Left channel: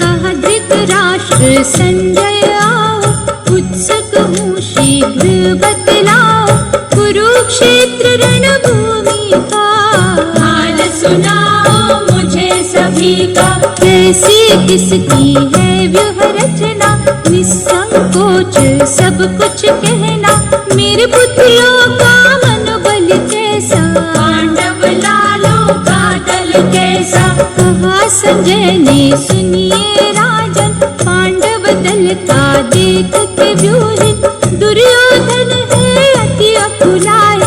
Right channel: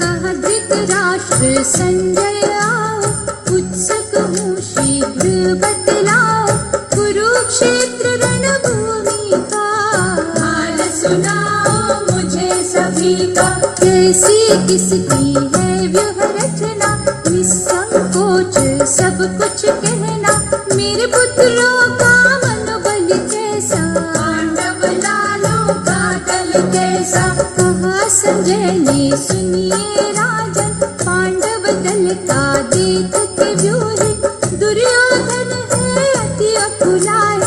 कहा धृतराष्ट्र संजय आओ, उत्सुक हूँ शीघ्र बतलाओ, कुरुक्षेत्र रणभूमि का हाल सुनाओ मुझे सभी का। कैसी किसकी है व्यूह रचना, निसंकोच सब कुछ कहना, मेरे पुत्रों का मनोबल कैसा, पांडव लालों का दल कैसा। कहा संजय ने सुनिए राजन, पांडव दल का देख के व्यूह, दुर्योधन है अति अकुलाए,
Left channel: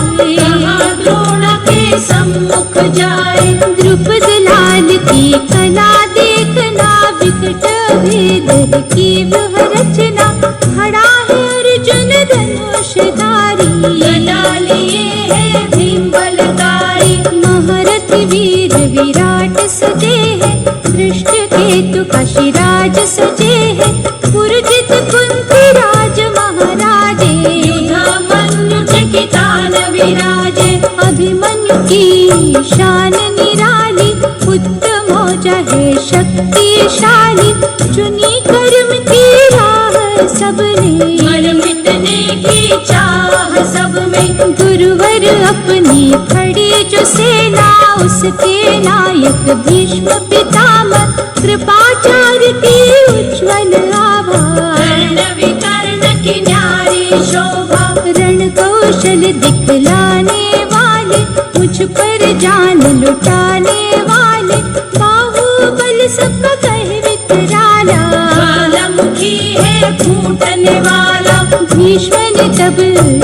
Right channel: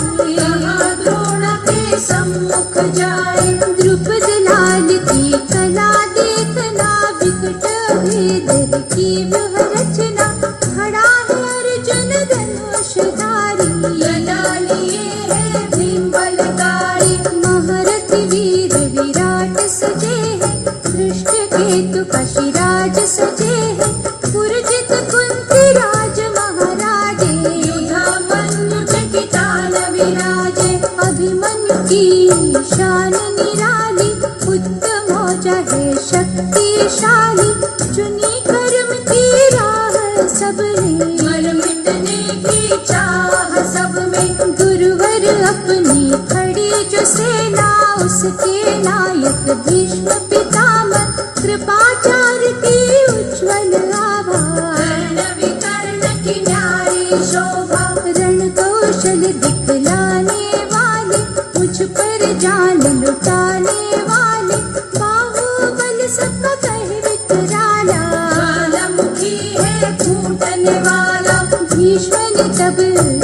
द्रोण के सम्मुख जाए। द्रुपद लाल की कला देखना, विकट भेद की व्यूह रचना, खड़ा है अर्जुन धनुषधारी, गदा लिए है भीम बलधारी। महारथी वीर विराट सजे है, धृष्ट केतु का शिराज सजे है, पुरजित कुंती राज महाराजे, युधामन्यु चकितान विराजे। अभिमन्यु की शान निराली, उत्तम औजा है शक्तिशाली, चुनी कर्म की राह सबने, मर मिटने की चाह सब में। गुरुवर अपनी खड़ी जो सेना, उसके नायक भीष्म पितामह, कृपाचार्य की उज्ज्वल आभा, कर्ण विकर्ण की न्यारी शोभा। रण कौशल दिखलाने वाले, मुझ पर जान लुटाने वाले, बाहुबल सब कहे विकराला, ज्वालामुखी है फूटने वाला। भीष्म ने तब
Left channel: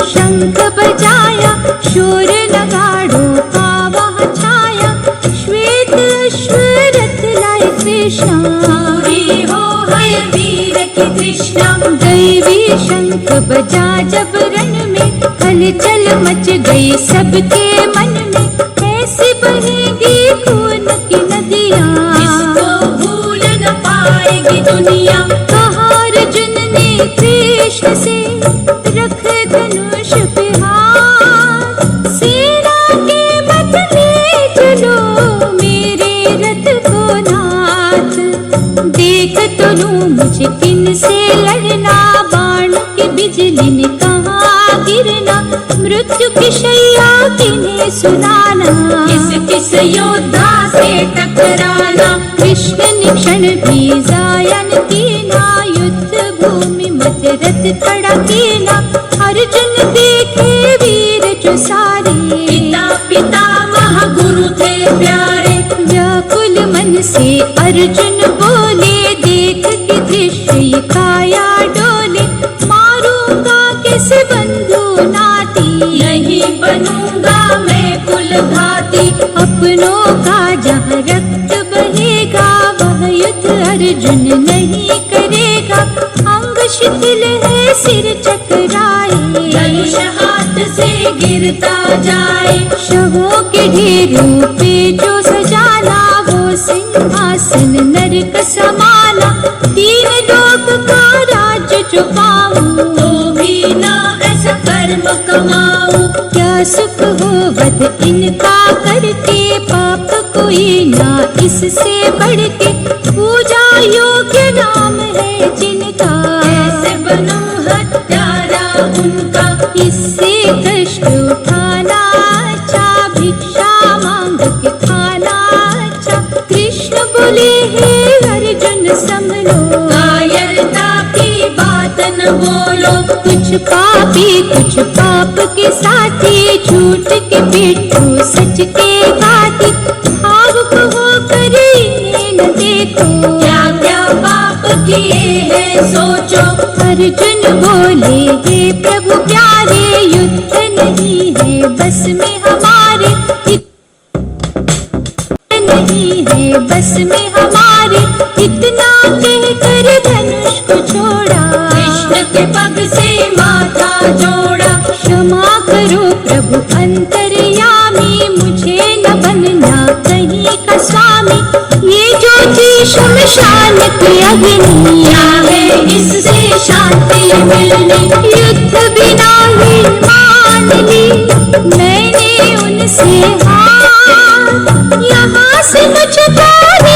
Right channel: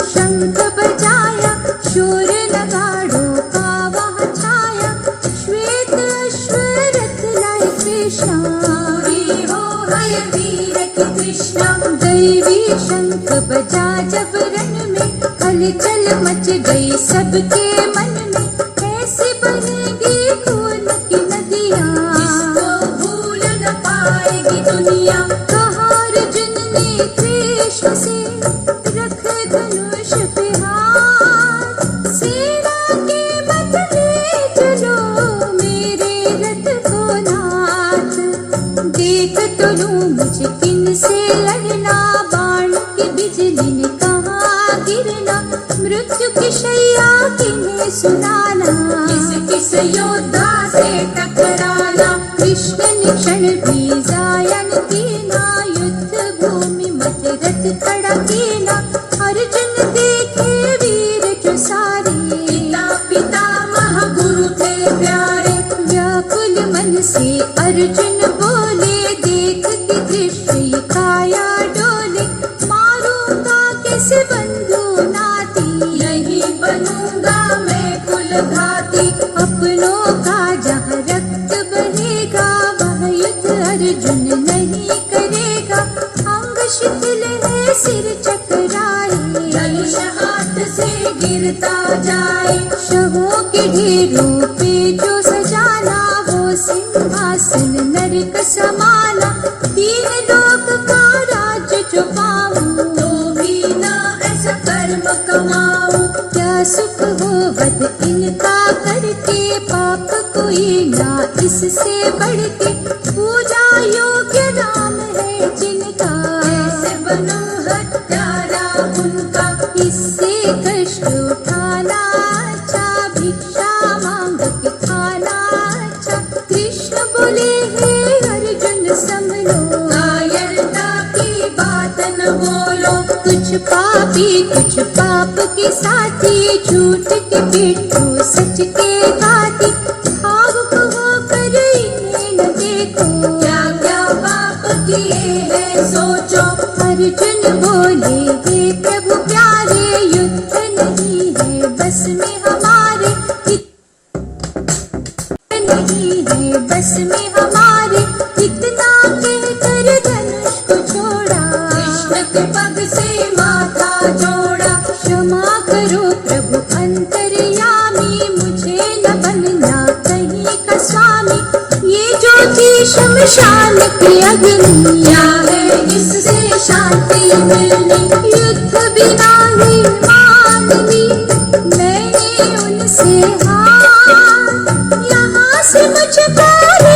शंख बजाया, शोर नगाड़ों का वहाँ छाया, श्वेत अश्व रथ लाए कृष्णा, पूरी हो है वीर की तृष्णा। दैवी शंख बजा जब रण में, हलचल मच गई सबके मन में, ऐसी बहेगी खून की नदियाँ, इसको भूल न पाएगी दुनिया। कहा अर्जुन ने कृष्ण से, रख धनुष पे हाथ, सेना के मत ले चलो मेरे रथ को नाथ। देख तो लूं मुझे किन से लड़ना, बाण की बिजली ने कहाँ गिरना, मृत्यु की शैया किन्हें सुनाना, किस किस योद्धा से टकराना। कृष्ण ने क्षण भी जाया न कीना, युद्ध भूमि मध्य रथ खड़ा कीना। अर्जुन देखे वीर जो सारे, पिता पितामह गुरु थे प्यारे। व्याकुल मन से अर्जुन बोले, देख के दृश्य काया डोले, मारूंगा कैसे बंधु नाती, नहीं बनूंगा मैं कुलघाती। अपनों का जहाँ रक्त बहेगा, वह युद्ध अर्जुन नहीं करेगा। अंग शिथिल है सिर चकराए, धनुष हाथ से गिरता जाए। शवों के ढेरों पे जो सजाना, वो सिंहासन नरक समाना। तीन लोक का राज्य जो पाऊं, तो भी ना ऐसा कर्म कमाऊं। क्या सुख हो वध इनका करके, पाप कोई ना इससे बढ़ के। पूजा योग्य नाम है जिनका, कैसे बनूं हत्यारा उनका। इससे कष्ट उठाना अच्छा, भिक्षा मांग के खाना अच्छा। कृष्ण बोले हे अर्जुन संभलो, कायरता की बात न बोलो। कुछ पापी कुछ पाप के साथी, झूठ के पिट्ठू सच के घाती। भावुक होकर इन्हें न देखो, क्या क्या पाप किए हैं सोचो। अर्जुन बोले हे प्रभु प्यारे, युद्ध नहीं है बस में हमारे, नहीं है बस में हमारे। इतना कहकर धनुष को छोड़ा, कृष्ण के पग से माथा जोड़ा। क्षमा करो प्रभु अंतर्यामी, मुझे न बनना कहीं का स्वामी। ये ज्योति शमशान की अग्नि, क्या है इससे शांति मिलनी। युद्ध बिना ही मान ली मैंने उनसे हार, यहाँ से मुझकारे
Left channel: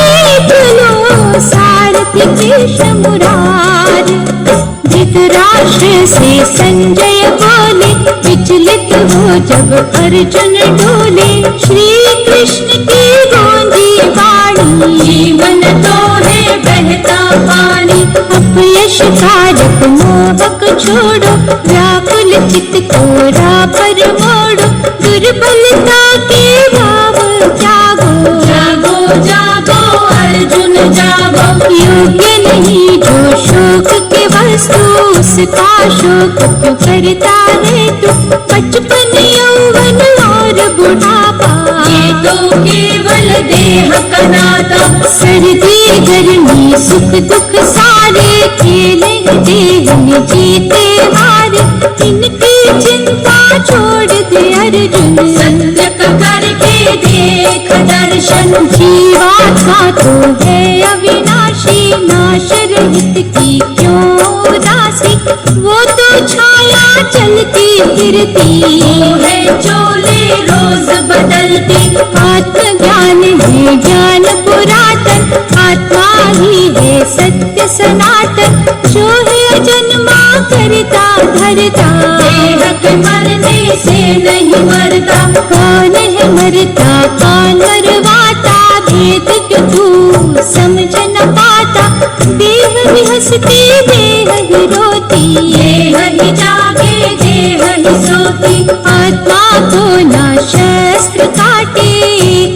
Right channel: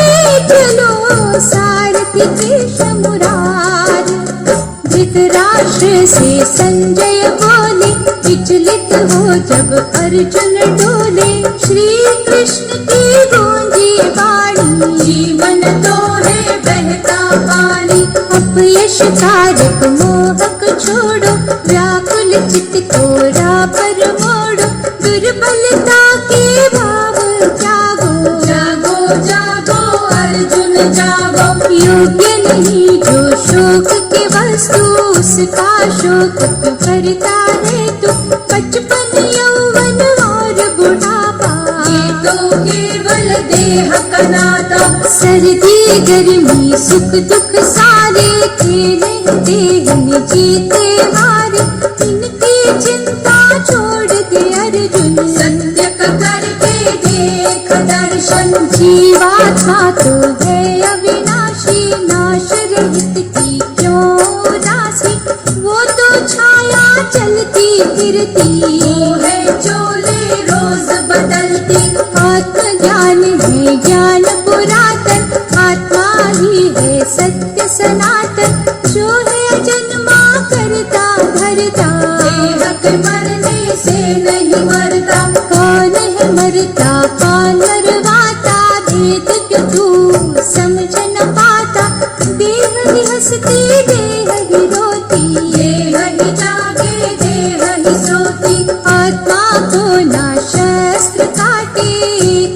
चलो सारथी कृष्ण मुरार। धृतराष्ट्र से संजय बोले विचलित हो जब अर्जुन डोले। श्री कृष्ण की गूंजी वाणी जीवन तो है बहता पानी। अपयश कारक मोहक छोड़ो व्याकुल चित्त को राह पर मोड़ो। दुर्बलता के भाव जागो जागो जागो अर्जुन जागो। योग्य नहीं जो शोक के वस्तु उसका शोक क्यों करता है तू। बचपन यौवन और बुढ़ापा ये तो केवल देह का नाता। सर्दी गर्मी सुख दुख सारे खेले देह में जीते हारे। इनकी चिंता छोड़ दे अर्जुन सत्य करके देख दर्शन। जीवात्मा तो है अविनाशी नाश रहित की क्यों राशि। वो तो छाया चलती फिरती है चोले रोज बदलती। आत्मज्ञान है ज्ञान पुरातन आत्मा ही है सत्य सनातन। जो है जन्मा करता धरता देह के मरने से नहीं मरता। कौन है मरता कौन मरवाता भेद क्यों तू समझ न पाता। देह ही हंसती देह ही रोती देह ही जागे देह ही सोती। आत्मा को ना शस्त्र काटे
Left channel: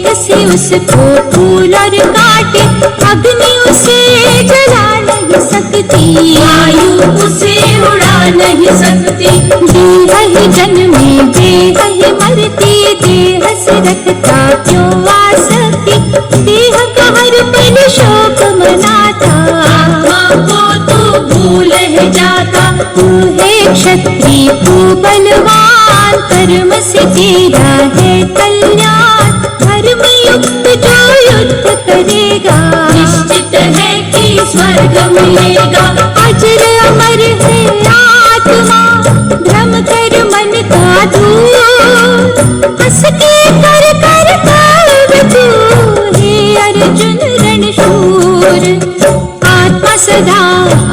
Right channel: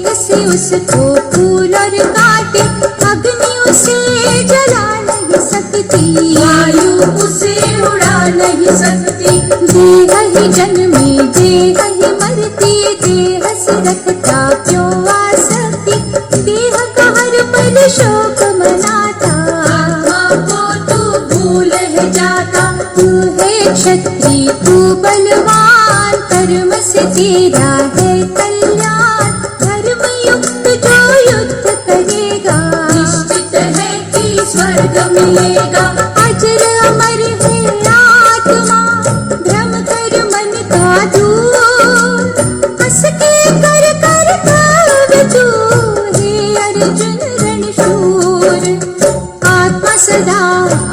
कसी उसको फूल और काटे। अग्नि उसे जला नहीं सकती वायु उसे उड़ा नहीं सकती। देह ही जन्मे देह ही मरती देह से रखता क्यों आसक्ति। देह का हर पल शोक मनाता आत्मा को तू भूल है जाता। तू है क्षत्रिय तू बलवान कर्म से तेरा है कल्याण। धर्म युक्त जो युद्ध करेगा निश्चित है कि स्वर्ग मिलेगा। अजर अमर है आत्मा भ्रम कर मन का दूर। हंस के कर कर काल तू हे अर्जुन रणशूर। आत्मा सदा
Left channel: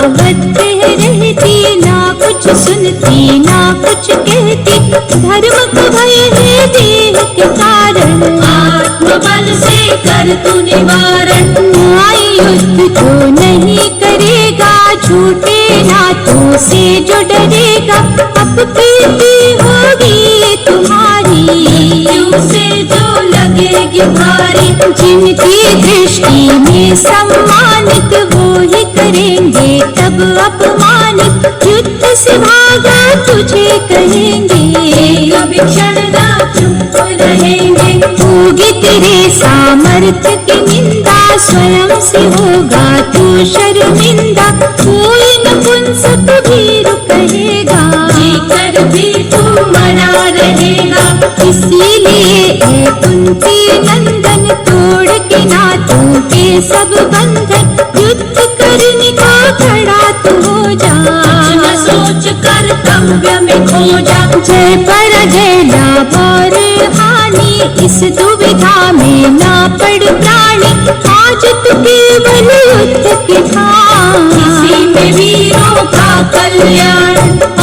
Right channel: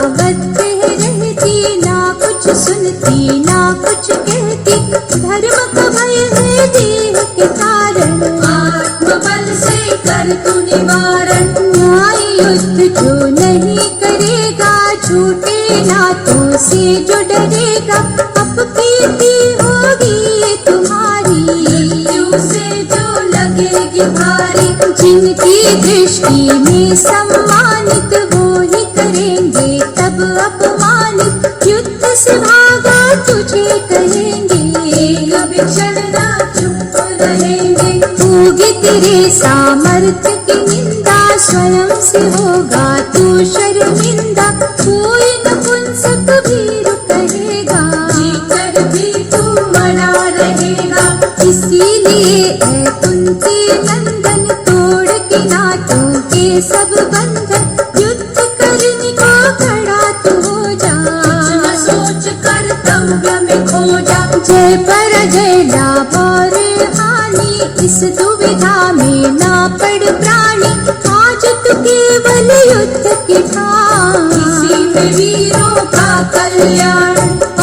अवध रहती ना कुछ सुनती ना कुछ कहती। धर्म को भय है देह के कारण आत्मबल से कर तू निवारण। न्याय युद्ध जो नहीं करेगा झूठे नातों से जो डरेगा। अपकीर्ति होगी तुम्हारी मृत्यु से जो लगेगी भारी। जिनकी दृष्टि में सम्मानित वो ही करेंगे तब अपमानित। युद्ध से भागा तुझे कहेंगे कभी क्षण ना चुप रहेंगे। होगी तेरे सामर्थ्य की निंदा स्वयं से होगा तू शर्मिंदा। कोई नपुंसक भी कहेगा जीकर भी तू मना रहेगा। इसीलिए है कुंती नंदन तोड़ के नातों के सब बंधन। युद्ध करने को खड़ा तू हो जा न सोच कर्तव्य में खो जा। जय पराजय लाभ और हानि इस दुविधा में ना पड़ प्राणी। आज तू केवल युद्ध के भाव इसी में वीरों का कल्याण।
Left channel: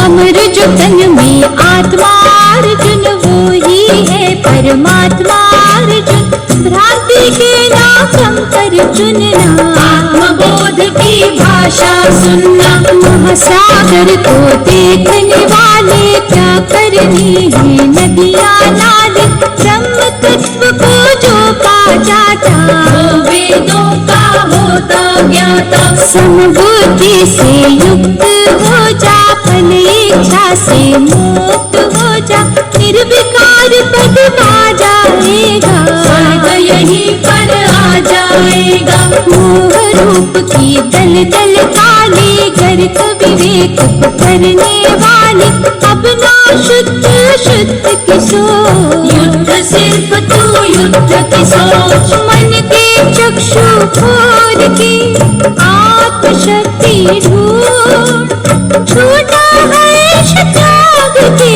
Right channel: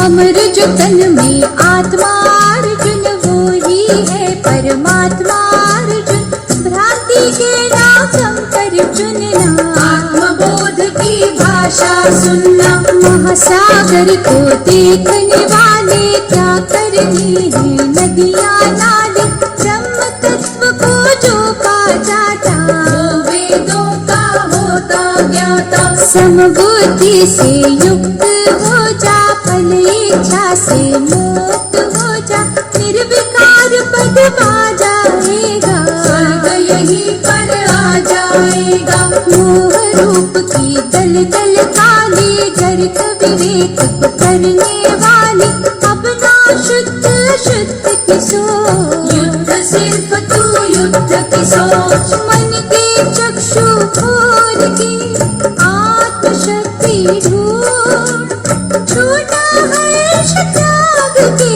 अमर जो तन में आत्मा अर्जुन वो ही है परमात्मा अर्जुन। भ्रांति के ना कम कर चुनना आत्मबोध की भाषा सुनना। महासागर को देखने वाले क्या करनी है नदियाँ नाले। ब्रह्म तत्व को जो पा जाता वो वेदों का होता ज्ञाता। समबुद्धि से युक्त हो जा फल इच्छा से मुक्त हो जा। निर्विकार पद पा जाएगा स्वर्ग यहीं पर आ जाएगा। मोह रूप की दल दल काली गर्क विवेक करने वाली। अब ना शुद्ध शुद्ध की सोच युद्ध सिर्फ तू युद्ध की सोच। मन के चक्षु खोल के आत्मशक्ति ढूंढ। छोटा है त्याग के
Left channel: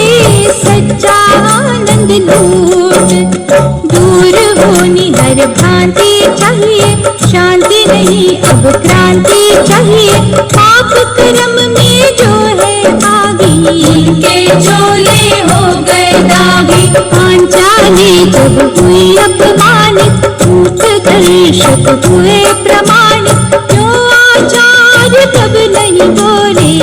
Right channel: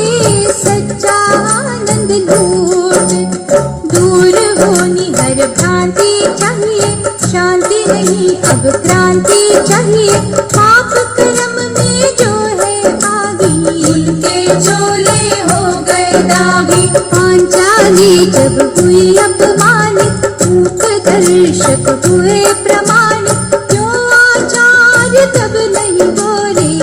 सच्चा आनंद लूट। दूर होनी हर भा शांति चाहिए, शांति नहीं अब क्रांति चाहिए। पाप कर्म में जो है आगी, उनके चोले हो गए दागी। पांचाली जब हुई अपमानित, झूठ दर्शक हुए प्रमाणित। जो आचार्य तब नहीं बोले,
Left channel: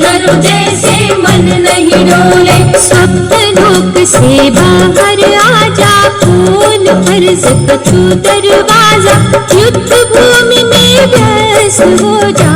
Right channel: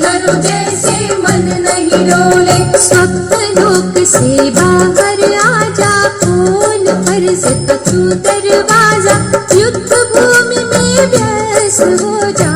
करो जैसे मन नहीं डोले। स्वप्नलोक से बाहर आजा, खोल फर्ज कछु दरवाजा। युद्ध भूमि में व्यस्त हो जा,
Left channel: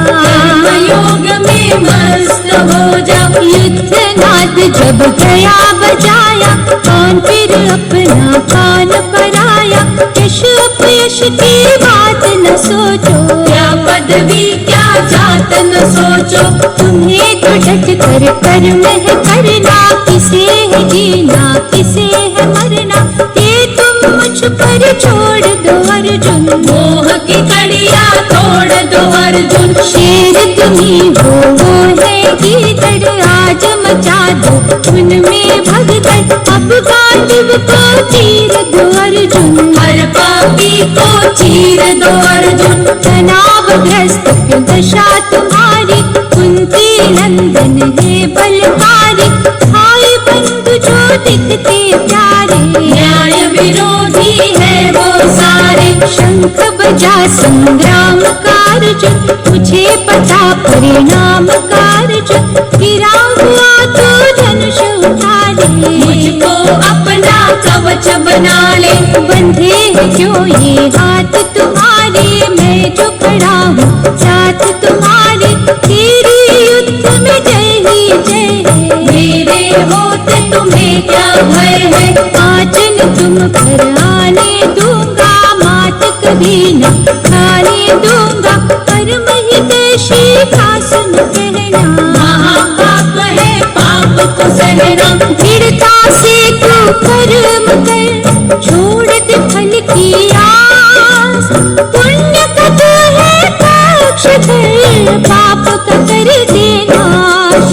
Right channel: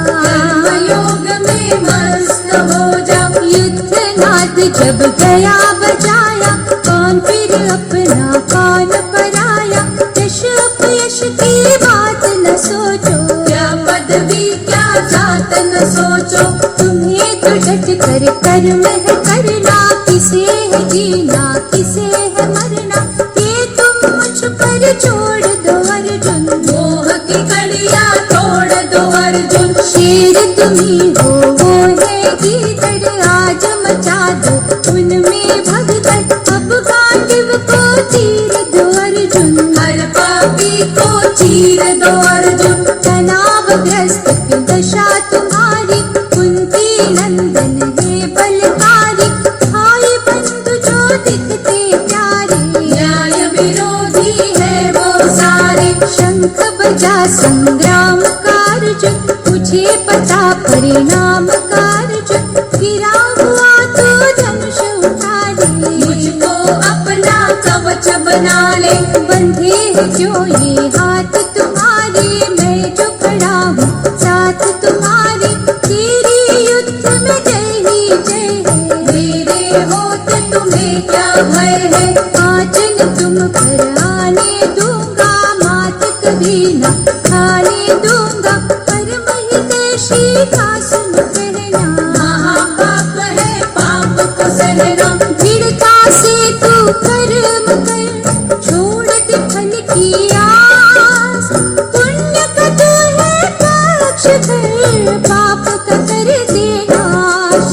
योग में मस्त हो जा। युद्ध नाद जब गया बजाया, कौन फिर अपना कान पर आया। यश अपयश की बात न सोचो, क्या पदवी क्या जात न सोचो। तुम्हें तो डट कर कर्म है करना, किसे है जीना किसे है मरना। ये तुम मुझ पर छोड़ दो अर्जुन, मोह की कड़िया तोड़ दो अर्जुन। शेर तुम्ही हो वो है गीदड़, आज मचा दो उनमें भगदड़। अब गांडीव को चीर दो अर्जुन, हर पापी को चीर दो अर्जुन। तनावग्रस्त क्यों दशा तुम्हारी, कुंती नंदन है बलकारी। भाई बंधु जो दिखते प्यारे, न्याय विरोधी है वो सारे। शंख बजा संग्राम कार्य, मुझे पता परिणाम कार्य। गिरा हुआ तो धनुष उठा ले, मुझको अपना कवच बना ले। बंधे हैं क्यों ये हाथ तुम्हारे, मैं जो खड़ा हूँ साथ तुम्हारे। तेरी युद्ध में जय ही जय है, मेरे होते तुम्हें क्या भय है। आंचल तुम पर आने दूंगा, मात कभी न खाने दूंगा। कर्म ही देशी का सुन कहना, महापाप है पाप को सहना। दृढ़ता से तू कर्म कर, छोड़ दे फल की आस। पुण्य का तू है पक्षधर, पाप का कर दे नाश।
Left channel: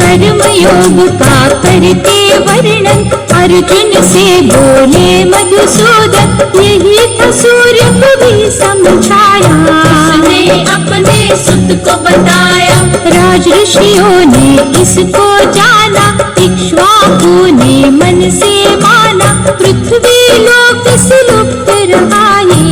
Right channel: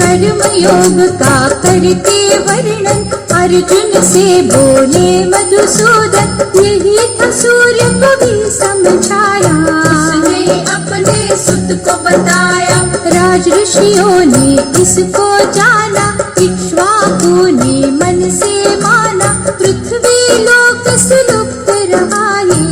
कर्म योग का करते वर्णन, अर्जुन से बोले मधुसूदन। यही था सूर्य को भी समझाया, उसने अपने सुत को बताया। राज ऋषियों ने इसको जाना, इक्ष्वाकु ने मन से माना। पृथ्वी लोक से लुप्त रहाए,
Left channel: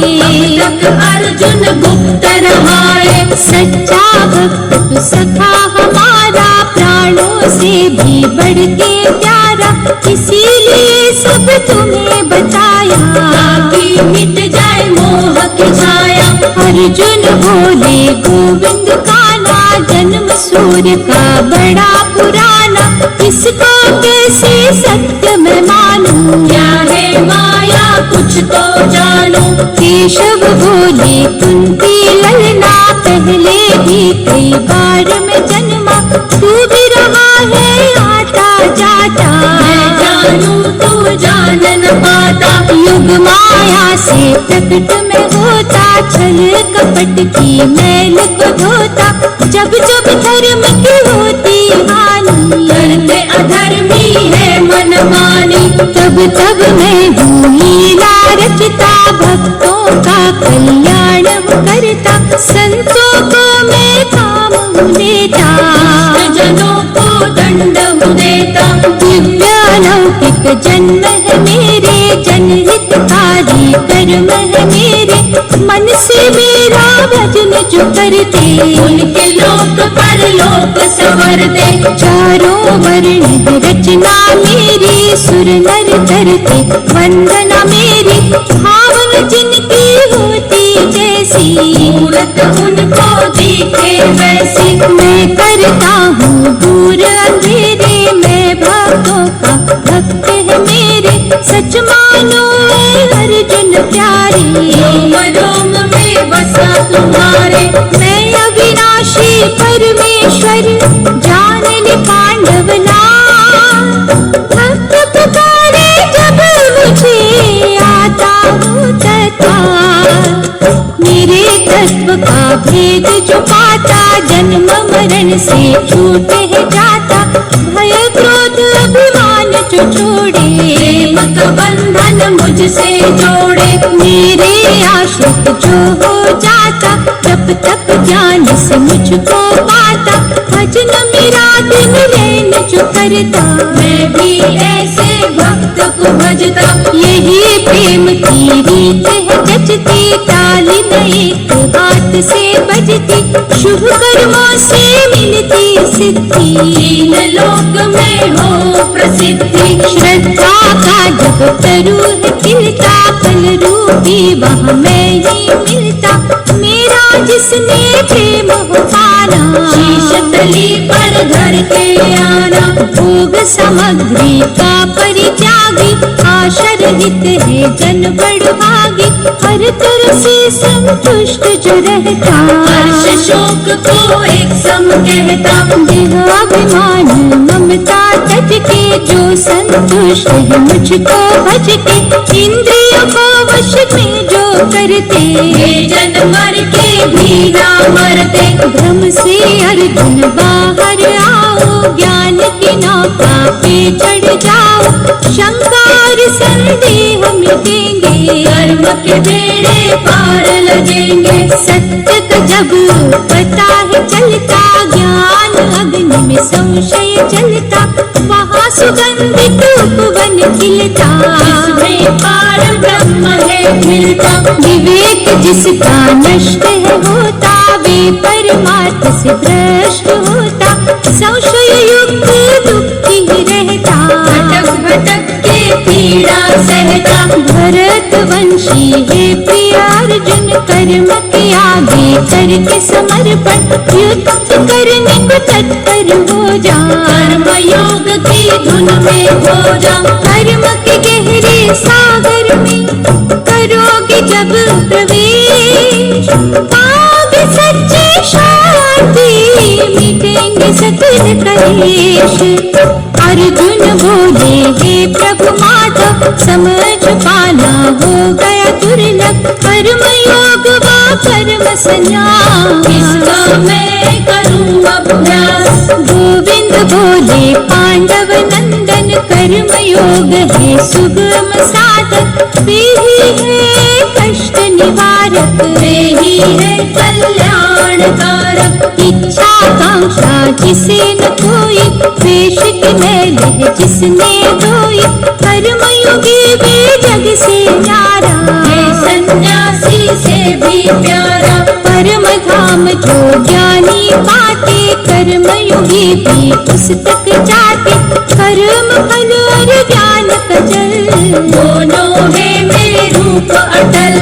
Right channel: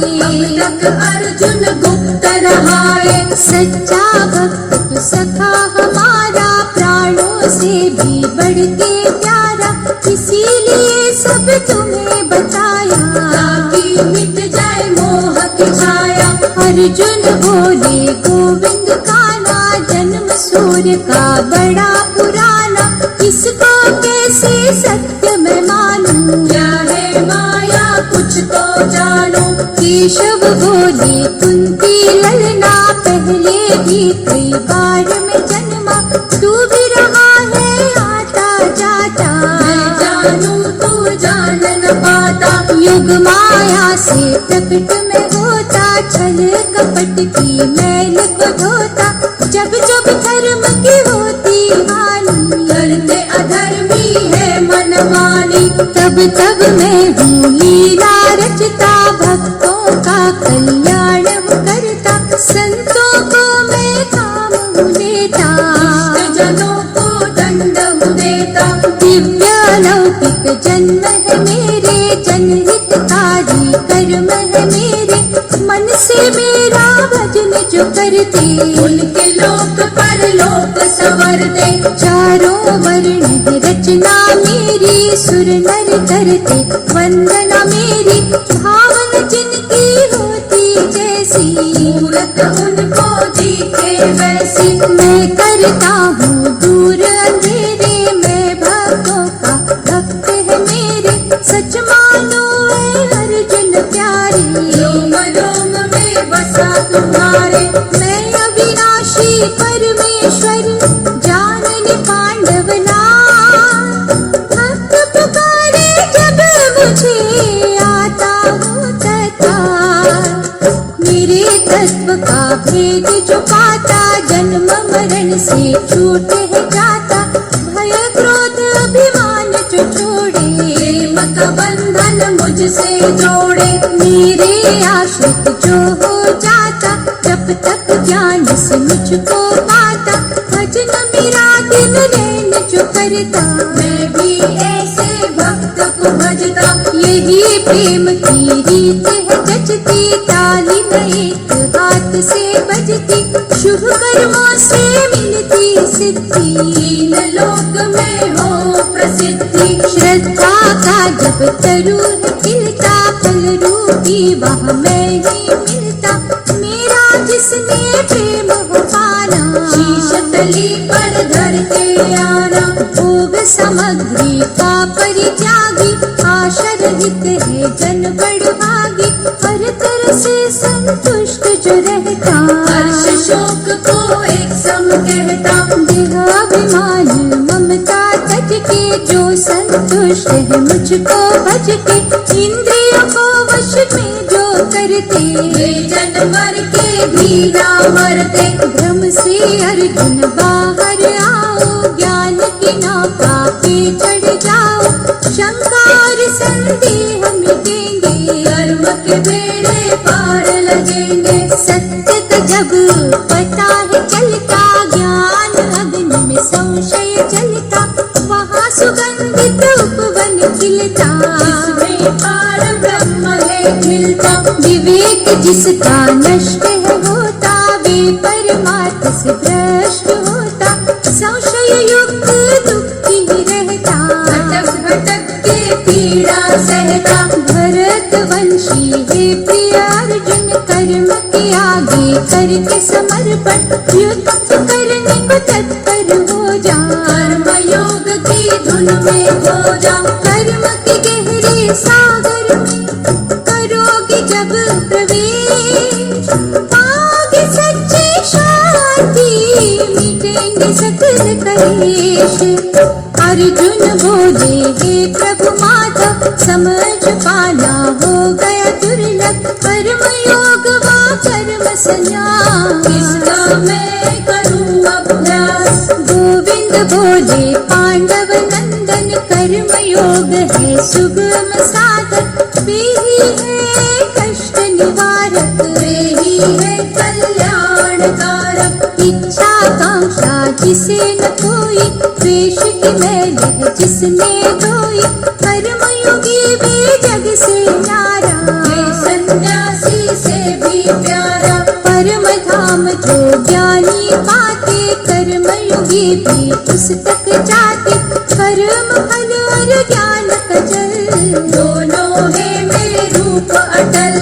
तक अर्जुन गुप्त रहाए। सच्चा भक्त तू सखा हमारा, प्राणों से भी बढ़ के प्यारा। इसीलिए सब तुम्हें बताया, ताकि मिट जाए मोह की छाया। अर्जुन बोले गोविंद का ना, जन्म सूर्य का बड़ा पुराना। इसका कैसे सत्य मैं मानूं, क्या है माया कुछ तो जानूं। केशव बोले कुंती ललना, पहले भी कई बार मैं जन्मा। तू भी रहा है आता जाता, मैं जानूं तू जान न पाता। युग माया से प्रकट में होता, छल कपट की मैल को धोता। जब जब धर्म की होती हानि, करते अधर्मी है मनमानी। तब तब मैं हूँ लीला रचता, भक्तों का कल्याण करता। संतों को मैं काम हूँ देता, जनों को दंड हूँ देता। दिव्यालौकिक जन्म है मेरे, जनहितकारी कर्म है मेरे। मन से मेरा भजन जो करते, उनके लोक परलोक संवरते। चारों वर्ण रचना मेरी, सुर नर धरते वंदना मेरी। भावना जिनकी होती जैसी, मूरत उनको दिखे वैसी। मैं करता हूँ दूर अंधेरे, मैं भक्तों का भक्त है मेरे। सच मानो अर्जुन प्यारे, रोम रोम में बसा तुम्हारे। मैं अविनाशी परमेश्वर, जानने पांडव नाम। भक्त पुकारे जब मुझे, आता हूँ तत्काल। मेरे तत्व का भेद जो पाता, जन्म मरण से छूट है जाता। भय क्रोध अभिमान जो छोड़े, प्रेम का बंधन मन मुझसे जोड़े। मेरे आश्रित जो हो जाता, तप तप ज्ञान से मुझको पाता। भजन मेरा दिन रैन जो करता, मैं भी ऐसे भक्त को भजता। यही प्रेम की रीत है जचती, ताली न एक हाथ से बजती। शुभ कर्मों से मिलती सिद्धि, तीन लोक में हो प्रसिद्धि। श्रद्धा का जब तरु है खिलता, फल रूपी वहाँ मैं ही मिलता। मेरा जिसने प्रेम हो पाना, शीश तली पर धर के आना। भोग सामग्री का परित्यागी, आशा रहित है जन बड़भागी। हर तरह से संतुष्ट जो रहता, हर्ष शोक को एक सम कहता। देहाभिमान ममता तज के, जो संतुष्ट है मुझको भज के। इंद्रियों को वश में जो करते, वे जन मर के भी ना मरते। भ्रम से अर्जुन बाहर आओ, ज्ञान की नौका पे चढ़ जाओ। शंका और संदेह मिटेंगे, कर्म के बेड़े पार लगेंगे। सत्य का जब पता है चलता, ज्ञान अग्नि में संशय जलता। वहाँ सुगंधित उपवन खिलता, जिसमें पार ब्रह्म है मिलता। विवेक जिसका नष्ट है होता, वे परमार्थ से भ्रष्ट होता। संशय युक्त दुखी ही रहता, भटक भटक के पीड़ा सहता। भरत वंशी है प्रिय अर्जुन, कर्म के आगे करके समर्पण। युद्ध करने को तत्पर हो जा, कर्म योग की धुन में हो जा। कर्म के गहरे सागर में करोगे जब प्रवेश, पाओगे सच्ची शांति, मिटेंगे सकल कलेश। अर्जुन बोले हे प्रभु माधव, समझ पाना हो गया दुर्लभ। कर्म योग व कर्म संन्यास, किसका मैं करूँ अभ्यास। गोविंद बोले पांडव नंदन, कर्म योग है सुगम साधक। वे ही है कष्ट निवारक, वे ही है कल्याण कारक। इच्छा कांक्षा जिसे न कोई, द्वेष की मैल है जिसने धोई। कर्मयोगी वे जग से न्यारा, ये सन्यासी से भी प्यारा। परम धाम जो ज्ञानी पाते, कर्मयोगी भी उस तक जाते। कर्म फल और ज्ञान का जल, दोनों है मेरे रूप अटल।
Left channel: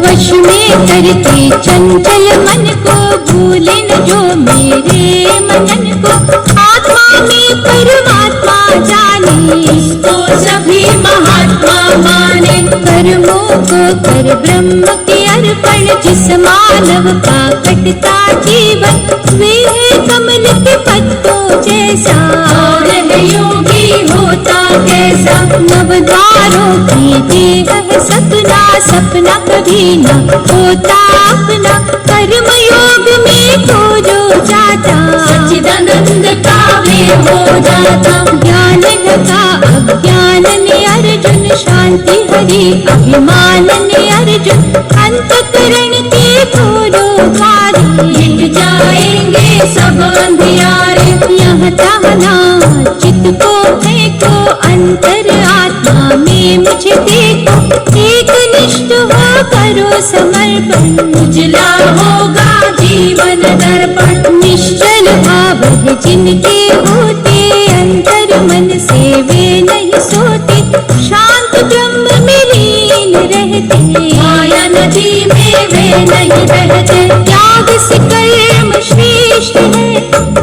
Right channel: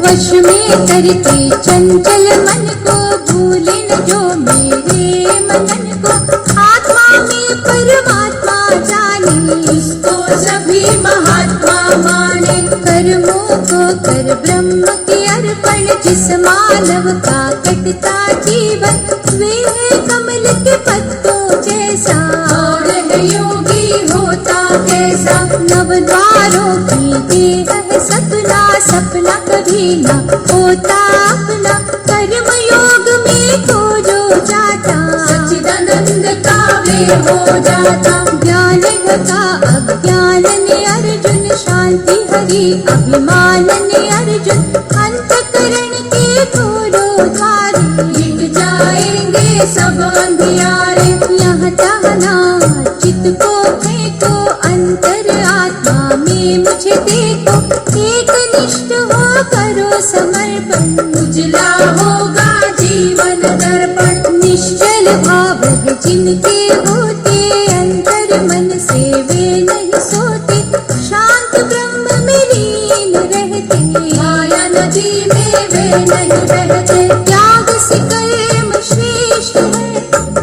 वश में करके चंचल मन को, भूले न जो मेरे मनन को। आत्मा में परमात्मा जाने, इसको सभी महात्मा माने। कर्मों को कर ब्रह्म के अर्पण, जिस मानव का कटता जीवन। वे है कमल के पत्तों जैसा, और है योगी होता कैसा। नवद्वारों की देह है सपना, सपना कभी न होता अपना। कर्म योग में खो जो जाता, सच्चिदानंद का में हो जाता। ज्ञान ढका अज्ञान ने अर्जुन, शांति हरि अभिमान ने अर्जुन। अंतःकरण के खोलो द्वार, मिट जाएंगे सब अंधियारे। यहाँ तहाँ चित्त को फेंको, अंतर आत्मा में मुझे देखो। एक निष्ठ हो करो समर्पण, उजला होगा जीवन दर्पण। निश्चल भाव है जिनके होते, अंतर मन से वे नहीं सोते। शांत ब्रह्म में लीन रहते, माया नदी में वे नहीं बहते। त्याग से कर्म श्रेष्ठ है,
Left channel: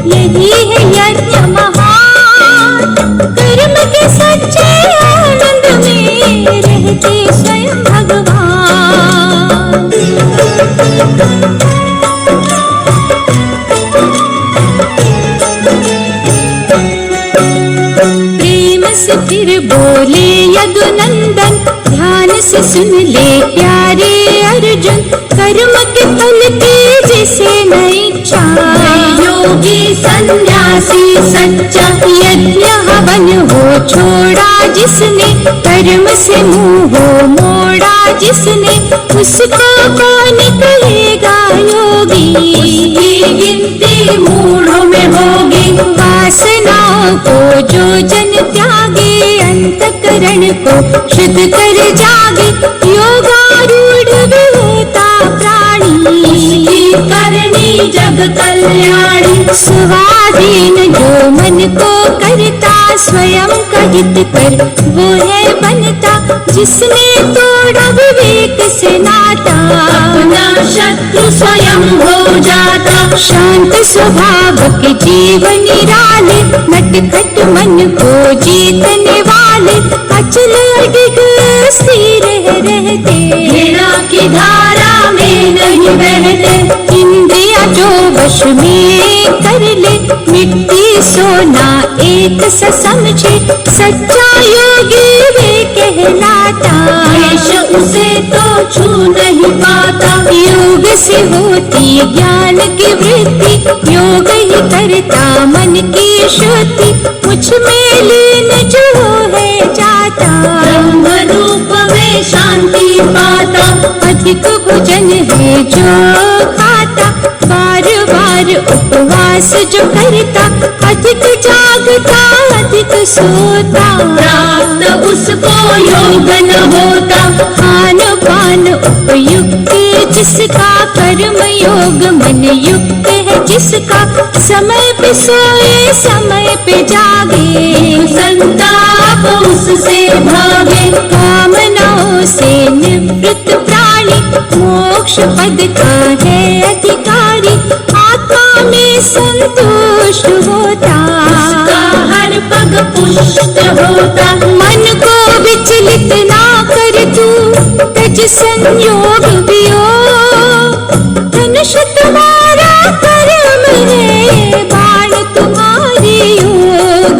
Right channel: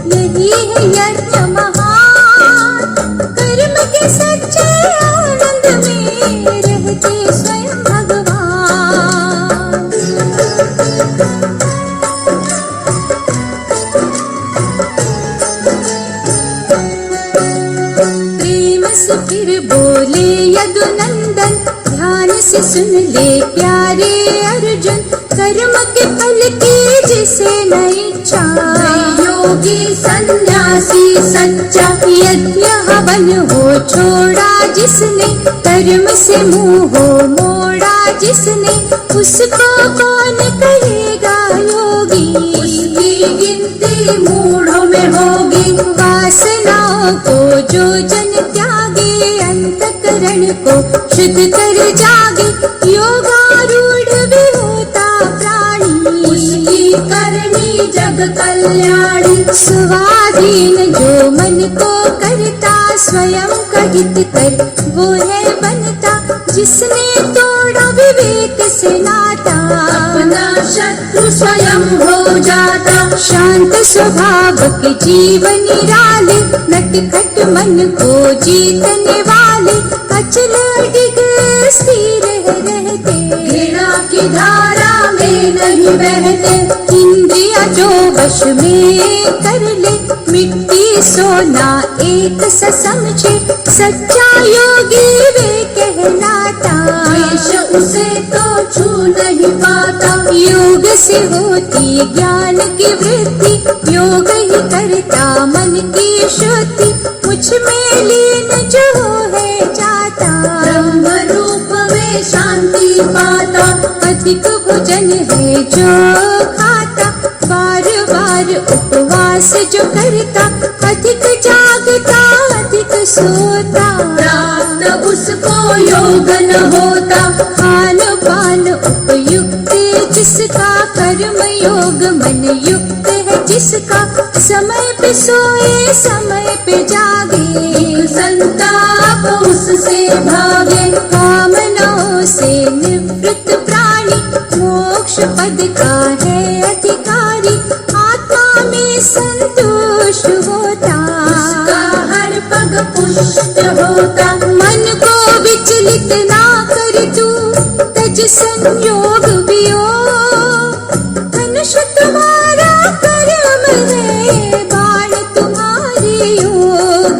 यही है यज्ञ महान। कर्म के सच्चे आनंद में रहते स्वयं भगवान। प्रेम से फिर बोले यदुनंदन, ध्यान से सुन ले प्यारे अर्जुन। कर्म के फल की जिसे न इच्छा, योगी संन्यासी सन्यासी सच्चा। यज्ञ हवन हो छोड़ा जिसने, कर्म से मुंह हो मोड़ा जिसने, उसका कौन कहेगा योगी। उसकी गिनती मूढ़ों में होगी। वासनाओं को जो जन त्यागे, अंतकरण को शुद्ध कर जागे, योगारूढ़ भी होता प्राणी। उसकी करनी जग कल्याणी। स्वाधीन जो मन को करता, स्वयं का हित कर वो है बनता। जिसने तोड़ा विवेक से नाता, अपना शत्रु स्वयं हो जाता। शांत स्वभाव के जीवन निराले, नटखट मन को जीतने वाले, अचल अडिग स्थिर रहते, घृणा की धारा में नहीं बहते। इंद्रिया जो वश में कर ले, मिट्टी सोना एक सा समझे, सच्चा योगी वे कहलाता। द्वेष उसे तो छू नहीं पाता। योग से होती ज्ञान की वृद्धि, योग ही करता मन की शुद्धि। मुझ में लीन जो है जाता, ब्रह्म रूप में शांति पाता। अधिक भोजन है जो खाता, बार बार उपवास जो करता। अधिक जागता अधिक सोता, प्राप्त उसको योग न होता। खान पान उपयुक्त जिसका, कर्म योग मन युक्त है जिसका। समय पे सोए समय पे जागे, संताप उससे भागे। कामनाओं से निवृत्त प्राणी, मोक्ष पद का है अधिकारी। आत्मा में संतुष्ट होता, उसका हर पग पुष्ट होता। मन को विचलित ना कर तू, तज संयोग वियोग। धनुष तुम्हारा कर्म है, बाण तुम्हारी योग।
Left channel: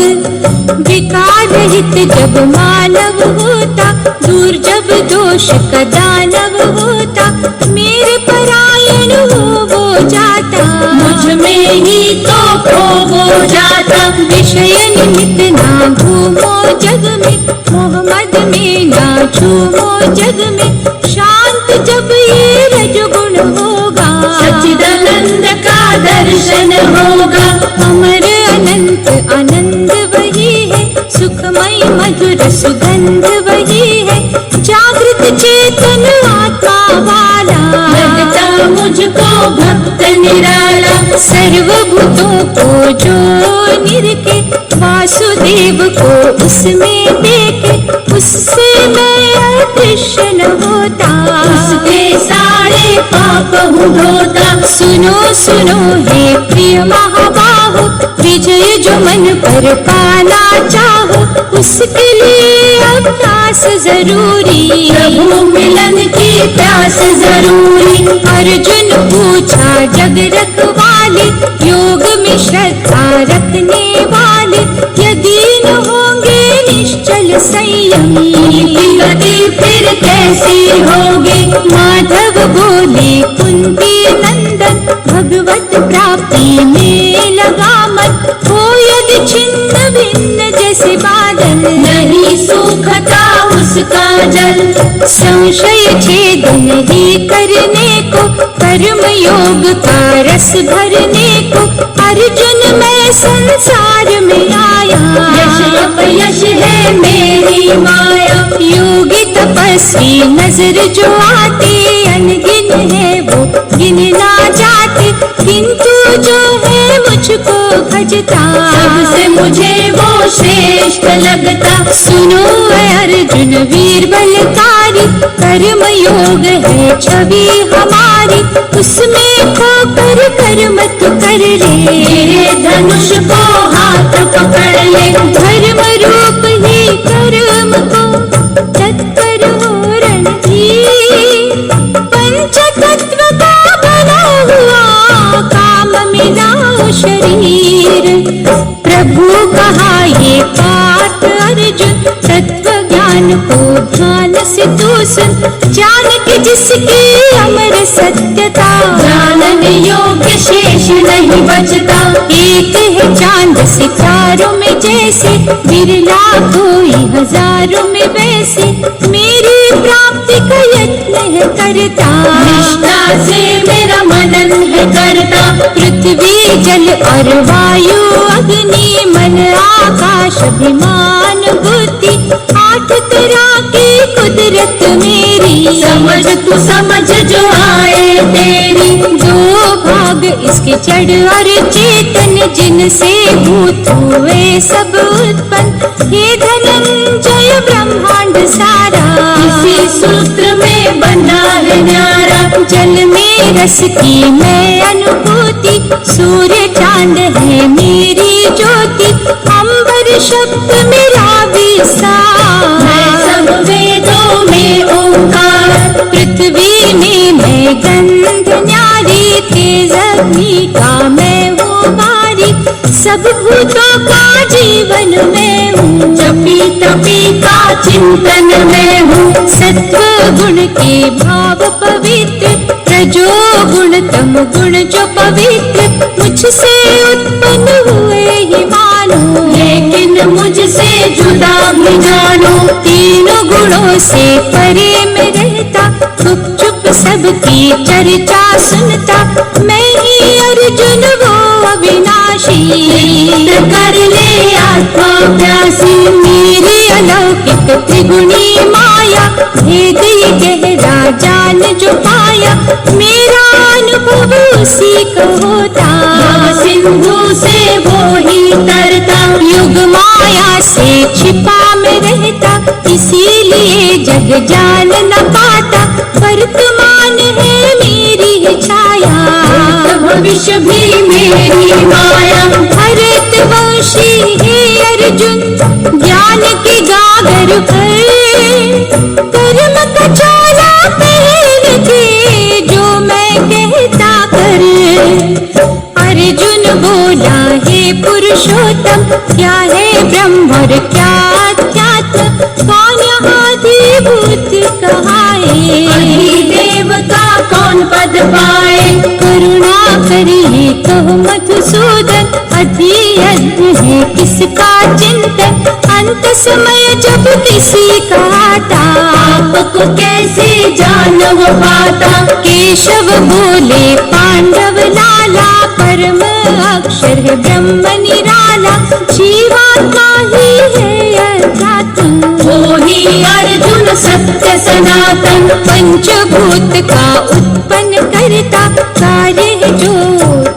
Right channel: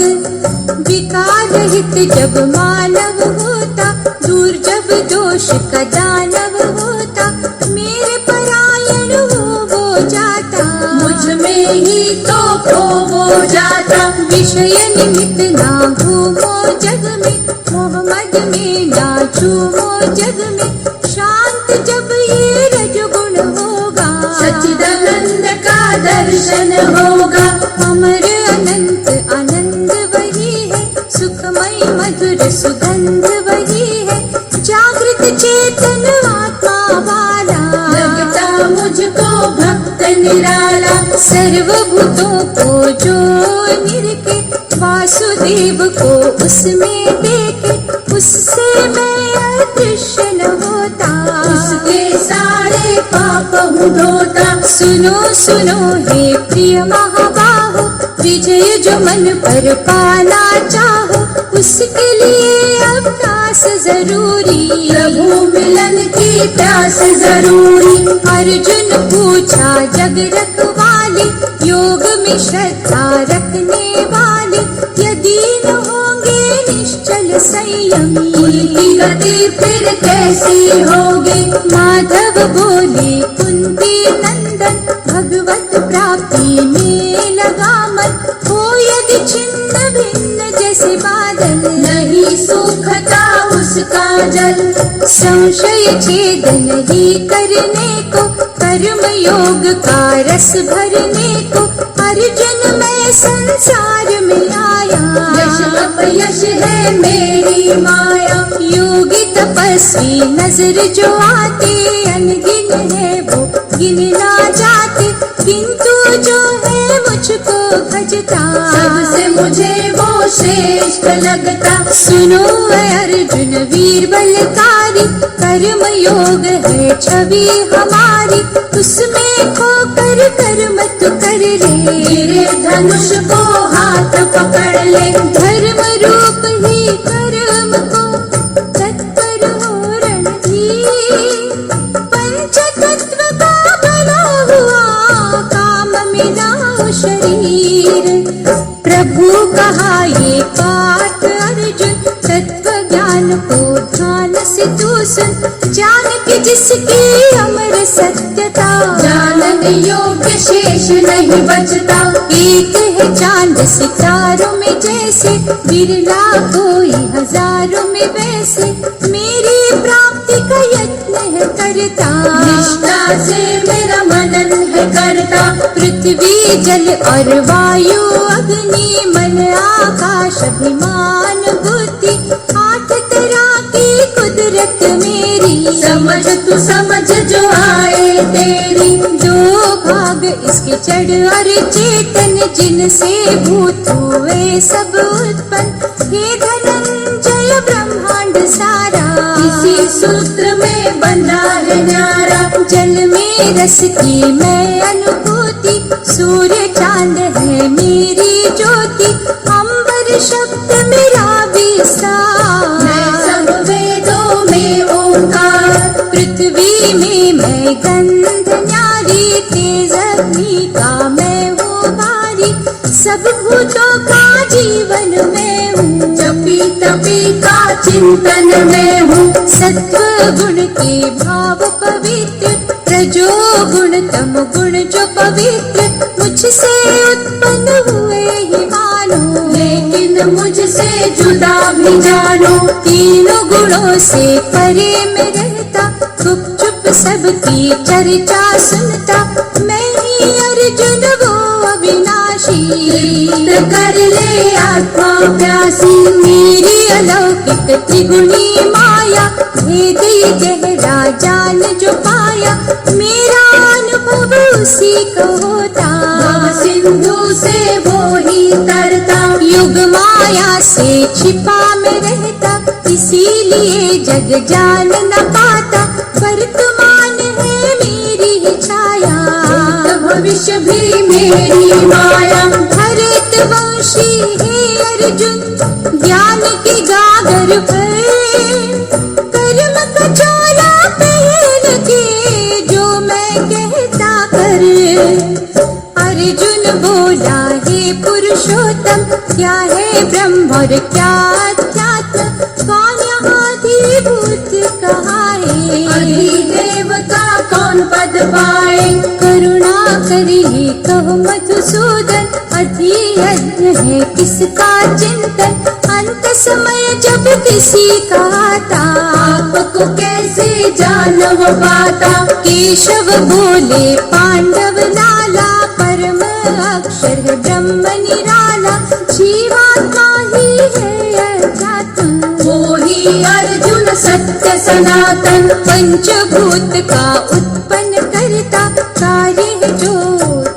विकार रहित जब मानव होता, दूर जब दोष का दानव होता। मेरे परायण हो जाता, मुझ में ही तो खो हो जाता। विषय निमित्त ना घूमो जग में, मोहम्मद में ना झूमो जग में। शांत जब ये रजगुण होगा, सच्चिदानंद का दर्शन होगा। अमर अनंत आनंद वही है, सुखमय मधुर सुगंध वही है। जागृत चेतन आत्मा वाला, लगता मुझको भक्त निराला। सर्वभूतों को जो निरखे, वासुदेव को उसमें देखे। उससे मैं अदृश्य न होता, उसके सारे पाप हूँ धोता। सुनो सुनो हे प्रिय महाबाहो, विजय जो मन पर पाना चाहो, उसके लिए अभ्यास जरूरी। प्रभु मिलन की प्यास जरूरी। अर्जुन पूछा जग रखवाले, योग में श्रद्धा रखने वाले। यदि न होंगे निश्चल संयमी, गति फिर कैसी होगी। माधव बोले कुंती नंदन, भगवत प्राप्ति में लगा मन। हो यदि छिन्न भिन्न जैसे बादल, नहीं सूखता उसका जल। संशय छेदन ही करने को, कर्म योग का रस भरने को। अर्जुन मैं संसार में आया, यश अपयश है मेरी माया। योगी तपस्वी नजर जो आते, अनगिन है वो गिन ना जाते। किंतु जो है मुझको भजता, सबसे मुझे वो श्रेष्ठ लगता। सुनो अर्जुन वीर बलकारी, कर्म योग है छवि हमारी। उसमें खोकर कर्म तू कर ले, मेरे धनुष को हाथ पकड़ ले। धर्म रूप ही कर्म को तत्पर हो रणधीर। पंचतत्व का बना हुआ, काम मिलाओ शरीर। प्रभु कहा ये पार्थ अर्जुन, तत्व ज्ञान को ध्यान से तू सुन। जान के जिसकी अमर सत्यता, जानन योग्य शेष नहीं बचता। एक है चांद सितारों में जैसे, बिरला कोई हजारों में वैसे, मेरी प्राप्ति का यत्न है करता, निष्ठा से मेरा मनन है करता। पृथ्वी जल और वायु अग्नि मन आकाश अभिमान बुद्धि, 8 तरह की कुदरत मेरी, समझ तू समझ जो आए तेरी। 2 भाग इसके जड़ और चेतन, जिनसे भूत हुए सब उत्पन्न, हे धनंजय ब्रह्मांड सारा, इसी सूत्र में बंधा है न्यारा। जल में रस की मैं अनुभूति, सूर्य चांद है मेरी ज्योति, अंबर शब्द मेरा विस्तार, मैं सब वेदों में ओंकार। पृथ्वी में मैं गंध न्यारी, तेज अग्नि का मैं हूँ वारी, सब भूतों का जीवन में हूँ, जपी तपी का चिंतन में हूँ। सत्व गुण के भाव पवित्र, रजो गुण तम गुण जो पवित्र, मुझसे उत्पन्न हुए ही मानो, लेकिन मुझसे जुदा भी जानो। 3 गुणों से परे में रहता, चुप चुप सबकी चर्चा सुनता, मैं ही अर्जुन वो अविनाशी, कर ले आत्मा प्यासी। मेरी अलौकिक त्रिगुणी माया, भेद ये गहरा जान जो पाया, मेरा अनुभव उसी को होता, सिंधु से वो ही तरता। युग माया से छिपा में रहता, इसीलिए जग जान न पाता, वर्तमान है मेरी छाया, भविष्य भी मेरी माया। भरतवंशी है अर्जुन, ज्ञान की गागर पर, कर्म का चोला पहन के जो मैं कहता कर, अर्जुन बोला हे पुरुषोत्तम, क्या है ब्रह्म और क्या अध्यात्म, कौन आधिभूत कहाए, देव का कौन पद पाए। करुणा करिए कहो मधुसूदन, अध्ययन है किसका चिंतन, अंत समय जब किसी का आता, आपको कैसे जान हो पाता। केशव बोले पांडव लाला, परम अक्षर है ब्रह्म निराला, जीवात्मा ही है अध्यात्म, वो ही अर्जुन सत्य सनातन। पंचभूत का उत्पन्न करता, कार्य है जो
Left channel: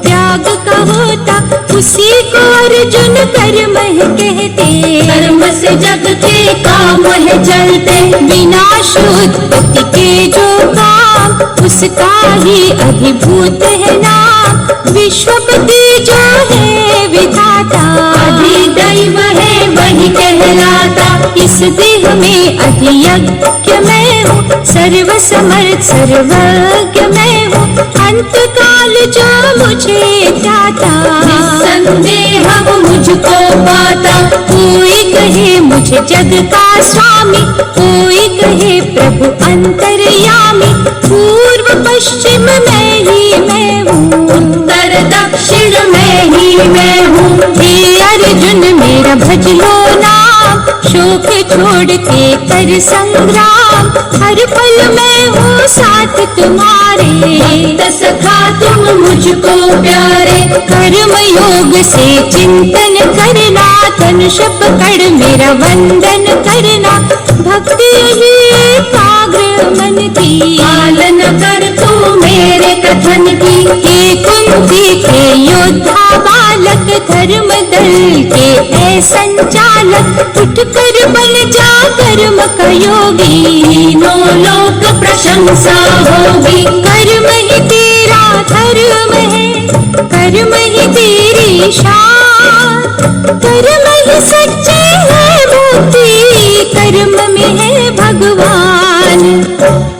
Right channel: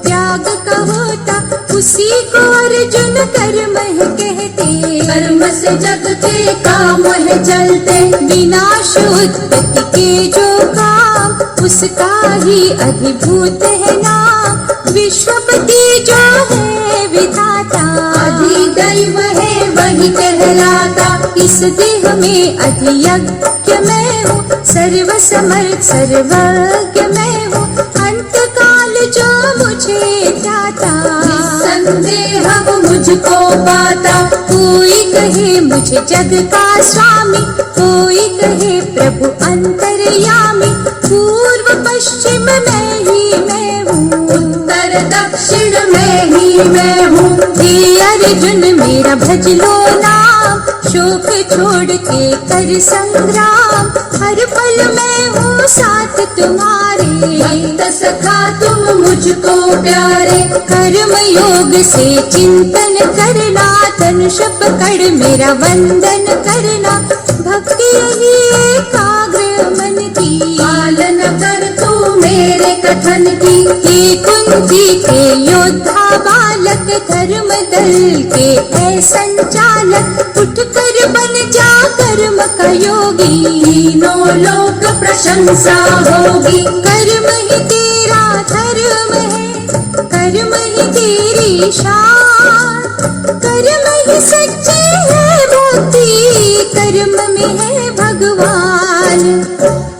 त्याग का होता, उसी को अर्जुन कर्म है कहते, कर्म से जग के काम है चलते। विनाश उत्पत्ति के जो काम, उसका ही अधिभूत है नाम, विश्वपति जो है विधाता, अधिदैव है वही कहलाता। इस देह में अधियज्ञ मैं हूँ, सर्व समर्थ सर्वज्ञ मैं हूँ, अंत काल जो मुझे ध्याता, निस्संदेह वो मुझको पाता। कोई कहे मुझे जग का स्वामी, कोई कहे प्रभु अंतर्यामी, पूर्व पश्चिम मैं ही मैं हूँ, उत्तर दक्षिण मैं ही मैं हूँ। हे अर्जुन मेरा भज लो नाम, शोक छोड़ के कर संग्राम, हर पल मैं हूँ साथ तुम्हारे, भक्त सखा तुम मुझको प्यारे। कर्म योग से चिंतन करना, धनुष पकड़ मेरा वंदन करना, भक्ति ही एकाग्र मन की, पालन कर तू मेरे कथन की। हे कुंती के योद्धा बालक, धर्म दल के ऐ संचालक, उठ कर बन जा कर्म का योगी, तीनों लोक प्रशंसा होगी। कर्म ही तेरा धर्म है, कर्म ही तेरी शान, कर्म ही सच्ची है मुक्ति, कर्म में है भगवान,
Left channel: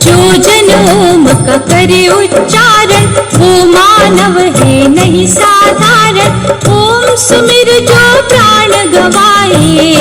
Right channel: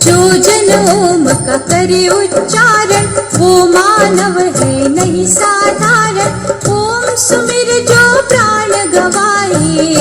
जो जन ओम का करे उच्चारण, वो मानव है नहीं साधारण, ओम सुमिर जो प्राण गवाए,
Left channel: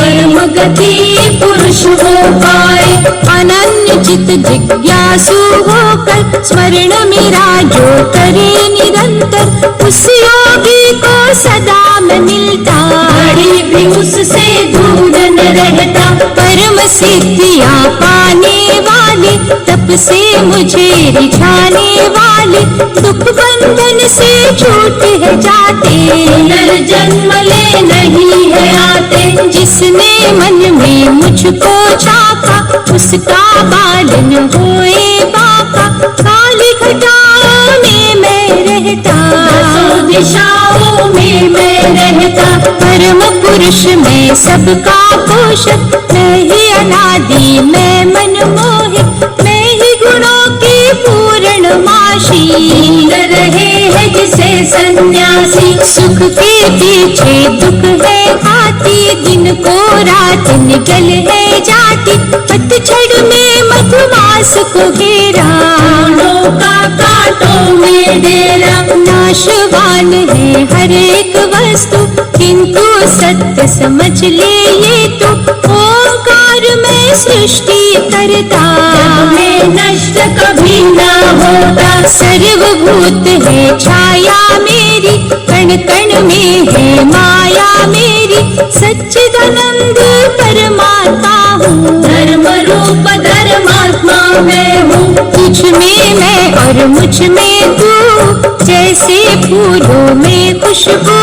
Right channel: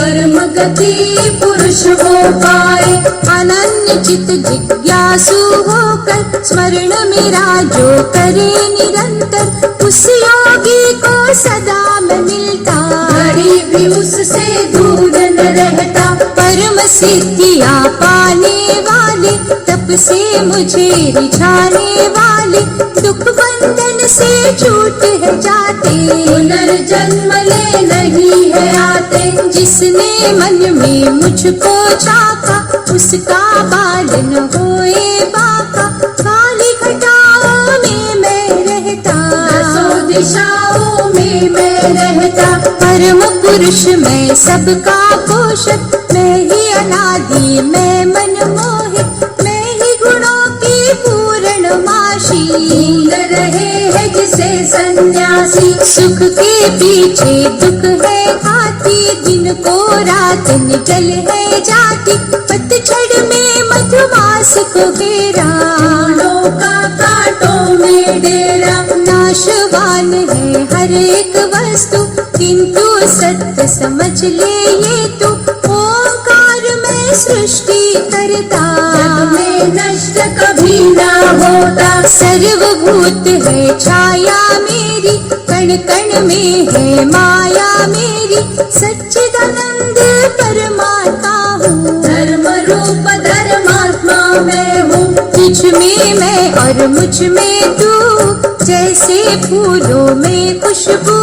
गति पुरुष हो पाए। अनन्य चित जिज्ञासु होकर स्मरण मेरा जो करे निरंतर, उस योगी को सदा में मिलता, घड़ी भी उससे दूर न रहता। परम सिद्धियाँ पाने वाले, तप से मुझे रिझाने वाले, दुख बंधन से छूट है जाते, पुनर्जन्म ले नहीं है आते। जिसने मन में मुझको झाँका, उसका बालन होए बाका। काली घटाओं में मैं रहता, दसों दिशाओं में मैं रहता। परम पुरुष मैं सबका पोषक, मैं ही अनादि मैं मनमोहक, मैं ही गुणों की पूर्ण माशी। ढूंढ रहे हैं जिसे सन्यासी, सुख के पीछे दुख है घाती, दिन को रात निकल है जाती, पतझड़ में मधुमास को घेरा, फूलों का कांटों में डेरा। नाशवान है हर एक वस्तु, किंतु सत्य समझ ले ये तो, ओंकार में सृष्टि करता, जग में नष्ट कभी न होता। सर्वभूत है छाया मेरी, कण कण में है माया मेरी, सच्चिदानंद परमात्मा हूँ, धर्म रूप धर्मात्मा मैं हूँ। तुझ में मैं और मुझ में तू, जैसे फूलों में खुशबू,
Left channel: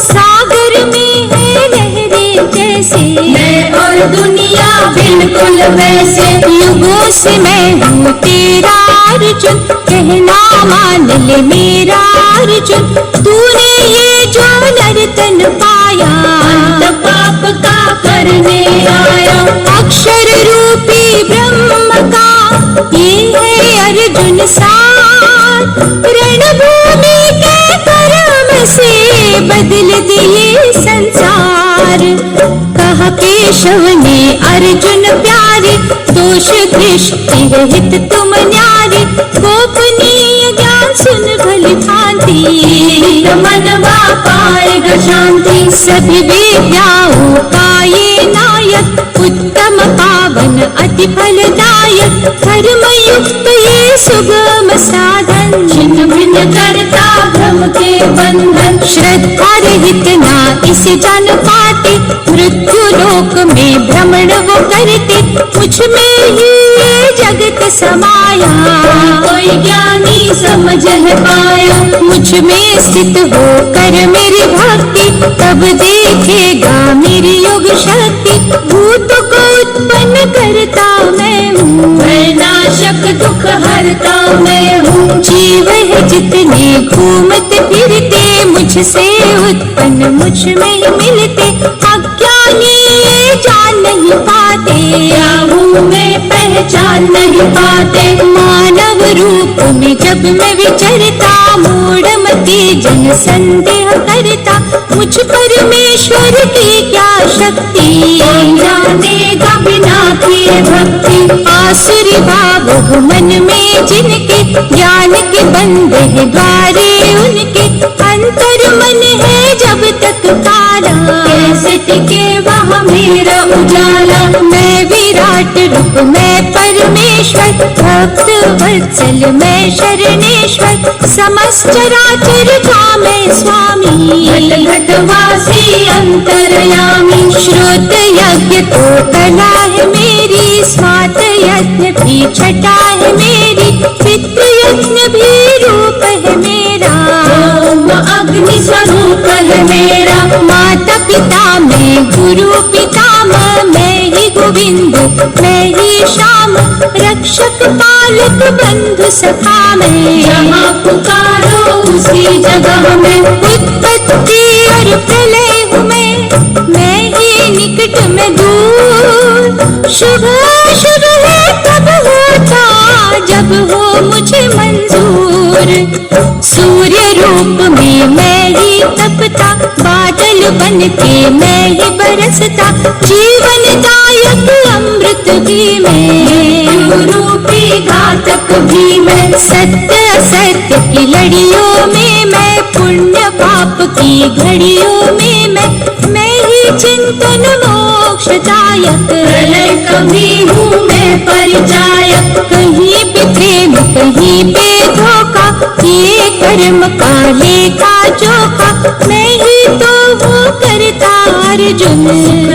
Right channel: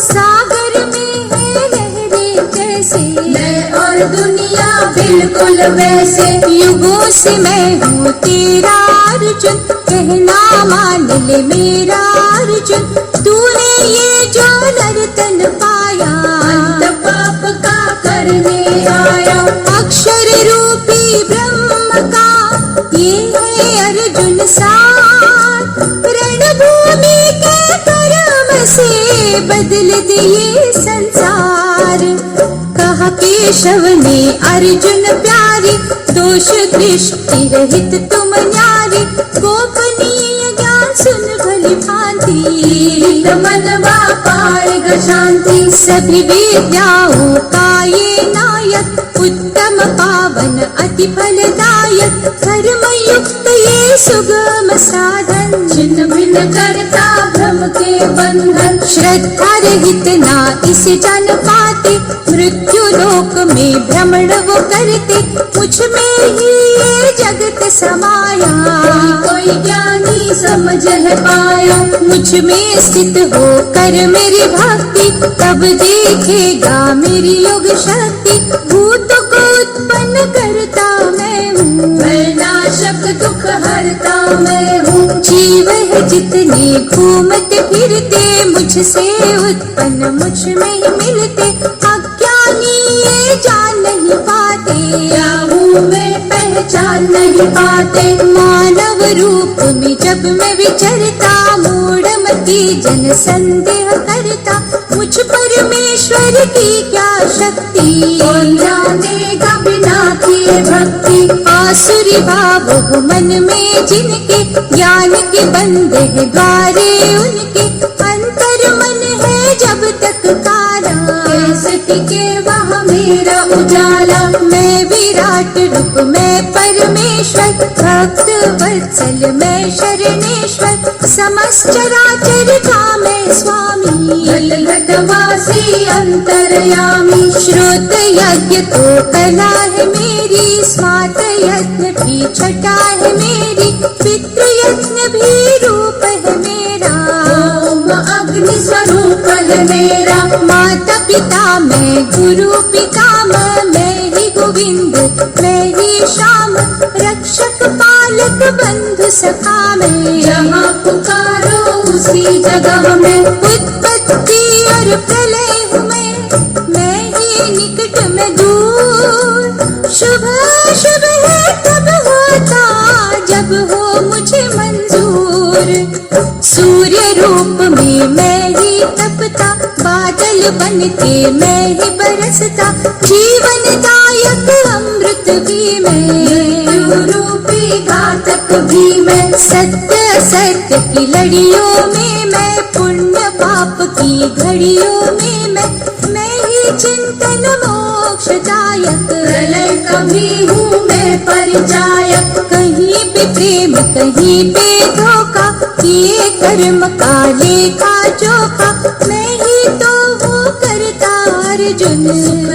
सागर में है लहरें जैसे, मैं और दुनिया बिल्कुल वैसे। युगों से मैं हूँ तेरा अर्जुन, कहना मान ले मेरा अर्जुन। तूने ये जो नर्तन पाया, अंत पाप का करने आया। अक्षर रूपी ब्रह्म का ये है अर्जुन सार, रणभूमि के कर्म से बदल दिए संसार। कहा केशव ने अर्जुन प्यारे, दोष दृष्टि रहित तुम न्यारे, गोपनीय ज्ञान सुन भली भांति, मनवा पाएगा शांति। सभी विद्याओं का ये नायक, उत्तम पावन अति फलदायक, कर्म युक्त ये सुगम साधन, छिन्न भिन्न करता भ्रम के बंधन। श्रद्धा रहित ना इसे जान पाते, मृत्यु लोक में भ्रमण वो करते, मुझ में ही ये जगत समाया, कोई ज्ञानी समझ है पाया। मुझ में स्थित हो कर मेरी भक्ति, तब देखेगा मेरी योग शक्ति। भूत को उत्पन्न करता मैं हूँ, मैं नाशक दुख हरता मैं हूँ। जीव है जितने घूमते फिरते, मुझसे उत्पन्न मुझ में ही मिलते, अज्ञानी ये जान नहीं पाते, क्या हूँ मैं पहचान नहीं पाते। मानव रूप में जब मैं विचरता, मूढ़मती जन संदेह करता, मुझ परमेश्वर की क्या शक्ति, जानेगा बिना किए भक्ति। आसुरी भाव हो मन में जिनके, ज्ञान के बंधे हैं द्वारे उनके, अंतर मन है जब तक काला, कैसे टिके वहाँ मेरा उजाला। मैं विराट रूप में परमेश्वर, भक्त वत्सल मैं शरणेश्वर, समस्त चराचर का मैं स्वामी, घट घटवासी अंतर्यामी। श्रोत यज्ञ तो कला है मेरी, स्वात यज्ञ भी छटा है मेरी, पितृ यज्ञ भी रूप है मेरा, ओम अग्नि स्वरूप है मेरा। माता पिता मैं गुरु पितामह, मैं ही गोविंद मैं ही श्याम, रक्षक पालक बंधु सखा मैं, जहाँ पुकारो उसी जगह में। उत्पत्ति और प्रलय हूँ मैं ही निकट में दूर, शुभ शुभ है तब होता जब हो मुझे मंजूर। सूर्य रूप में मैं ही तपता, बादल बन के मैं ही बरसता, जीवन दायक अमृत भी मैं, रूपी घातक भी मैं। सत्य असत्य की लड़ियों में मैं, पुण्य पाप की घड़ियों में मैं ही चिंतन मोक्षदायक, नायक, प्रलय कभी हूँ मैं परिचायक। कहीं पे प्रेम कहीं पे धोखा, ये कर्म का लेखा जोखा, मैं ही तो हूँ करता अर्जुन।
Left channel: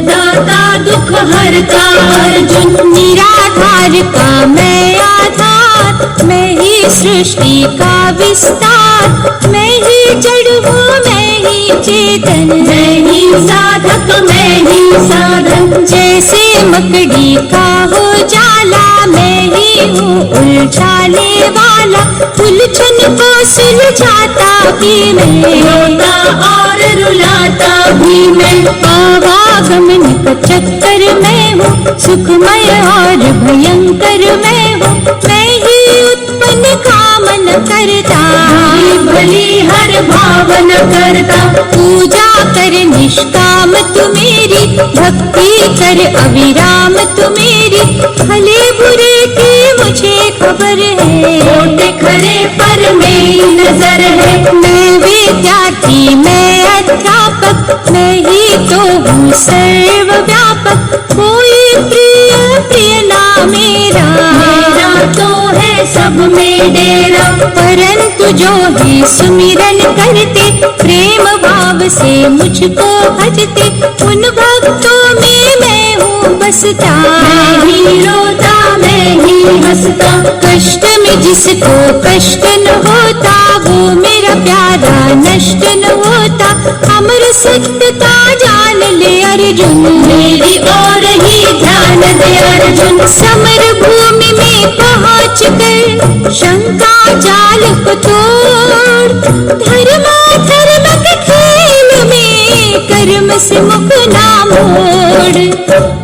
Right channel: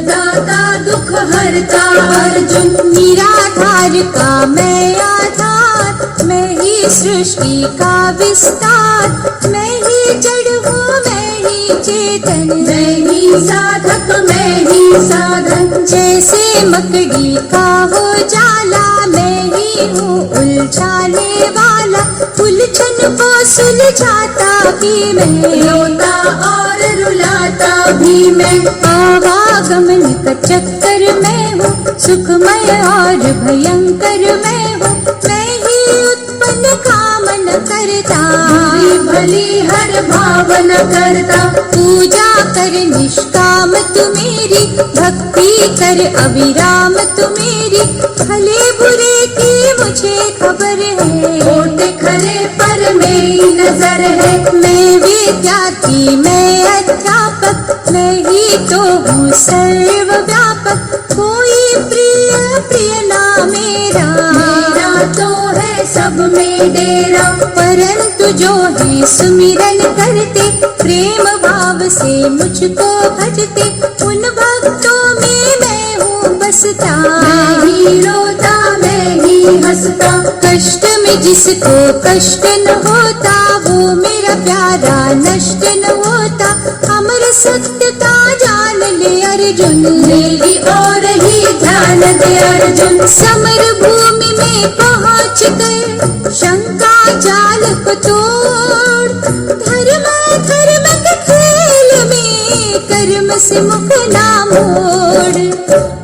दाता दुख हरता अर्जुन, निराधार का मैं आधार, मैं ही सृष्टि का विस्तार, मैं ही जड़ हूँ मैं ही चेतन, मैं ही साधक मैं ही साधन। जैसे मकड़ी का हो जाला, मैं ही हूँ उलझाने वाला, उलझन को सुलझाता भी मैं, रोता और रुलाता भी मैं। आवागमन का चक्कर मैं हूँ, सुखमय और भयंकर मैं हूँ, मैं ही उत्पन्न कामन करता, बुरी भली हर भावन करता। पूजा कर निष्काम तू मेरी, भक्ति कर अविराम तू मेरी, भले बुरे की मुझे खबर है, खोटे खरे पर मेरी नजर है। मैं विद्यार्थी मैं अध्यापक, मैं ही तो हूँ सर्वव्यापक, कोई प्रिय प्रिय ना मेरा, मेरा तो है सब में डेरा। परंतु जो ही सुमिरन करते, प्रेम भाव से मुझको भजते, उन भक्तों में मैं हूँ बसता, मैं ही रोता मैं ही हंसता। कष्ट में जिसको कष्ट न होता, वो मेरा प्यारा नष्ट न होता, अमर सत्यता जान ले अर्जुन, मेरी ओर ही ध्यान दे अर्जुन। समर भूमि में पहुँच कर शंका जाल को तोड़, धर्मा धर्म के खेल में कर्म से मुख ना मोड़।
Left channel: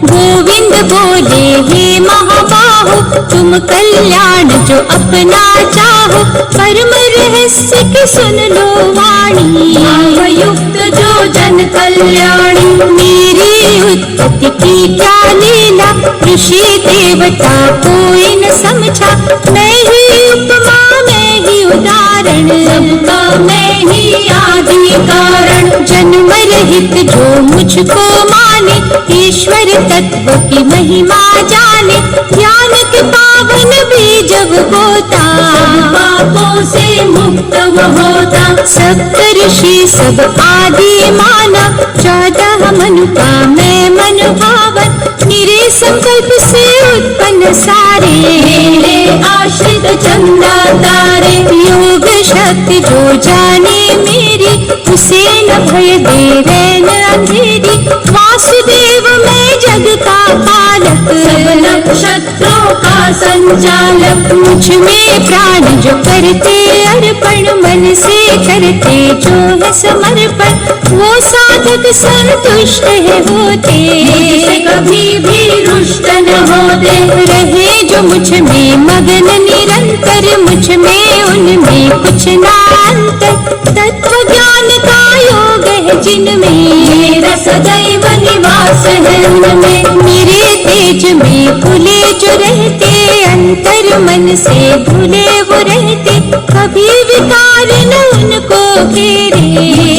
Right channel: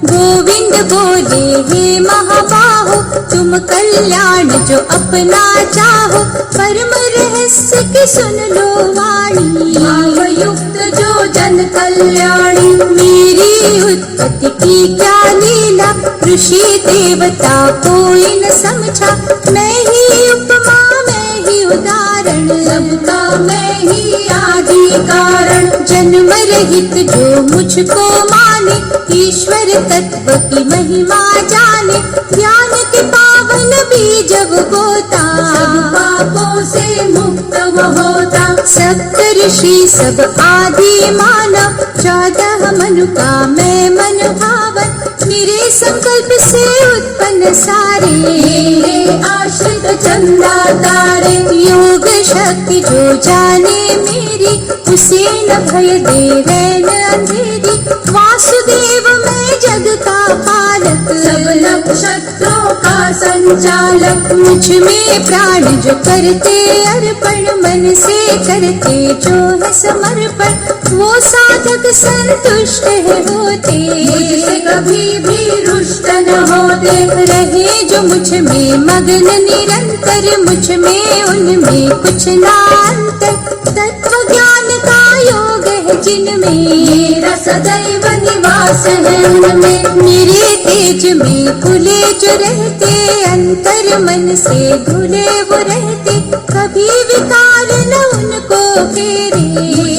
गोविंद बोले हे महाबाहो, तुम कल्याण जो अपना चाहो, परम रहस्य की सुन लो वाणी, युक्त जो जन कल्याणी। मेरी उत्पत्ति की क्या लीला, ऋषि देवता कोई न समझा, मैं ही उपमा मैं ही उदाहरण, सबका मैं ही आदि कारण। जन्म रहित जो मुझको माने, ईश्वर तत्व की महिमा जाने, ज्ञान के पावन बीज बोता, पापों से मुक्त वो होता। सप्त ऋषि सब आदि माना, 14 मनु का मैं मन भावन, मेरे संकल्प से उत्पन्न सारे, मेरे आश्रित चंदा तारे। योग शक्ति जो जाने मेरी, उसे न भय दे रैन अंधेरी, वासुदेव मैं जग का पालक, सब नक्षत्रों का संचालक। मुझ में प्राण जो करते अर्पण, मन से करते जो है समर्पण, वो साधक संतुष्ट है होते, मुझसे कभी भी रुष्ट न होते। रहे जो मुझ में मगन निरंतर, मुझ में उनमें कुछ ना अंतर, तत्व ज्ञान का योग है जिनमें, मेरा सदैव निवास है उनमें। मेरे तेज में फूले जो रहते, अंतर मन से भूले वो रहते, कभी विकार न उनको घेरे,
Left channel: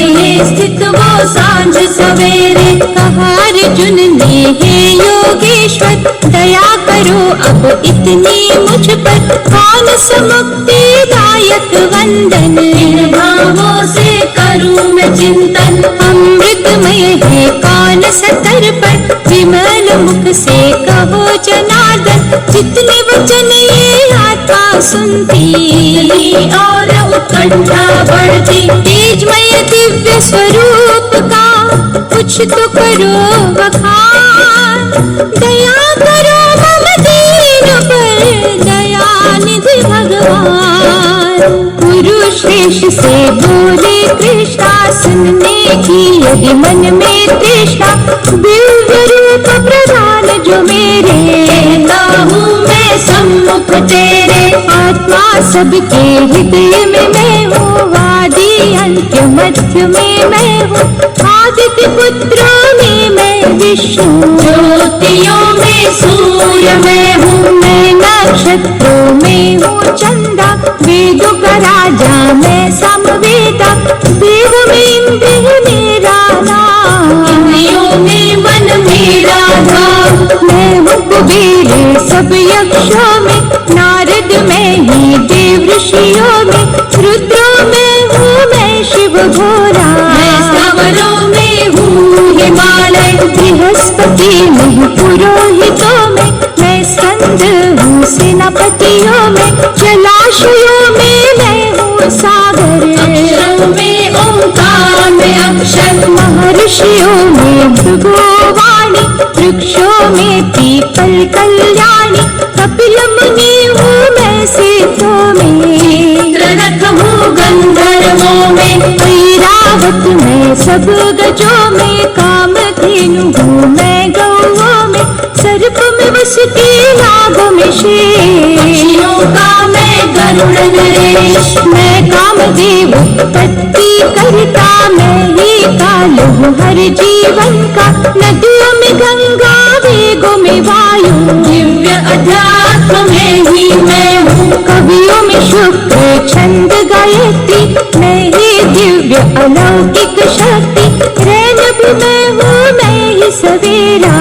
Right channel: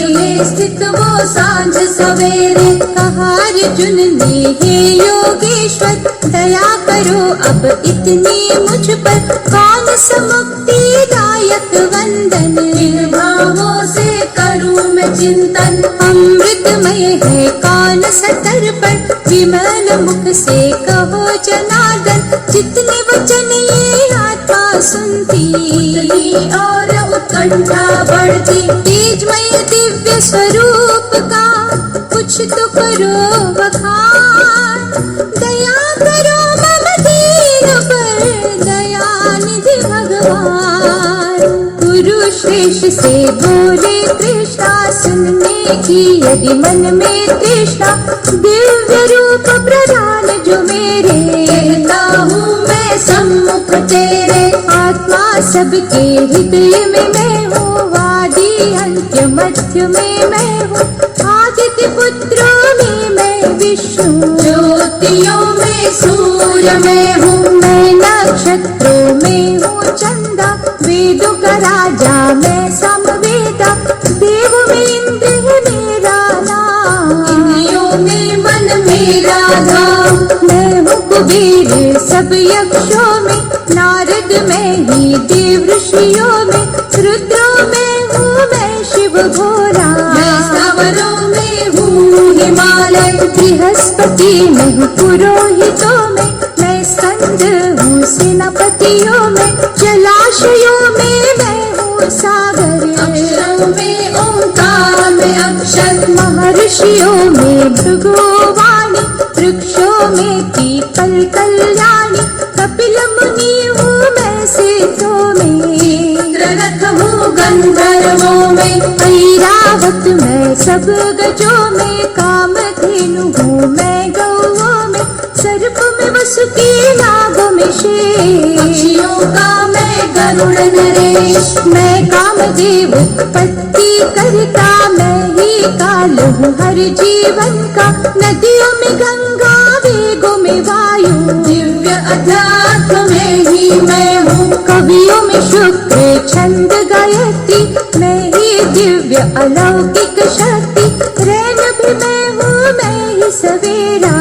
में स्थित वो सांझ सवेरे। कहा अर्जुन ने हे योगेश्वर, दया करो अब इतनी मुझ पर, मानस मुक्ति दायक वंदन, इन भावों से करूं मैं चिंतन। अमृतमय है कान सतर्पण, विमल मुख से कहो जनार्दन, जितने वचन ये आत्मा सुनती, और उत्कंठा बढ़ती। तेजमय दिव्य स्वरूप का कुछ तो करो बखान, दया करो मम दीन पर, दयानिधि भगवान। गुरु श्रेष्ठ से बोले कृष्णा, सुनने की यदि मन में तृष्णा, दिव्य रूप प्रदान जो मेरे, कहता हूँ मैं सम्मुख तेरे। आत्मा सबके हृदय में मैं हूँ, आदि अंत्य मध्य में मैं हूँ, आदित्य पुत्रों में मैं विष्णु, ज्योतियों में सूर्य मैं हूँ। मैं नक्षत्रों में हूँ चंदा, वेदों का राजा मैं समवेदा, देव में इंद्र है मेरा नाम, इंद्रियों में मन मेरा धाम। भोरा। मैं स्थावरों में हूँ हिमालय, बृहस्पति में पुरोहितों में, मैं स्कंद हूँ सेनापतियों में, जलाशयों में मैं हूँ सागर, अक्षरों में ओंकार में अक्षर, महर्षियों में भृगुवाणी, वृक्षों में पीपल कल्याणी, कपिल मुनि हूँ मैं सिद्धों में, रथ हूँ गंधर्वों में, ऐरावत मैं सब गजों में, कामधेनु हूँ मैं गौओं में, सर्प में वसुकी नागों में शेष, पक्षियों का मैं गरुड़ नरेश, मैं कामदेव उत्पत्ति करता, मैं ही काल हूँ हर जीवन का, नदियों में गंगा वेगों में वायु, दिव्य अध्यात्म में ही मैं हूँ, कवियों में शुक्र छंद गायत्री, मैं ही दिव्य अलौकिक शक्ति, रैनव मैं हूँ मैं ही सवेरा,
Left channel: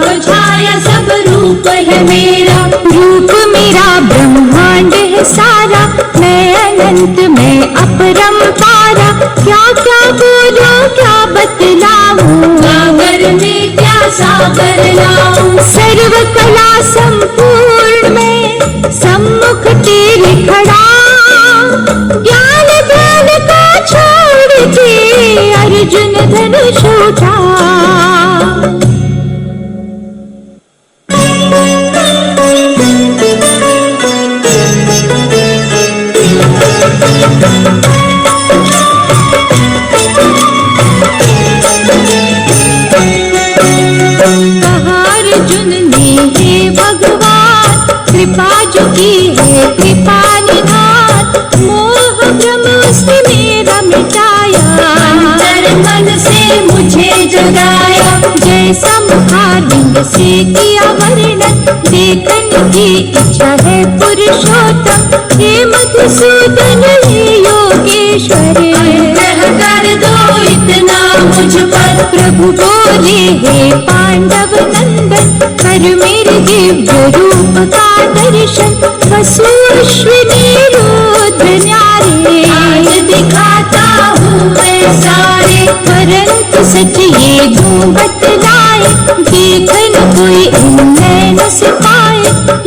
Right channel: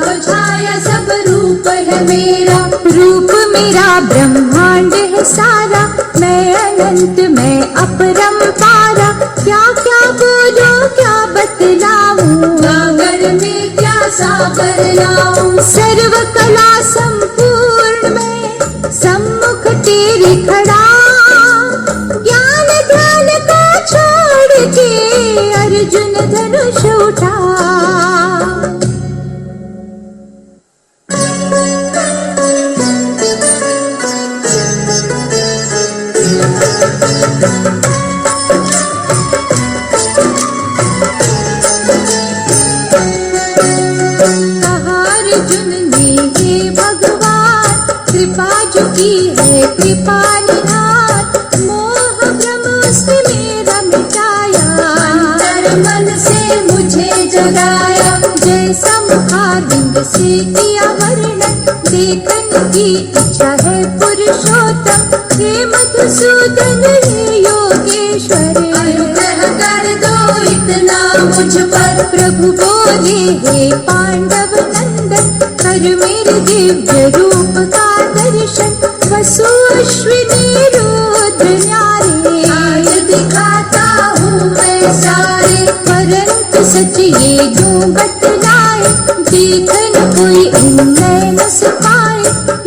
तो छाया सब रूप है मेरा, रूप मेरा ब्रह्मांड है सारा, मैं अनंत मैं अपरंपारा, क्या क्या बोलूं क्या बतलाऊं, सागर में क्या सागर लाऊं, सर्व कला संपूर्ण में सम्मुख तेरे खड़ा, ज्ञान ध्यान का छोड़ के अर्जुन धनुष उठा। अर्जुन ने हे भगवान कृपा जो की है कृपा निधान, मोह भ्रम से मेरा मिटाया, अंतर मन से मुझे जगाया, जैसा मुखारविंद से किया वर्णन, देखने की इच्छा है पुरुषोत्तम, हे मधुसूदन हे योगेश्वर, अनुग्रह कर दो इतना मुझ पर, प्रभु बोले हे पांडव नंदन, कर मेरे दिव्य रूप का दर्शन, वसु अश्विनी रुद्र न्यारे, आज दिखाता हूँ मैं सारे, परंतु सच ये दूं बतलाए, देख न कोई इन नैनों से पाए,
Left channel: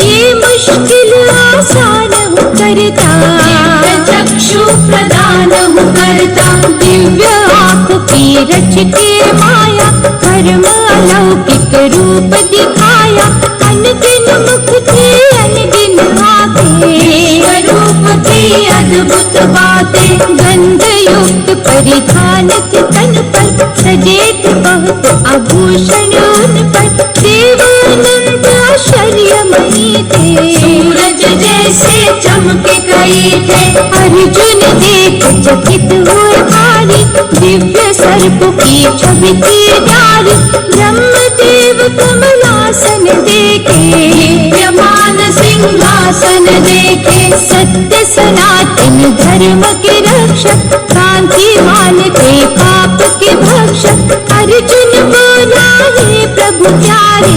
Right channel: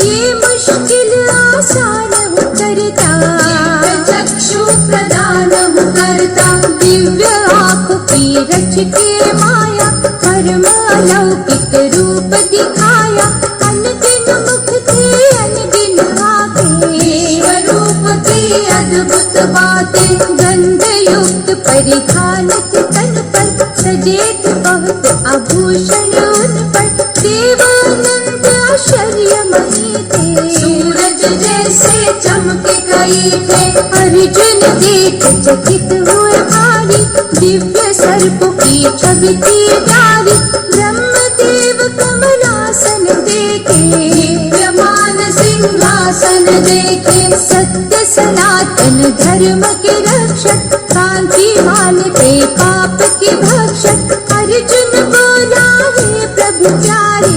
ये मुश्किल आसान हूँ करता, दिव्य चक्षु प्रदान हूँ करता, दिव्य आँखों की रच के माया, धर्म अलौकिक रूप दिखाया, अनगिन मुख थे अनगिन आंखें, स्वरूप की अद्भुत बातें, गंध युक्त परिधान थे तन पर, सजे थे बहुत आभूषण उन पर, देवानंद आश्चर्यमयी थे, सूरज जैसे चमके कई थे, अर्जुन देख चकित हुए भारी, दिव्य सर्प की छवि थी डारी, ब्रह्मदेव कमलासन देखे, दिव्यमान सिंहासन देखे, सत्य सनातन धर्म के रक्षक, कांतिमान थे पाप के भक्षक, अर्जुन बोला हे प्रभु प्यारे,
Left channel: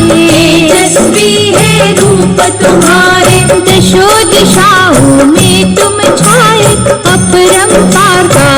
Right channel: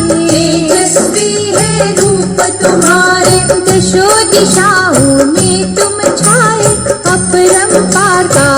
तेजस्वी है रूप तुम्हारे, दशो दिशाओं में तुम छाए, अपरंपार का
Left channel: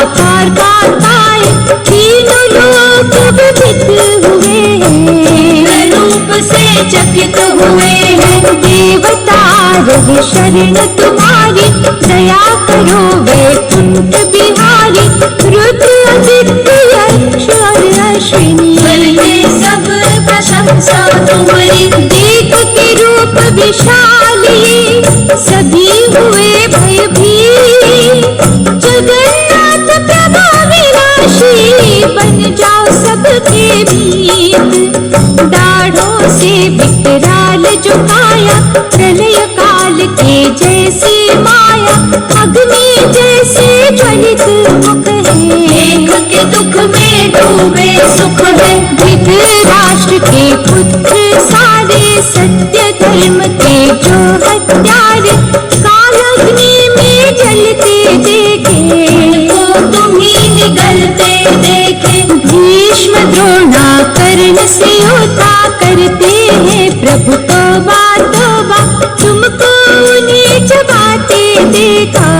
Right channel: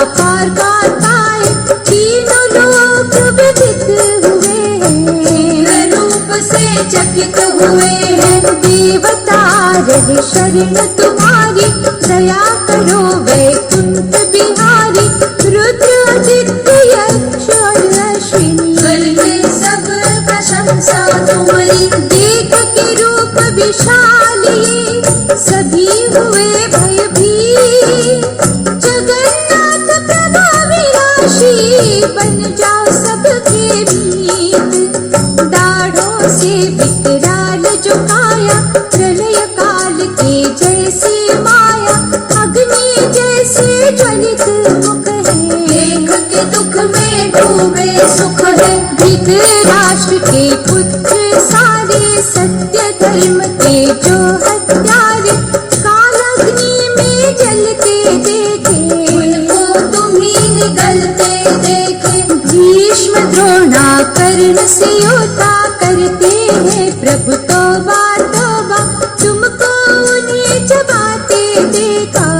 पार पाए, तीनों लोक विदित हुए हैं, रूप से चकित हुए हैं, देवता रहे शरण तुम्हारी, दया करो वैकुंठ बिहारी, रुद्र आदित्य यक्ष और अश्विनी, करते सब प्रशंसा तुम्हारी, देख के रूप विशाली, सभी हुए भय भी, जगन्नाथ प्रभा विनाशी, बन जाओ सबके मीत, दाढ़ों से विकराल जो पाया, प्रलय काल के जैसी माया, अग्नि जैसे ज्वलित मुख है, देख के दुख में डूबे सुख है, धृतराष्ट्र के पुत्र सारे, सत्य धर्म के जो हत्यारे, कालाग्नि में जलते देखे, तो तुम ही निगलते देखे, भीष्म द्रोणा कर्ण से योद्धा, करते हैं प्रभु तोबा तोबा, तुमको नीच बातें देखा,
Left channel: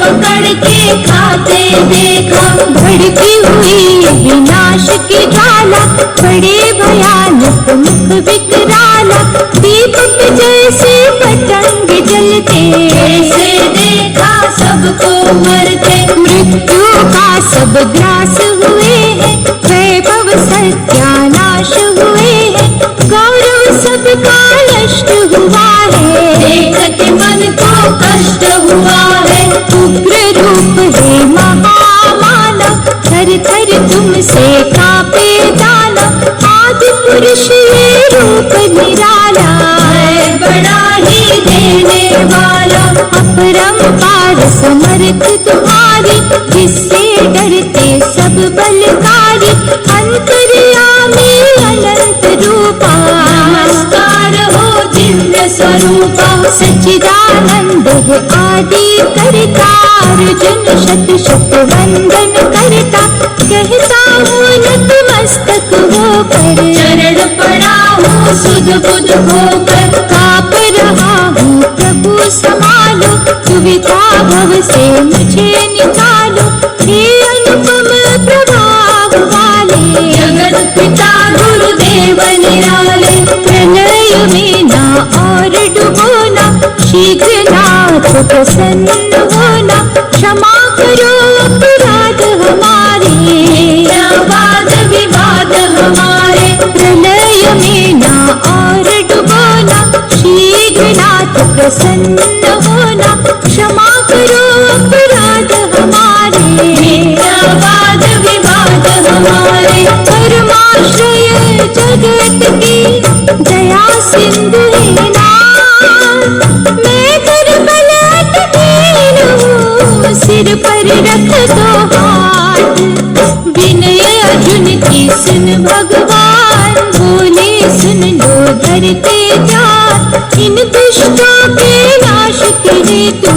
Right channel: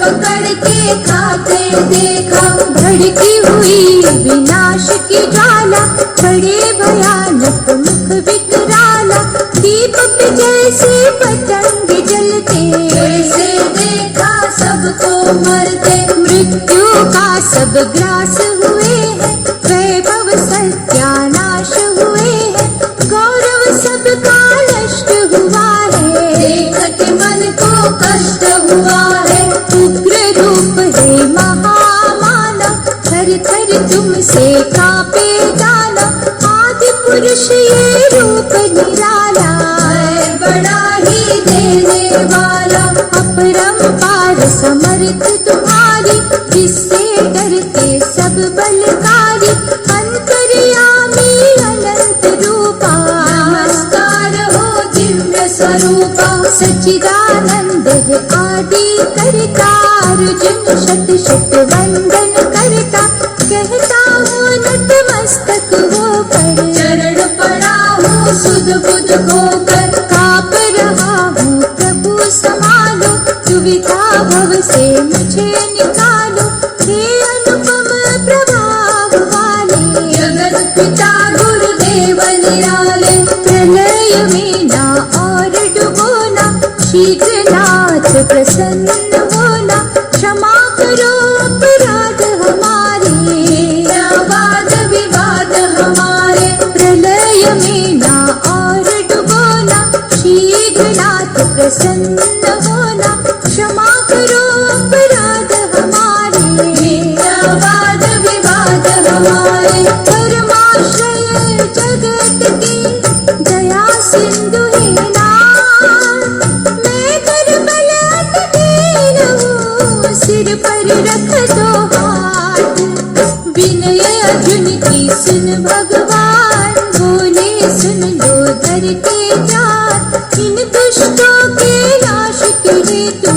पकड़ के खा आते देखा, भड़की हुई विनाश की ज्वाला, बड़े भयानक मुख विकराला, दीपक जैसे पतंग जलते, ऐसे देखा सबको मरते, मृत्यु का सब ग्रास हुए हैं, वैभव सत्यानाश हुए हैं, गौरव सबका नष्ट हुआ है, देख के मन को कष्ट हुआ है। उग्र रूप है महामानव, थर थर तुमसे कांपे दानव, आदि पुरुष ये रूप निराला, है बड़ा ही देने वाला, अपरंपार समर्थ तुम्हारी, जिससे डरते सब बलकारी, अंतर्यामी अनंत रूपा, नमस्कार हो दिव्य स्वरूपा, सच्चिदानंद है आदि करता, अर्जुन शत शत वंदन करता, कहता हूँ नतमस्तक होकर, चरण पड़ा हूँ सुध बुध होकर, काँप रहा हूँ प्रभु संभालो, दुविधा भव से मुझे निकालो, हे अनुपम प्रभाव वाले, जगत पिता गुरुदेव निराले, प्रलय में ना और डुबोना, शीघ्र नाथ प्रसन्न होना, क्षमा करो अपराध हमारे, क्या वाद विवाद हमारे, प्रलय में ना और डुबोना, शीघ्र नाथ प्रसन्न होना, क्षमा करो अपराध हमारे, क्या वाद विवाद हमारे, परमाश्रय जगत की दया सिंधु है नाथ, मैं कर बलवतीन हूँ, सिर पर रख दो हाथ, विनय अर्जुन की सुन भगवान, बोले सुन लो धरते जात, इन दुष्टों के नाश के हेतु,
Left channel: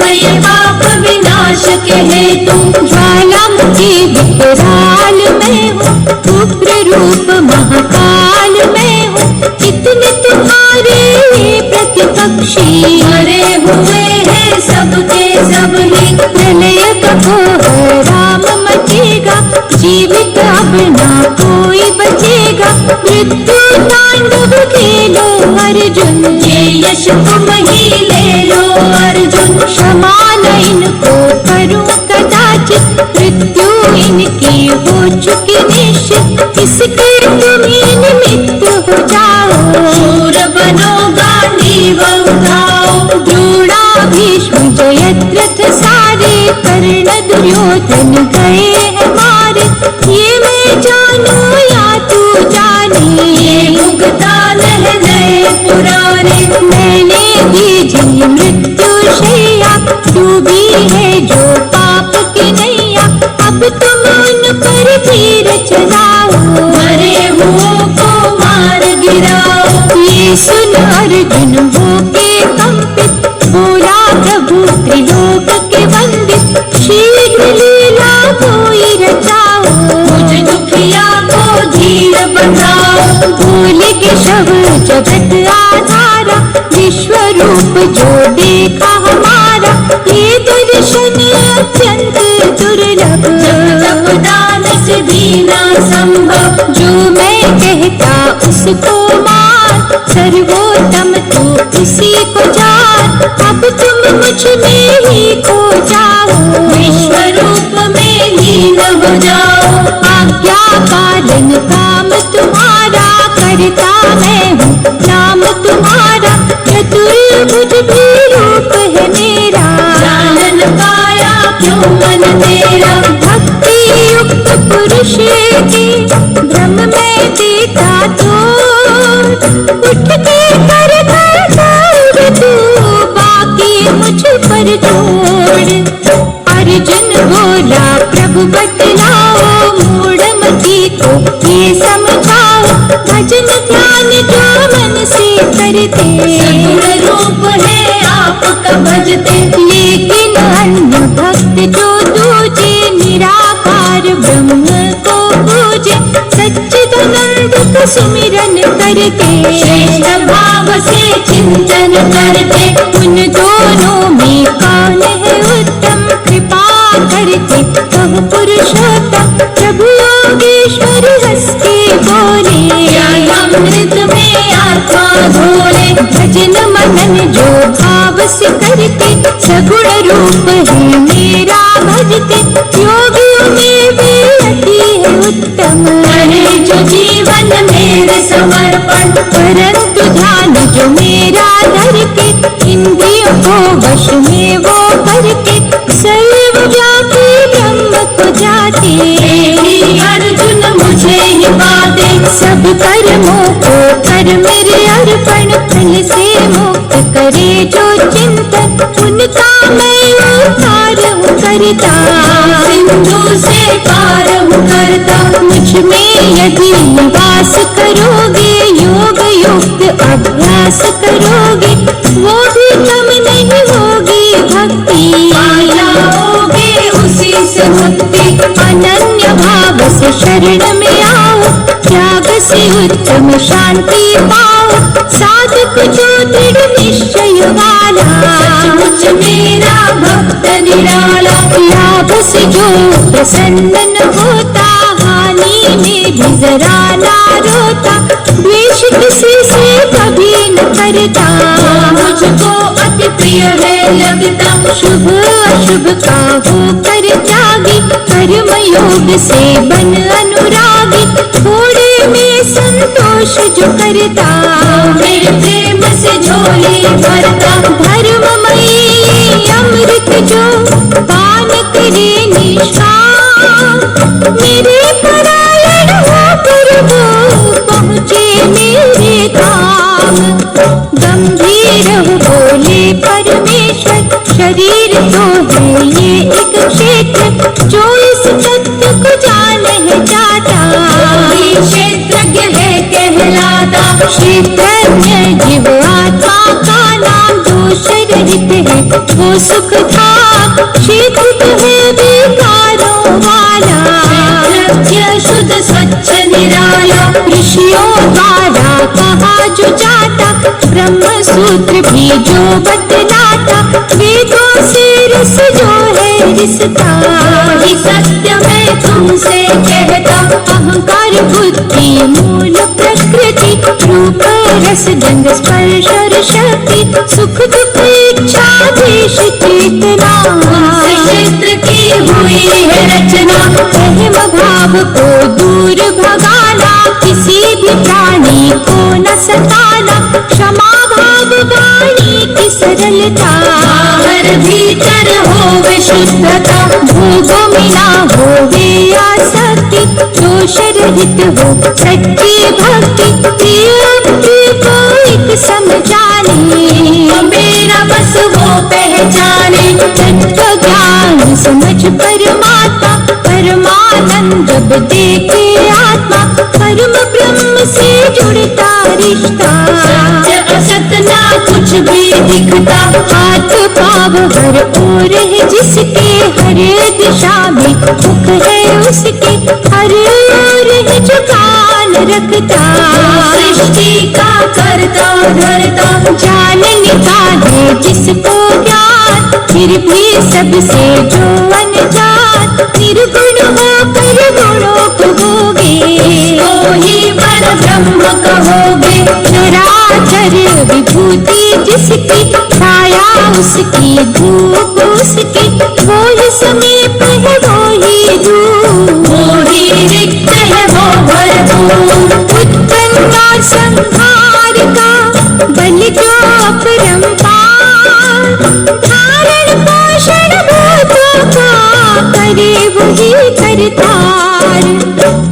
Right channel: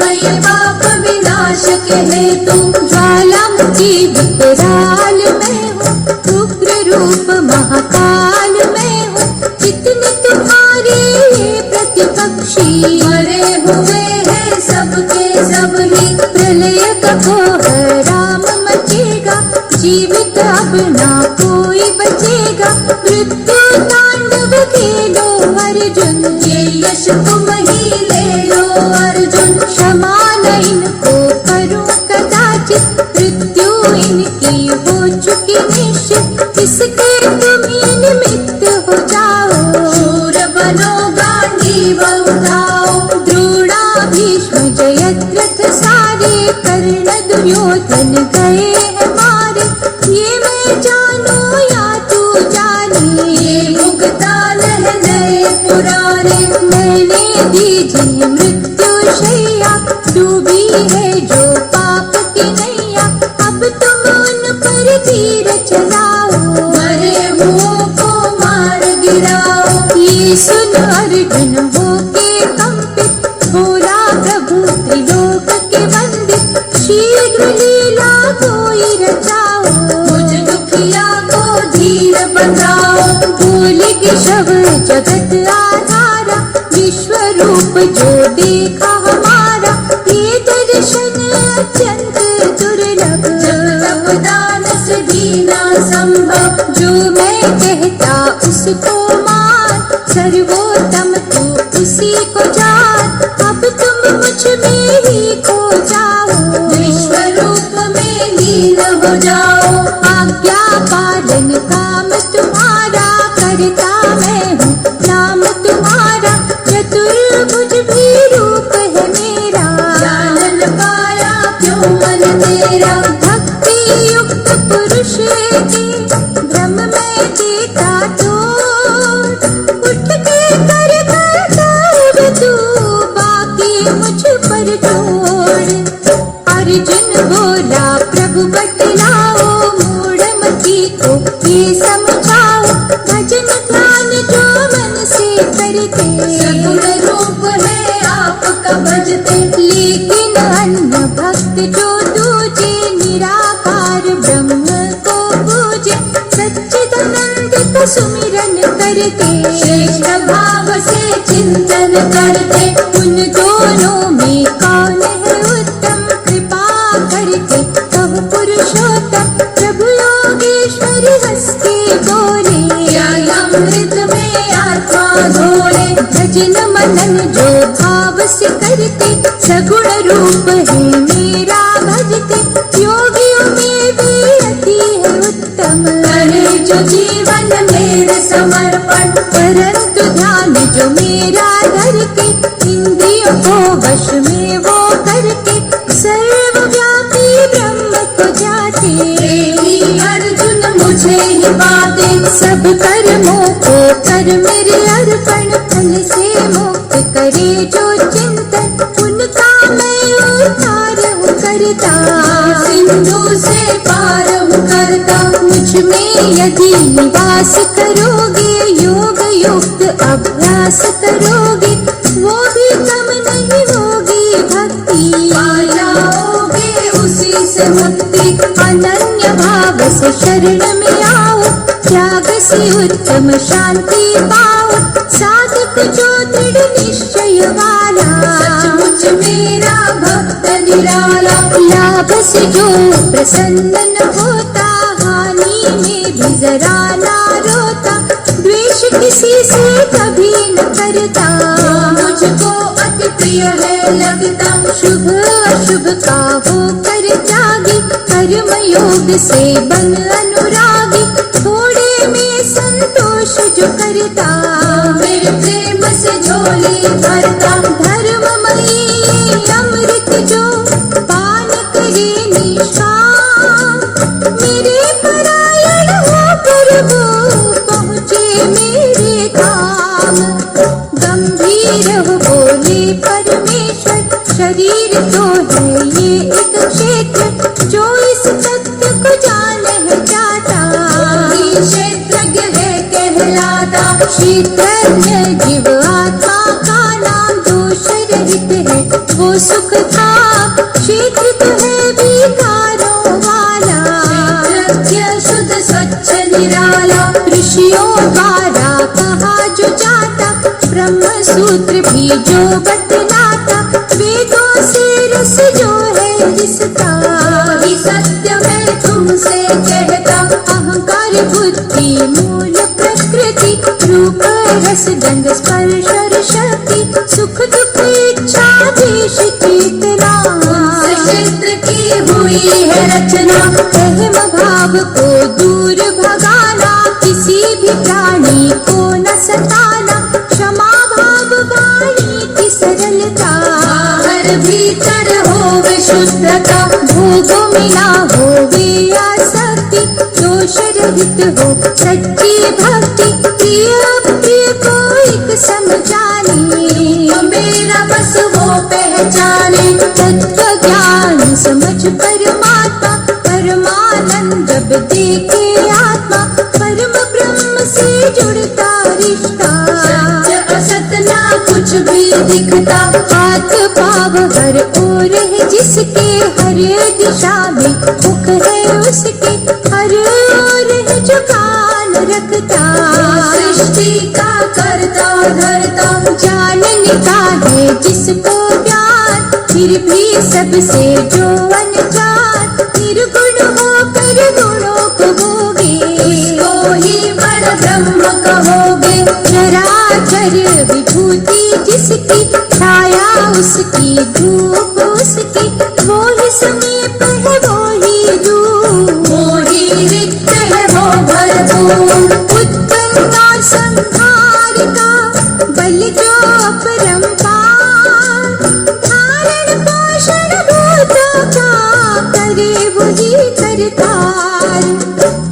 भय पाप विनाश के हेतु, ज्वालामुखी विकराल मैं हूँ, उग्र रूप महाकाल मैं हूँ, इतने तुम्हारे ये प्रतिपक्षी, मरे हुए हैं सबके सब ही, प्रलय कठोर राम मचेगा, जीवित अब ना कोई बचेगा, मृत्यु तांडव खेलो अर्जुन, ये यश तुम ही ले लो अर्जुन, क्षमा न इनको करूं कदाचित, मृत्यु इनकी हो चुकी निश्चित, इसके तुम्हें निमित्त हो जाओ, शूर बनो गांडीव उठाओ, द्रोणा भीष्म जयद्रथ सारे, कर्ण दुर्योधन गए हैं मारे, ये मैं जानू या तू जाने, ये मुगदान है नए पुराने, मैंने भी जी मृत्यु शैया, डूबी है जो पाप की नैया, अब तुम उन पर तीर चलाओ, मरे हुओं को मार गिराओ, ये सुन अर्जुन हो के कंपित, बोला प्रभु त्रिलोक के वंदित, शीघ्र लीला कोई रचाओ, मुझ दुखिया को धीर बंधाओ, भोले के शव जगत आधारा, विश्व रूप जो देखा हमारा, ये दर्शन अत्यंत दुर्लभ, जब तब दान से दीना संभव, जो मैं कहता उसको मान, सर्वोत्तम तू उसी को जान, अब तुम मुझ में ही खो जाओ, विश्व रूप में लीन हो जाओ, आज्ञा पालन काम तुम्हारा, करता मैं हूँ नाम तुम्हारा, चतुर्भुज भी रूप है मेरा, जानन पाया क्यों मन तेरा, भक्ति युक्त पुरुष के भ्रम में देता तो, उठ के कर कर तू, बाकी मुझ पर छोड़, अर्जुन बोला प्रभु बतलाओ, मूढ़मती को ये समझाओ, भजन ध्यान जो मन से करते, सगुण रूप है आपका भजते, लेकिन अन्य भक्त जो दूजे, निराकार ब्रह्म को पूजे, सच्चिदानंद का सुमिरन करके, श्रेष्ठ भाव से चिंतन करते, उन दोनों में कौन है उत्तम, कृपा करते कहो पुरुषोत्तम प्रभु योगेश्वर हंस के बोले अमृत में आत्मा घोले भजन मनन जो भाव से करते सगुण रूप है मेरा भजते योगियों में भी अति है उत्तम करे जो जीवन मेरे समर्पण परंतु ध्यान जो मेरा धर के इंद्रियों को वश में वो करके सर्व जाति ब्रह्म को जाते प्रेमी अर्जुन मुझे ही पाते सब कर्मों को कर मेरे अर्पण फल से मुक्त करे जो चिंतन उनका मैं उद्धार हूँ करता सिंधु से पार हूँ करता मुझ में यदि निवास करोगे योग युक्त अभ्यास करोगे वो भी कम नहीं होगी भक्ति जाओगे उसी से मुक्ति अनन्य भाव से शरण में आओ त्याग से उत्तम शांति पाओ साधक जो दृढ़ निश्चय वाला सचमुच मेरा भक्त निराला लाभ से जो प्रसन्न न होता हानि में भी जरा ना रोता द्वेष किसी से कभी न करता मुझको अति प्रिय है लगता शुभ अशुभ का होकर त्यागी कर्म योग से बन अनुरागी थोड़े में संतोष जो करता मेरे प्रेम से झोली भरता धर्ममयी अमृत जो पान करे निष्काम मेरे परायण होकर वो पहुँचे मेरे धाम गंभीर हो बोले परमेश्वर शरीर तो है ये एक क्षेत्र जो इस तत्व को जान है जाता कोई क्षेत्रज्ञ है कहलाता क्षेत्रज्ञ जीव आत्मा का नाम दोष रहित है वो सुख था क्षेत्र तो है विकारों वाला क्षेत्रज्ञ शुद्ध स्वच्छ निराला ऋषियों द्वारा कहा जो जाता ब्रह्म सूत्र भी जो बतलाता वेदों से रस जो है रिसता वही सत्य मैं तुमसे कहता अहंकार बुद्धि मूल प्रकृति रूप रस गंध स्पर्श और शक्ति सुख दुख इच्छा देश चेतना क्षेत्र की हुई है रचना अहम भाव को दूर भगाना किसी भी प्राणी को न सताना क्षमा भाव वाणी की सरलता बाहर भीतर हो विशुद्धता भोगों में ना होवे आसक्ति दोष रहित हो सच्ची भक्ति प्रिय को एक समझाने मेरा बस वो पहचाने तत्व ज्ञान समझ परमात्मा परमानंद जब देखे आत्मा परम ब्रह्म से जुड़ता रिश्ता सत्य असत ना कुछ भी दिखता हाथ पाव हर ओर है जिसके हर दिशा में मुख है उसके हर ओर है जो कान रखता सृष्टि का करता धरता जानने का है जिसको ज्ञान फिर भी सबसे जो अनजान निर्गुण होकर गुणों को भोगे तो ही बड़ ब्रह्म कहोगे चराचर विभूति जिसकी छाया उसकी धूप उसकी वो ही समीप है वो ही दूर वो ही रिक्त है वो भरपूर उत्पन्न संहार का बल जो अपरंपार धारण पोषण भूतों का करे वही करतार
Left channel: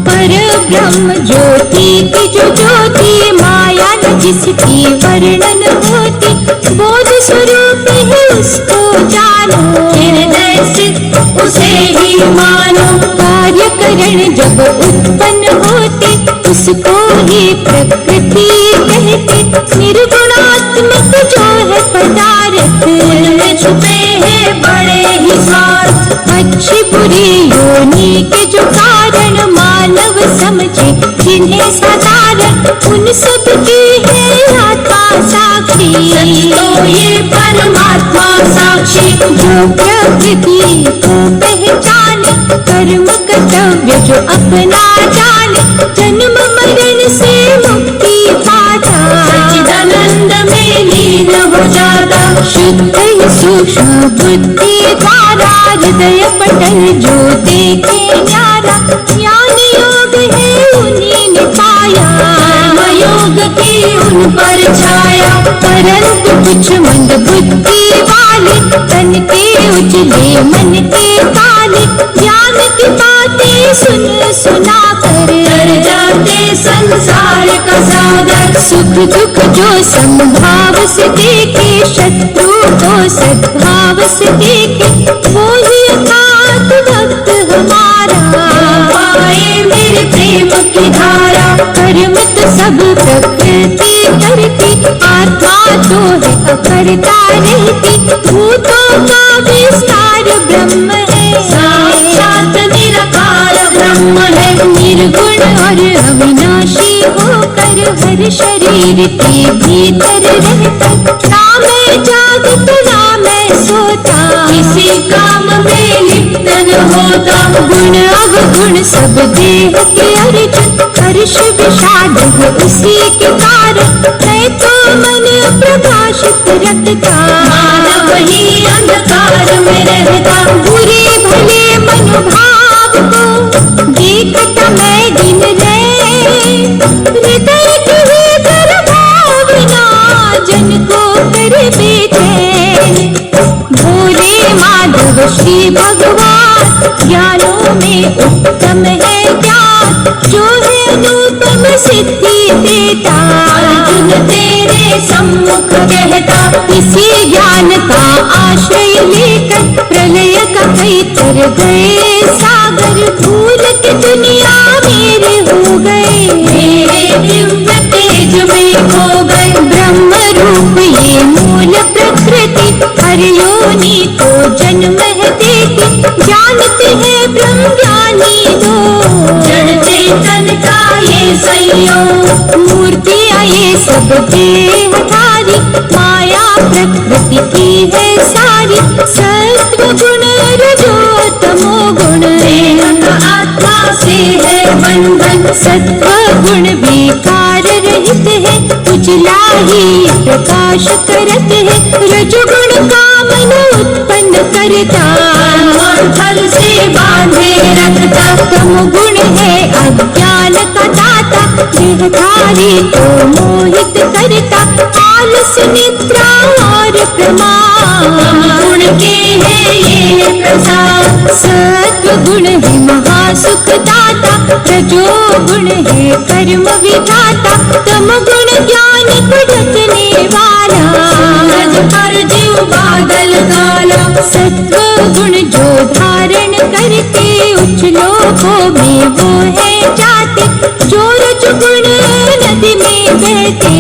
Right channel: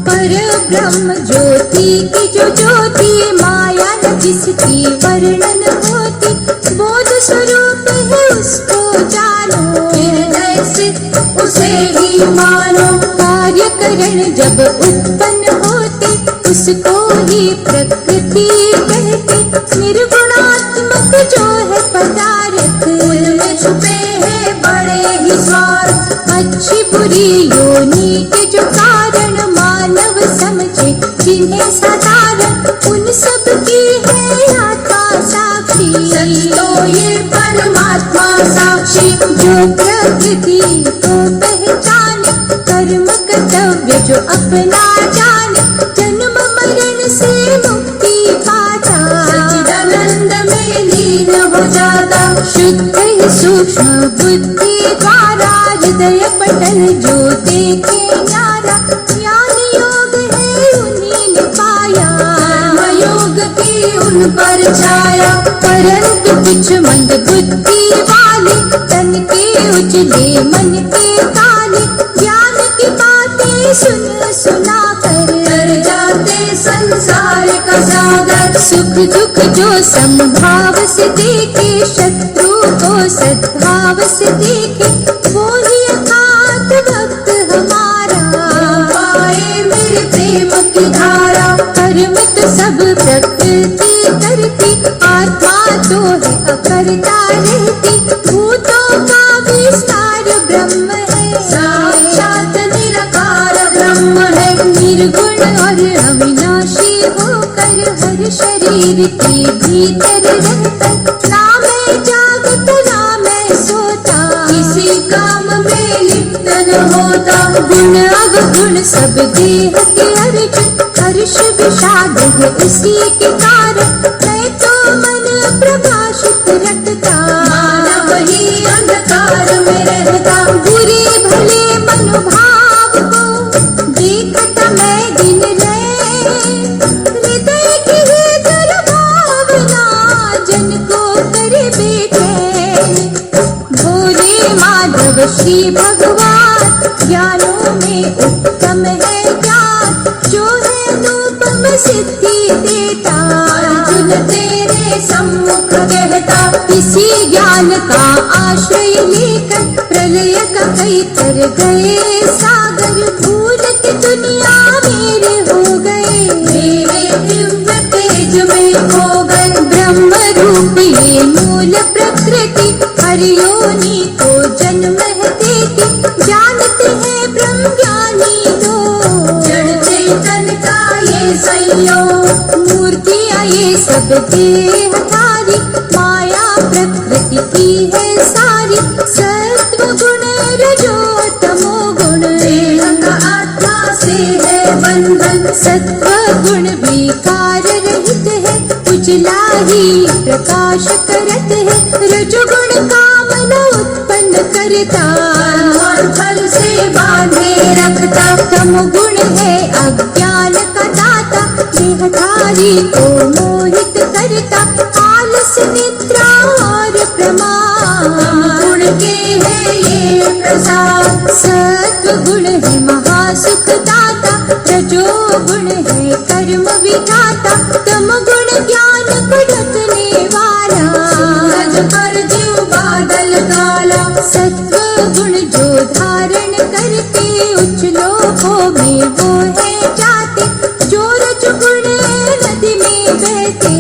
पर ब्रह्म ज्योति की जो ज्योति माया न जिसकी वर्णन होती बोध स्वरूप है उसको जानो हृदय स्थित उसे ही मानो कार्यकरण जब उत्पन्न होते उसको ही प्रकृति कहते निर्गुणात्मक जो है पदार्थ उनमें छुपे हैं बड़े ही स्वार्थ अच्छी बुरी योनि के जो कारण मानव समझे जिन्हें साधारण उन सब की है आत्मा साक्षी तो ये परमात्मा साक्षी जो प्रकृति को पहचान जो अपना जाने, जन्म मरण से मुक्ति पाता। सच्चिदानंद में लीन हो जाता। शुद्ध ही सूक्ष्म बुद्धि द्वारा हृदय पटल जो देखे न्यारा, ज्ञान योग है उन्हीं ने पाया। कर्म योग की उन पर छाया। परंतु कुछ मंद बुद्धि वाले, तन के उजले मन के काले, ज्ञान की बातें सुन सुना कर जाते संसार का सागर। सुख दुख जो समभाव से देखे, शत्रु को सद्भाव से देखे, वो ही अर्थात भक्त हमारा। पाए मेरे प्रेम की धारा। कर्म तो सब प्रकृति करती, आत्मा तो है अकर्ता रहती। भूतों का विस्तार ब्रह्म है, साक्षात निराकार ब्रह्म है। निर्गुण और अविनाशी होकर हर शरीर के भीतर रहता। ना मैं जागत ना मैं सोता, किसी काम में लिप्त न होता। गुण अवगुण सब देह के अर्जुन, हर्ष विषाद है उसी के कारण। मैं तो मन प्रकाशित रखता, मानव ही अंधकार में रहता। बुरे भले मनोभाव को देखता मैं दिन रात। हृदय के भीतर भावना जन को करे बेचैन। भोले माधव श्री भगवान, ज्ञानों में उत्तम है ज्ञान, जो है अनुपम सिद्धि देता। अर्जुन तेरे सम्मुख कहता। इसी ज्ञान का आश्रय लेकर प्रलय का कई तर गए सागर। भूल के दुनिया मेरे हो गए, मेरे दिव्य तेज में खो गए। ब्रह्म रूप ये मूल प्रकृति, हर योनि को जन्म है देती। जानते हैं ब्रह्म ज्ञानी दो, जड़ चेतन का ये संयोग। मूर्तियाँ ये सब देहधारी, माया प्रकृति की है सारी। सत्व गुण रजो तमो गुण, देह का आत्मा से है बंधन। सत्व गुण विकार रहित है, उजला ही प्रकाश करत है। रजोगुण का मन उत्पन्न करता, और फल से बांधे रखता। तम गुण है अज्ञान का दाता, देहधारी को मोहित करता। आलस निद्रा और प्रमाद, गुण के है ये प्रसाद। सत्व गुण है महासुख दाता, रजो गुण है कर्म विधाता। तम गुण ज्ञान को रखने वाला, सूरज पर जीव बादल काला। सत्व गुण जो धारण करते, उच्च लोकों में वो है जाते। जो रज गुण नदी में बहते,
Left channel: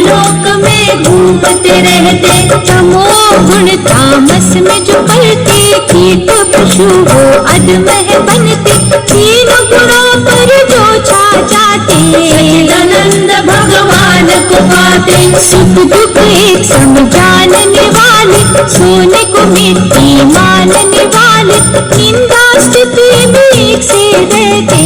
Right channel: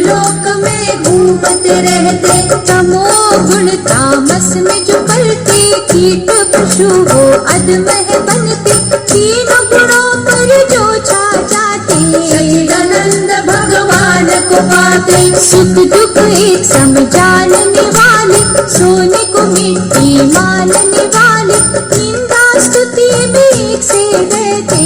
लोक में घूमते रहते। तमो गुण तामस में जो पलते, कीट पशु हो अधम है बनते। तीन गुणों पर जो छा जाते, सच्चिदानंद भगवान को पाते। सुख दुख एक संग जानने वाले, सोने को मिट्टी मानने वाले। निंदा स्तुति में एक से रहते,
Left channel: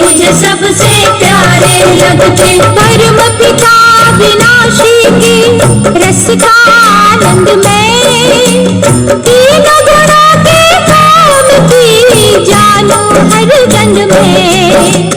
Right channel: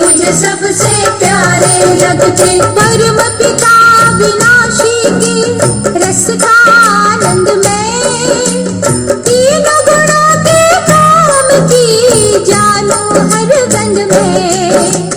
मुझे सबसे प्यारे लगते। परम पिता विनाशी के रस का आनंद में, तीन गुणों के काम की जानो हर गंध में।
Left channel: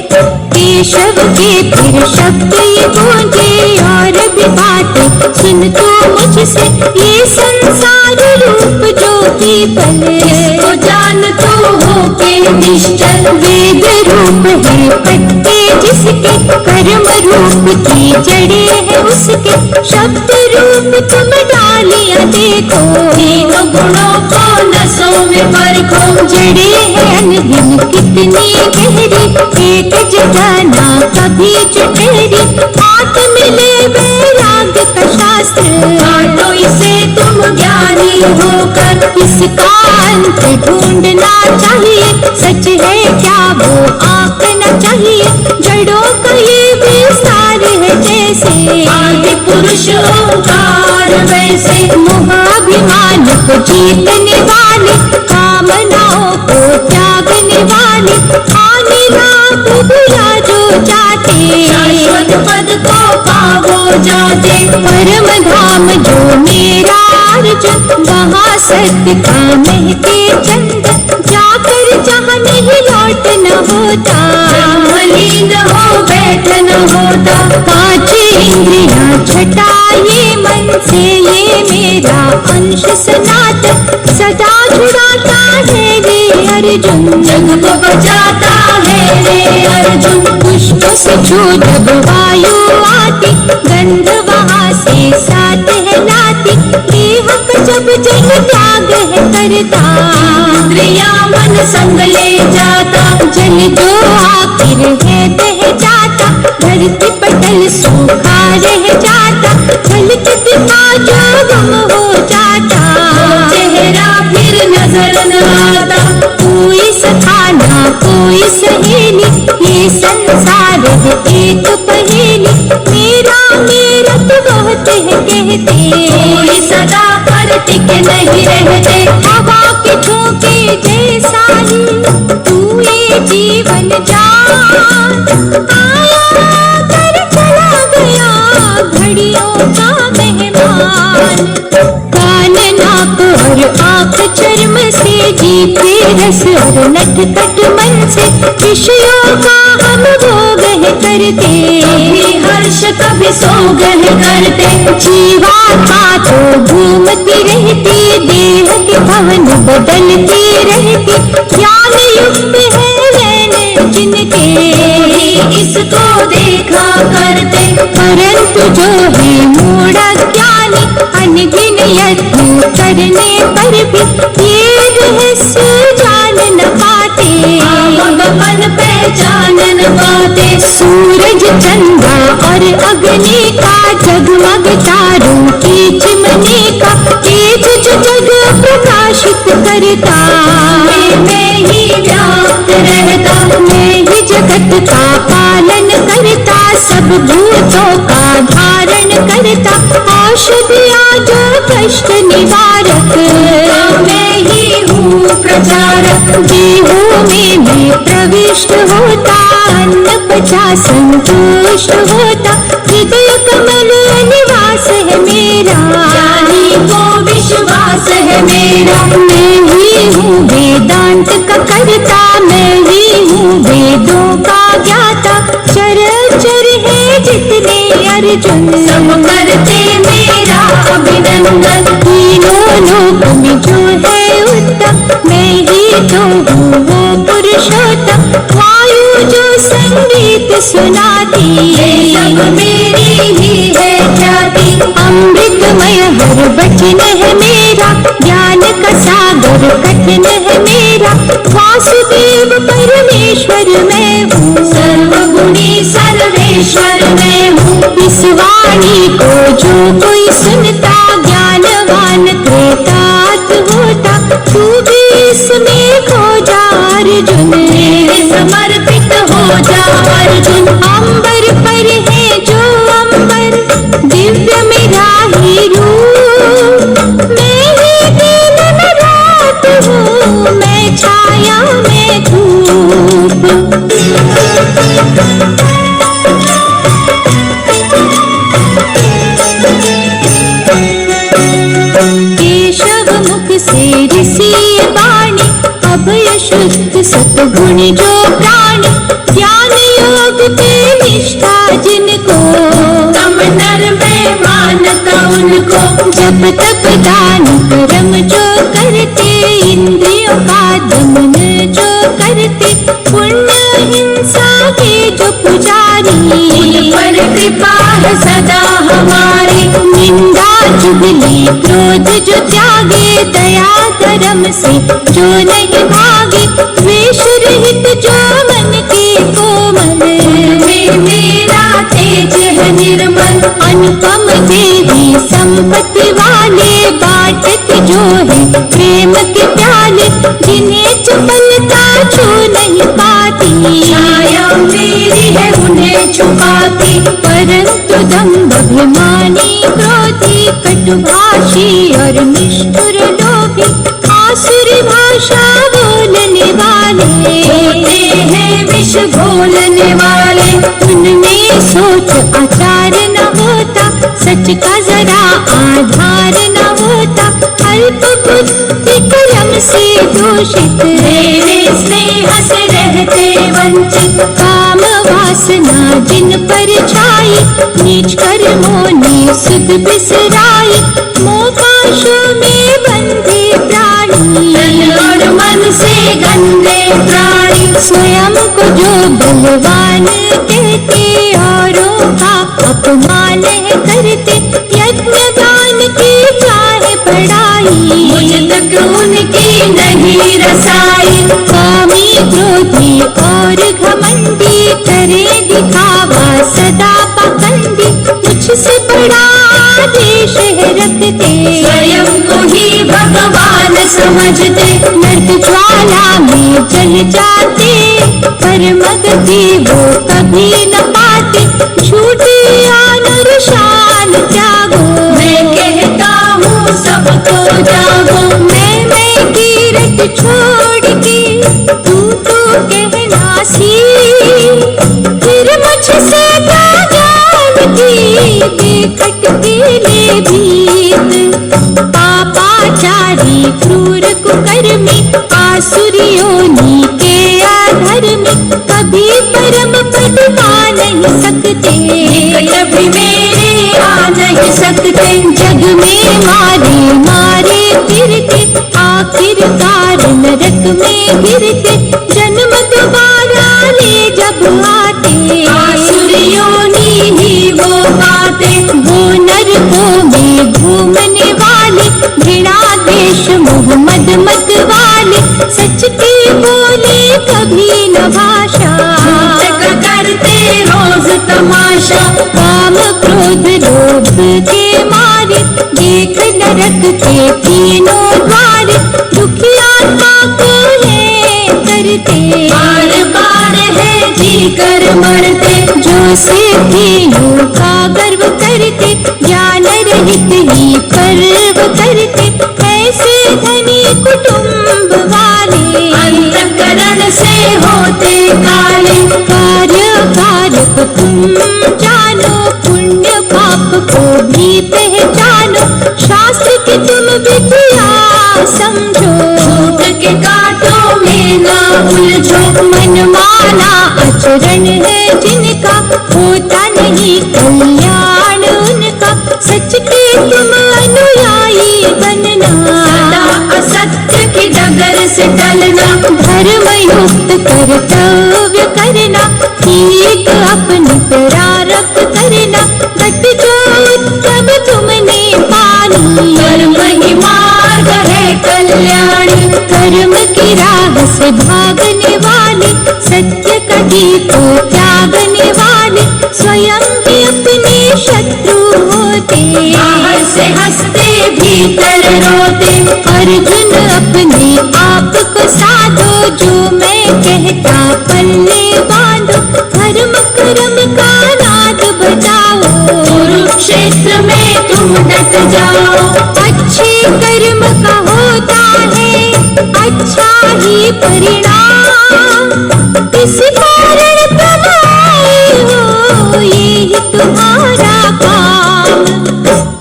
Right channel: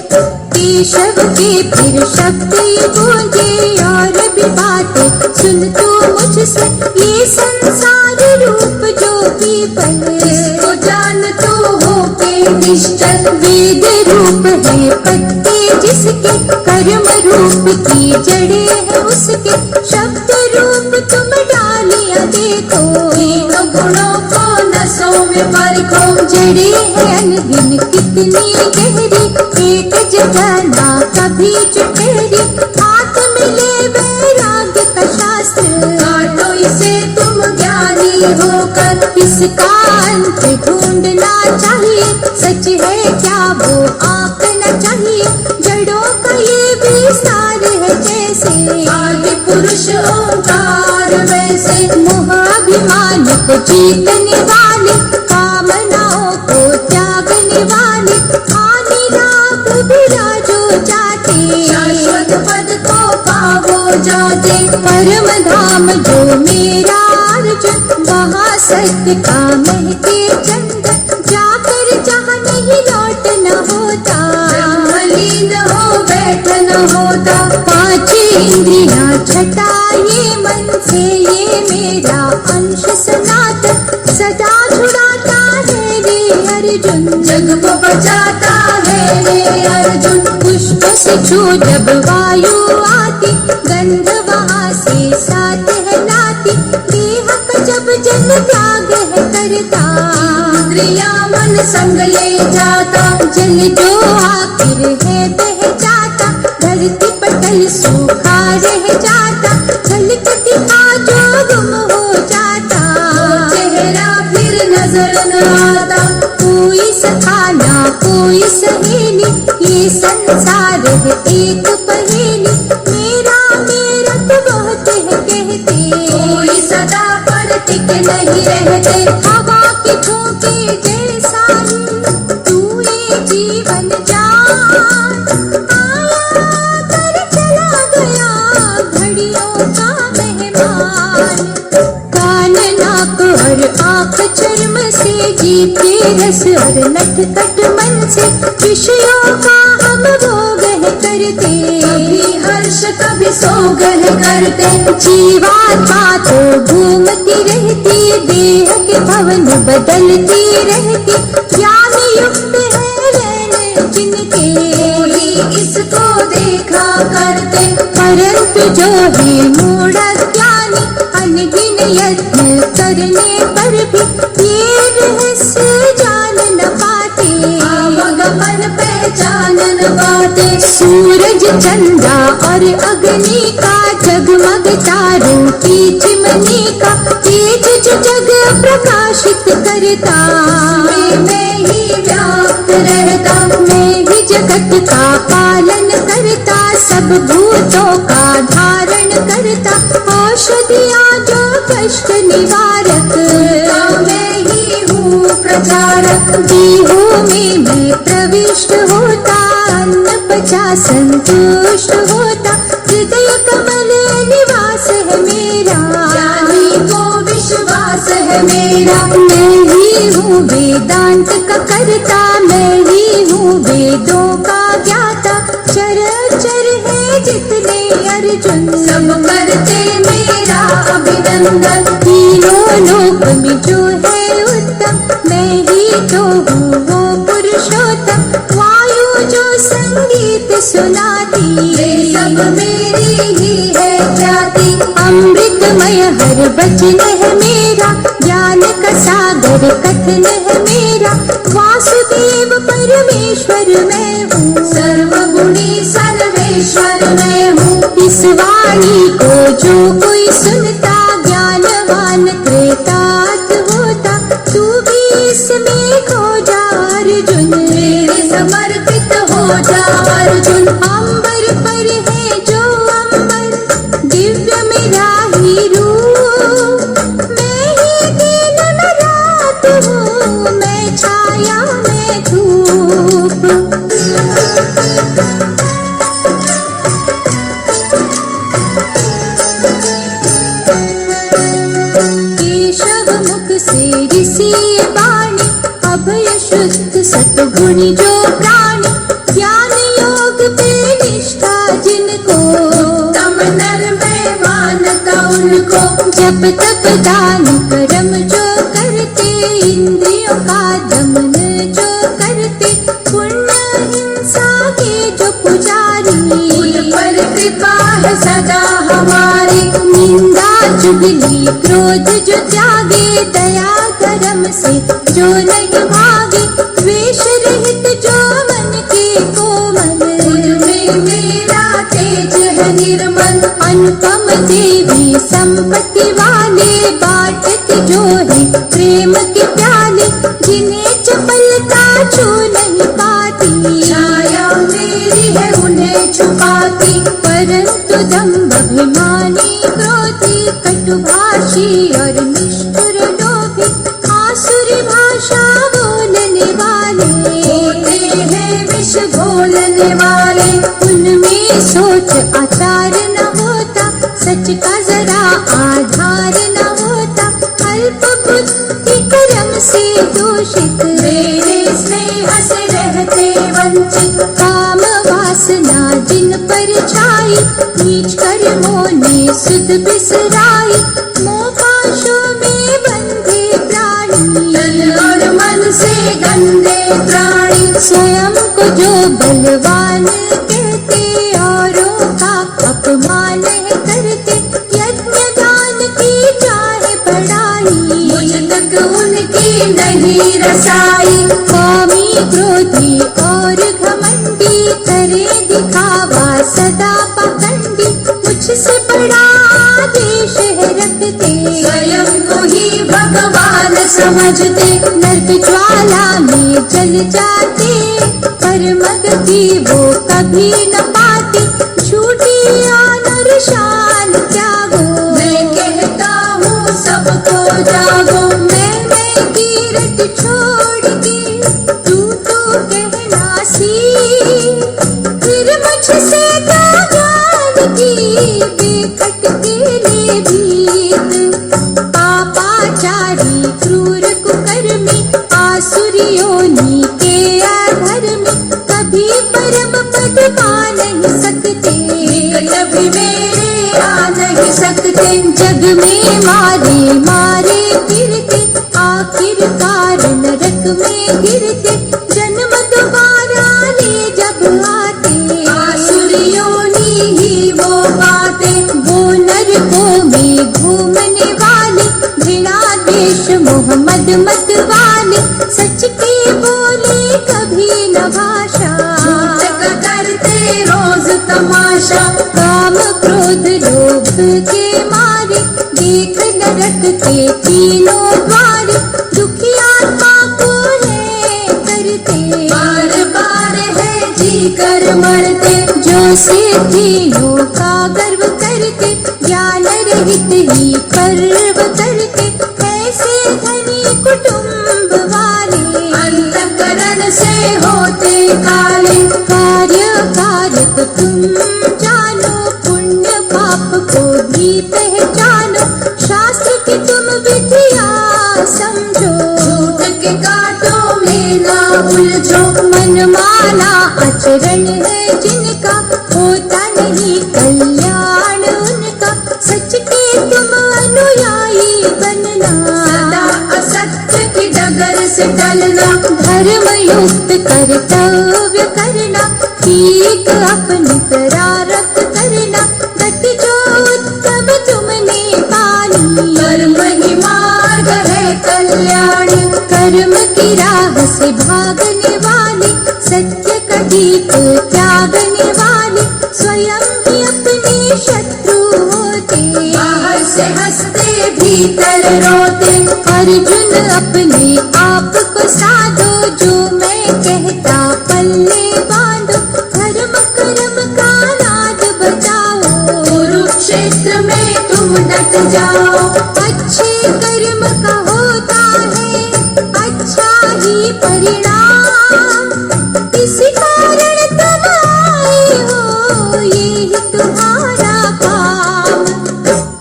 केशव के फिर शब्द ये गूंजे, और भी बातें सुन तू मुझसे। ये संसार रूप जो की बल, इसको जान तू हो के निश्चल। वेद रूप है पत्ते जिसके, कर्म रूप की जड़े है उसके। शब्द रूप तुम डालियां देखो, तीनों गुणों को नसों में परखो। जड़े है अनगिन कितनी गहरी, एक जगह ना कभी चटहरी। हाथ मिले वैराग्य का शास्त्र, बांटो इसे तुम ज्ञानी होकर। इसका अंत ढूंढना चाहिए, सच है क्या वो आंकना चाहिए। जड़ों का ये विस्तार है जैसे, आदि पुरुष ओंकार वैसे। मोहाभिमान को जीतने वाले, कामनाओं को त्यागने वाले। का महके चंद, जाकर जहाँ नहीं लौट न होता, मलिन हो बैठ न होता। पांच इंद्रियां छटा ये मन से, ये मेरा अंश सनातन सदा छुड़ाता है रे अर्जुन, जग को बचाता है रे अर्जुन। पुष्पों से छू जब वायु आती, गंध वहाँ से साथ है लाती, देह का जब जल त्याग है करता, इंद्रिया मन संग ले जाता। जल जो आखिर है बह जाता, धरती पटल सूखा रह जाता, झलक दिखा जो गुम हो जाता, चेहरा फिर नजर न आता। कोई सखा ना कोई सहेली, ये संसार है एक पहेली, मेरा मेरा तो बहुत है कहते, कोई सदा पर टिक नहीं रहते। हवा के झोंके जैसा ही तू ये जीवन जान, आया कर चला गया घड़ियों का मेहमान। कान नाक और आँख चर्म से, जीते रस और नटखट मन से, विषयों का हम भोग है करते, कभी हर्ष कभी सोग है करते। जीवात्मा तो घूमती रहती, देह के भवन बदलती रहती, ज्ञान युक्त है नैन जिनके, इसको देखा करते। परंतु जो है मूढ़ ज्ञानी, अनगिन यत्न करने पर भी ये रहस्य जान न पाते, मन पहचान न पाते। सूरज चंद्रा और अग्नि का, जगमग तारों की चिमनी का, तेज जो जग प्रकाशित करता, मैं ही व्याप्त रहता। मैं ही जगत का पालन करता, सब भूतों का धारण करता, औषधियाँ जो कष्ट निवारक, मैं ही हूँ प्रचारक। देहों में मैं प्रविष्ट होता, अन्न पचा संतुष्ट होता, हृदय कमल निवास है मेरा, ज्ञानी को विश्वास है मेरा। मैं ही हूँ वेदांत का कर्ता, मैं ही हूँ वेदों का ज्ञाता, चर है जितने अर्जुन, सब करते मेरा अभिनंदन। तीनों लोक में जो है उत्तम, मैं ही तो हूँ वो पुरुषोत्तम, वायु जो संगीत सुनाती, ये सब मेरी ही है ख्याति। अमृतमय हर वचन है मेरा, ज्ञान का सागर कथन है मेरा, वासुदेव परमेश्वर मैं हूँ, सर्वगुणी सर्वेश्वर मैं हूँ। इस वाणी को जो कोई सुनता, ज्ञानवान कृतार्थ होता, तू भी इसमें खो जा अर्जुन, मेरे समर्पित हो जा अर्जुन। अंबर पर है जो अंबर, दिव्य मेरा ही रूप, मैं ही दिन में रात हूँ, मैं छाया में धूप। केशव मुख से ऋषि वाणी, अभय शुद्ध सतगुण जो प्राणी, ज्ञान योग पे निष्ठा जिनको, तम नर में मानता उनको। जब तप दान कर्म जो करते, इंद्रियों का दमन जो करते, पुण्य हिंसा के जो पुजारी, पर कृपा है सदा हमारी। निंदा चुगली क्रोध जो त्यागे, दया धर्म से जो नहीं भागे, द्वेष रहित जो मन के कोमल, में मेरा तेज है निर्मल। अनुपम देवी संपत्ति वाले, बांटते जो है प्रेम के प्याले, जिन्हें चपलता छू नहीं पाती, छाया मेरी है उन्हें छुपाती। परंतु दम्भ अभिमानी क्रोधी, कटुभाषी और निष्ठुर लोभी, आसुरी भाषा बोलने वाले, होते हैं विष घोलने वाले। उनमें सोच आचार न होता, सच का जरा आधार न होता, अल्प बुद्धि से दूषित, मेरे स्नेह से रहते वंचित। काम वासना जिन पर छाई, नीच कर्मों ने सुध बिसराई। मोहपाशों में बंधे प्राणी, तन और मन से गंदे प्राणी। स्वयं को जो बलवान कहते, औरों का अपमान है करते। यज्ञ दान की चाहे पढ़ाई, मुझ तक उनकी नहीं रसाई। कामी क्रोधी और घमंडी, करे दिखावा सदा पाखंडी। मुझसे बड़ा देश है रखते, स्वयं को ही भगवान समझते। नर्क ज्वाला में जल जाते, परम गति वो कभी न पाते। झूठी आन और शान त्यागो, मैं कहता हूँ सबको जागो। मैं की रट छोड़ के तू तो कहना सी। फिर मुझसे का जान की बेखट के ले भीत। पापाचारी क्रूर कुकर्मी, आसुरियों के अधर्मी। कभी परम पद पा नहीं सकते, निकट भी मेरे आ नहीं सकते। जग में मारे मारे फिरते, आखिरकार नरक में गिरते। जन्म दोबारा ले जब आते, आसुरियों ही वो पाते। वो नरकों में घूमने वाले, घृणा देश मोह मद मत वाले। सच के बोले कभी न भाषा, झूठ का करते रोज तमाशा। काम क्रोध लोभ के मारे, देख नरक के तीनों द्वार। दुखी आत्मा को है करते, बार बार है जी कर मरते। जो सिद्धियों का गर्व करते, ज्ञान रहित ही पर्व करते। ऐसे धनी कुटुंब वाले, अंतःकरण से होते काले। कार्य कारक तुम जानो, पुण्य पाप को भी पहचानो। शास्त्र की तुम विद्या समझो, झूठ के कांटों में न उलझो। मनमाना आचरण है जिनका, होता नहीं कल्याण उनका। सच के तुम अनुयायी बनना, सदा असत्य की डगर से टलना। धर्म युक्त कर्तव्य करना, ठीक अपनी प्रारब्ध करना। घट जो उत्तम तुमने पानी, कर्म ही मार्ग है कल्याणी। कर्म की राह से भागने वाले, सत्य का दीप त्यागने वाले। स्वयं भी अपने शत्रु होते, बाहर से हंसते भीतर रोते। अर्जुन अपने आप को साधो, जो मैं कहता पल्ले बांधो। धर्म कर्म का नाद बजाओ, कुरुक्षेत्र में तुम डट जाओ। अच्छे कर्म का होता है अच्छा ही परिणाम। इस कारण तुम आए हो, ये तुम्हारा काम।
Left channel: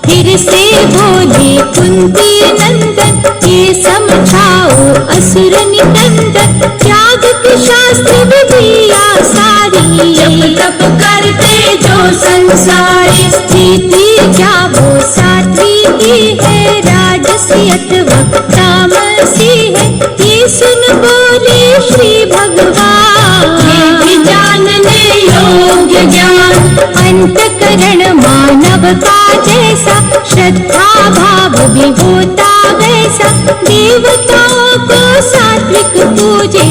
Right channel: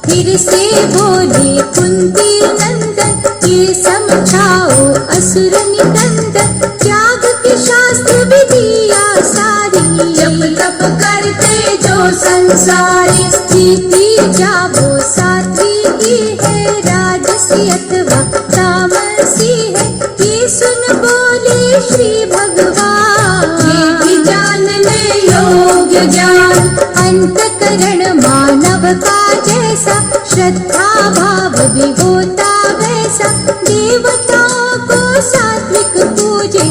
फिर से बोले कुंती नंदन, ये समझाओ असुर निकंदन। त्याग के शास्त्र विधिया सारी, जप तप करते जो संसारी। स्थिति क्या वो सात्विकी है, राजसी अथवा तामसी है। ये सुन बोले श्री भगवान, ये भी जानने योग्य ज्ञान। अंतकरण मानव का जैसा, श्रद्धा भाव भी होता वैसा। देवताओं को सात्विक पूजे,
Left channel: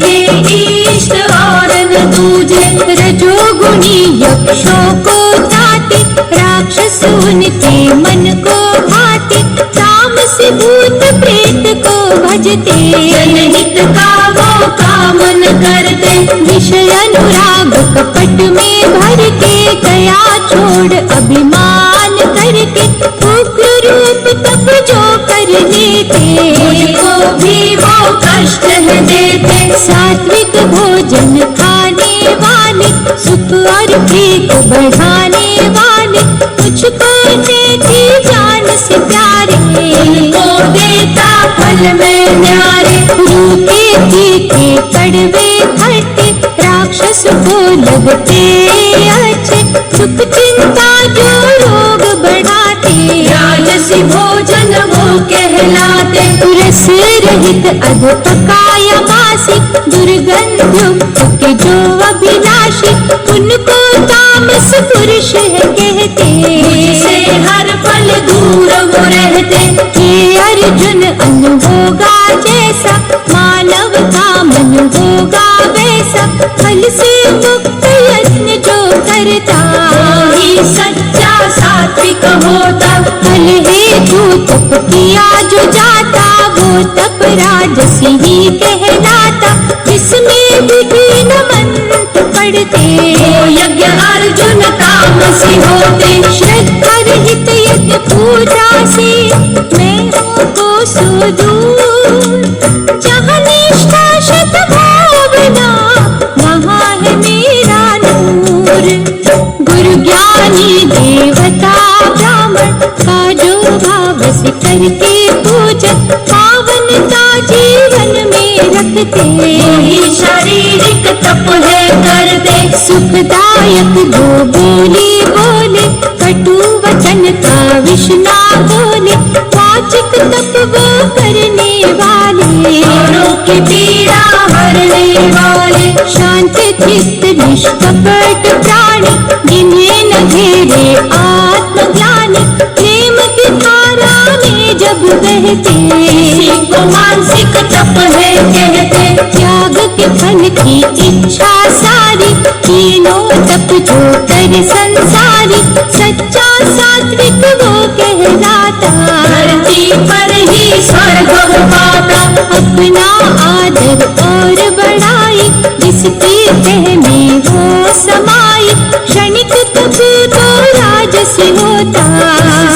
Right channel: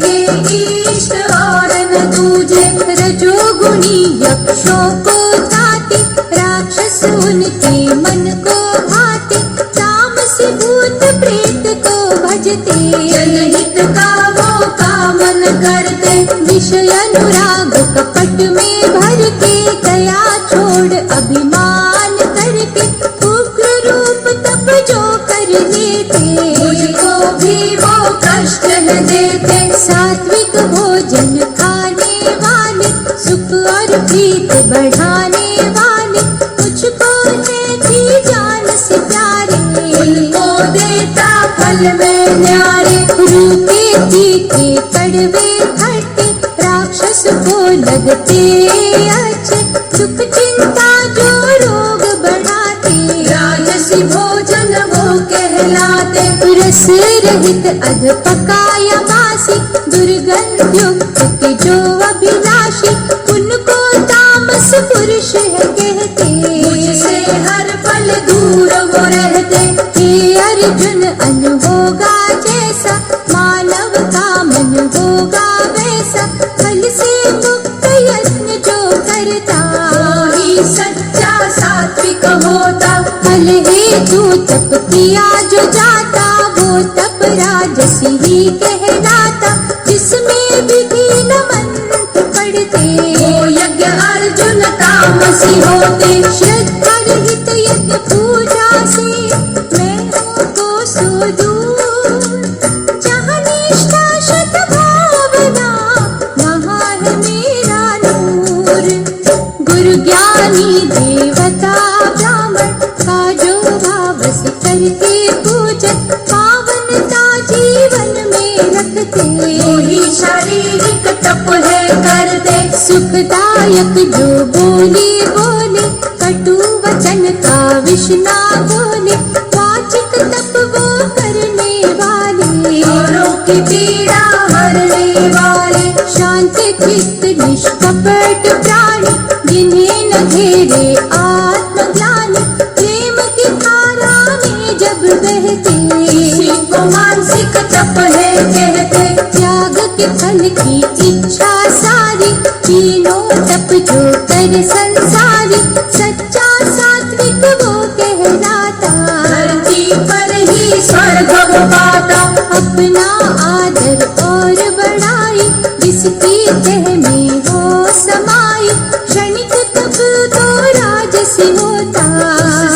के इष्ट और न दूजे। रजोगुणी यक्षों को ताते, राक्षस उनके मन को भाते। तामसी भूत प्रेत को भजते, जनहित का वो काम न करते। विषय अनुराग कपट में भर के, दया छोड़ अभिमान करके। उग्र रूप तप जो कर लेते, मुझको भी वो कष्ट है देते। सात्विक भोजन खाने वाले, सुख और प्रीत बढ़ाने वाले। मुझको देती जान से प्यारे, उनको देता फल में न्यारे। रूखे तीखे कड़वे खट्टे राक्षस को लगते अच्छे। सुख चिंता जो रोग बढ़ाते राजसी भोजन वो कहलाते। रस रहित अध पकाया बासी दुर्गंध युक्त के जो अभिलाषी उनको तामस पुरुष है कहते। मुझसे हर पल दूर वो रहते। हे अर्जुन अन्न होगा जैसा मानव का मन होगा वैसा। फल से मुक्त यत्न जो करता वही सच्चा सात्विक होता। फल हेतु तप किया जो जाता वो तप राजसी ही कहलाता। जिसमें विहीन मंत्र पढ़ते वो यज्ञ अर्जुन तामसी होते। श्रद्धा रहित यज्ञ पूजा से मैं हूँ कोसों दूर। जहाँ निष्ठा सद्भावना वहाँ है मेरा नूर। गुरु ज्ञानी देवता ब्राह्मण का जो भाव से करके पूजन पावनता जीवन में रखते। वही शारीरिक तप है करते। सुखदायक जो बोली बोले कटु वचन का विष ना बोले। वाचिक तप वो करने वाले औरों की पीड़ा हरने वाले। शांत चित्त निष्कपट प्राणी जिन्हें न घेरे आत्मज्ञानी। प्रेम की धारा में जब बहते इसी को मानसिक तप है कहते। त्याग के फल की इच्छा सारी तीनों तप जो कर संसारी। सच्चा सात्विक वो कहलाता धरती पर ही स्वर्ग वो पाता। अपना आदर और बढ़ाई जिसकी तह में वो समाई। क्षणिक तप तो राजसी होता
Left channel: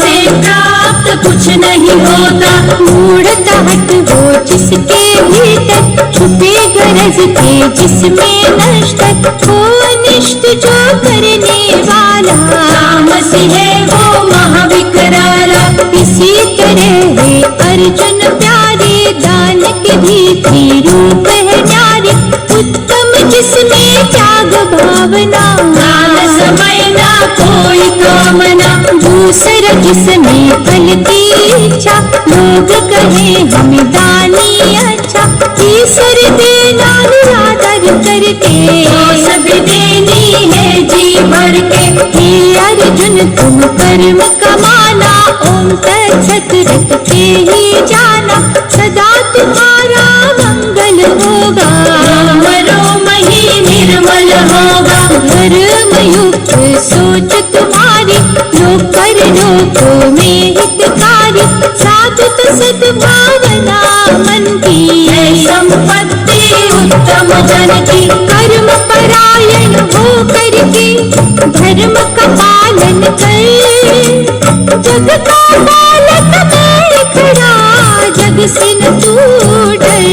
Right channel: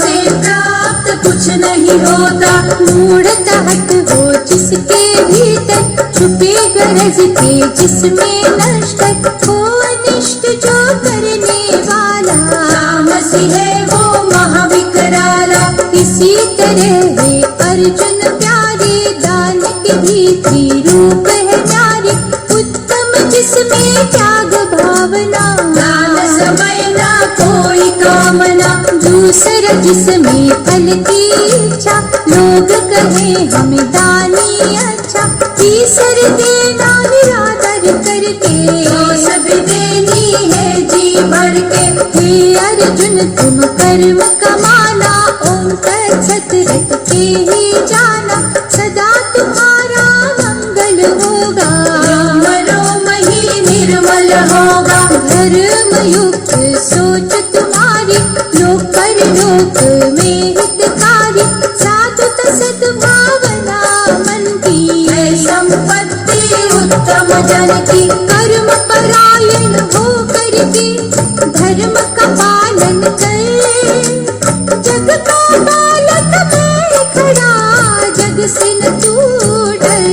से प्राप्त कुछ नहीं होता। मूढ़ता हट वो जिसके भीतर छुपे गरज के जिसमें नष्ट हो अनिष्ट जो करने वाला। तामसी है वो महाविकराला। इसी तरह है अर्जुन प्यारे दान के भीतरी रूप है न्यारे। उत्तम जिसमें त्याग भावना दान समय ना कोई कामना। दूसरा जिसमें फल की इच्छा लोग कहे हमें दानी अच्छा। तीसर देना निरादर करके सभी देनी है जी भर के। हे अर्जुन तुम कर्म कमाना ओम तत्सत रटते ही जाना। सदा तुम्हारा मंगल होगा रोम रोम ही निर्मल होगा। धर्म युक्त सोच तुम्हारी लोक कर लोकों में हितकारी। साधुत सद्भावना मन की है संपत्ति उत्तम जन की। कर्म परायण हो करके धर्म का पालन कर। जग का बालक मैं खड़ा जग से न तू डर।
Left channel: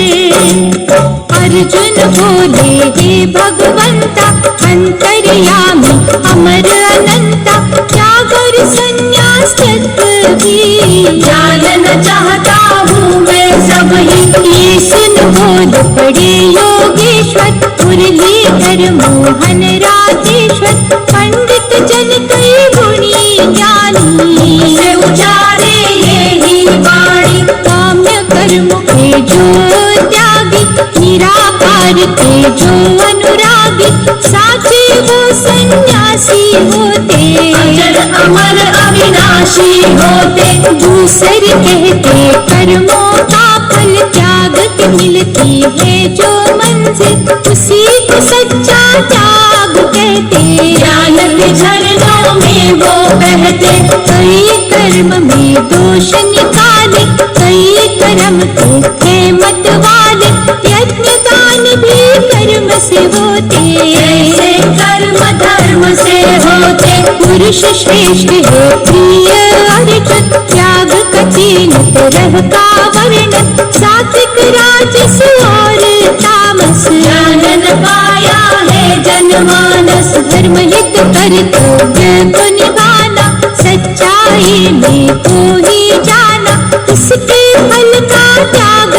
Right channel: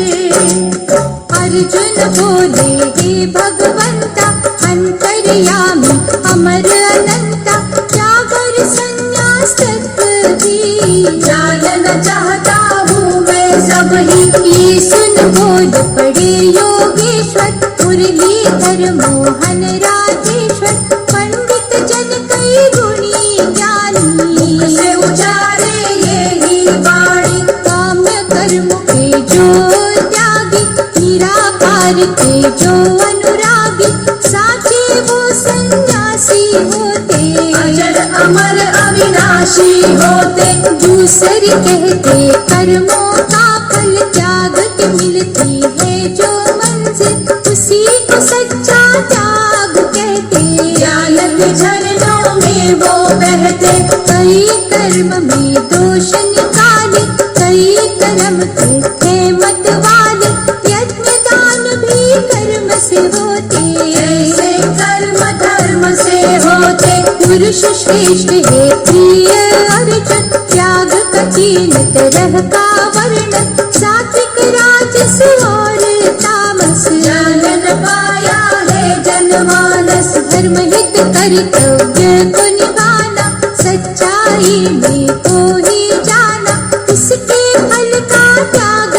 अर्जुन बोले हे भगवंता अंतर्यामी अमर अनंता। त्याग और संन्यास तत्व भी जानना चाहता हूँ मैं सब ही। ये सुन बोल पड़े योगेश्वर मुरलीधर मोहन राजेश्वर। पंडित जन कई गुणी ज्ञानी से उचारे यही वाणी। काम्य कर्म के जो त्यागी निराकार के जो अनुरागी। साचे वो सन्यासी होते अजर अमर अविनाशी होते। दूसरे कहते कर्मों का फल त्याग के मिलती है जो मंजिल। उसी को सच्चा त्याग कहते ज्ञान के झरनों में वो बहते। कई कर्म में दोष निकाले कई कर्म के है मत वाले। यज्ञ दान भी कर्म से होते ऐसे कर्म धर्म से होते। पुरुष श्रेष्ठ है प्रिय अर्जुन। त्याग का तीन तरह का वर्णन सात्विक राजस और तामस। जानन पाया है जनमानस। धर्म हित कर्तव्य को निभाना सच्चाई में को ही जाना। इसके फल का त्याग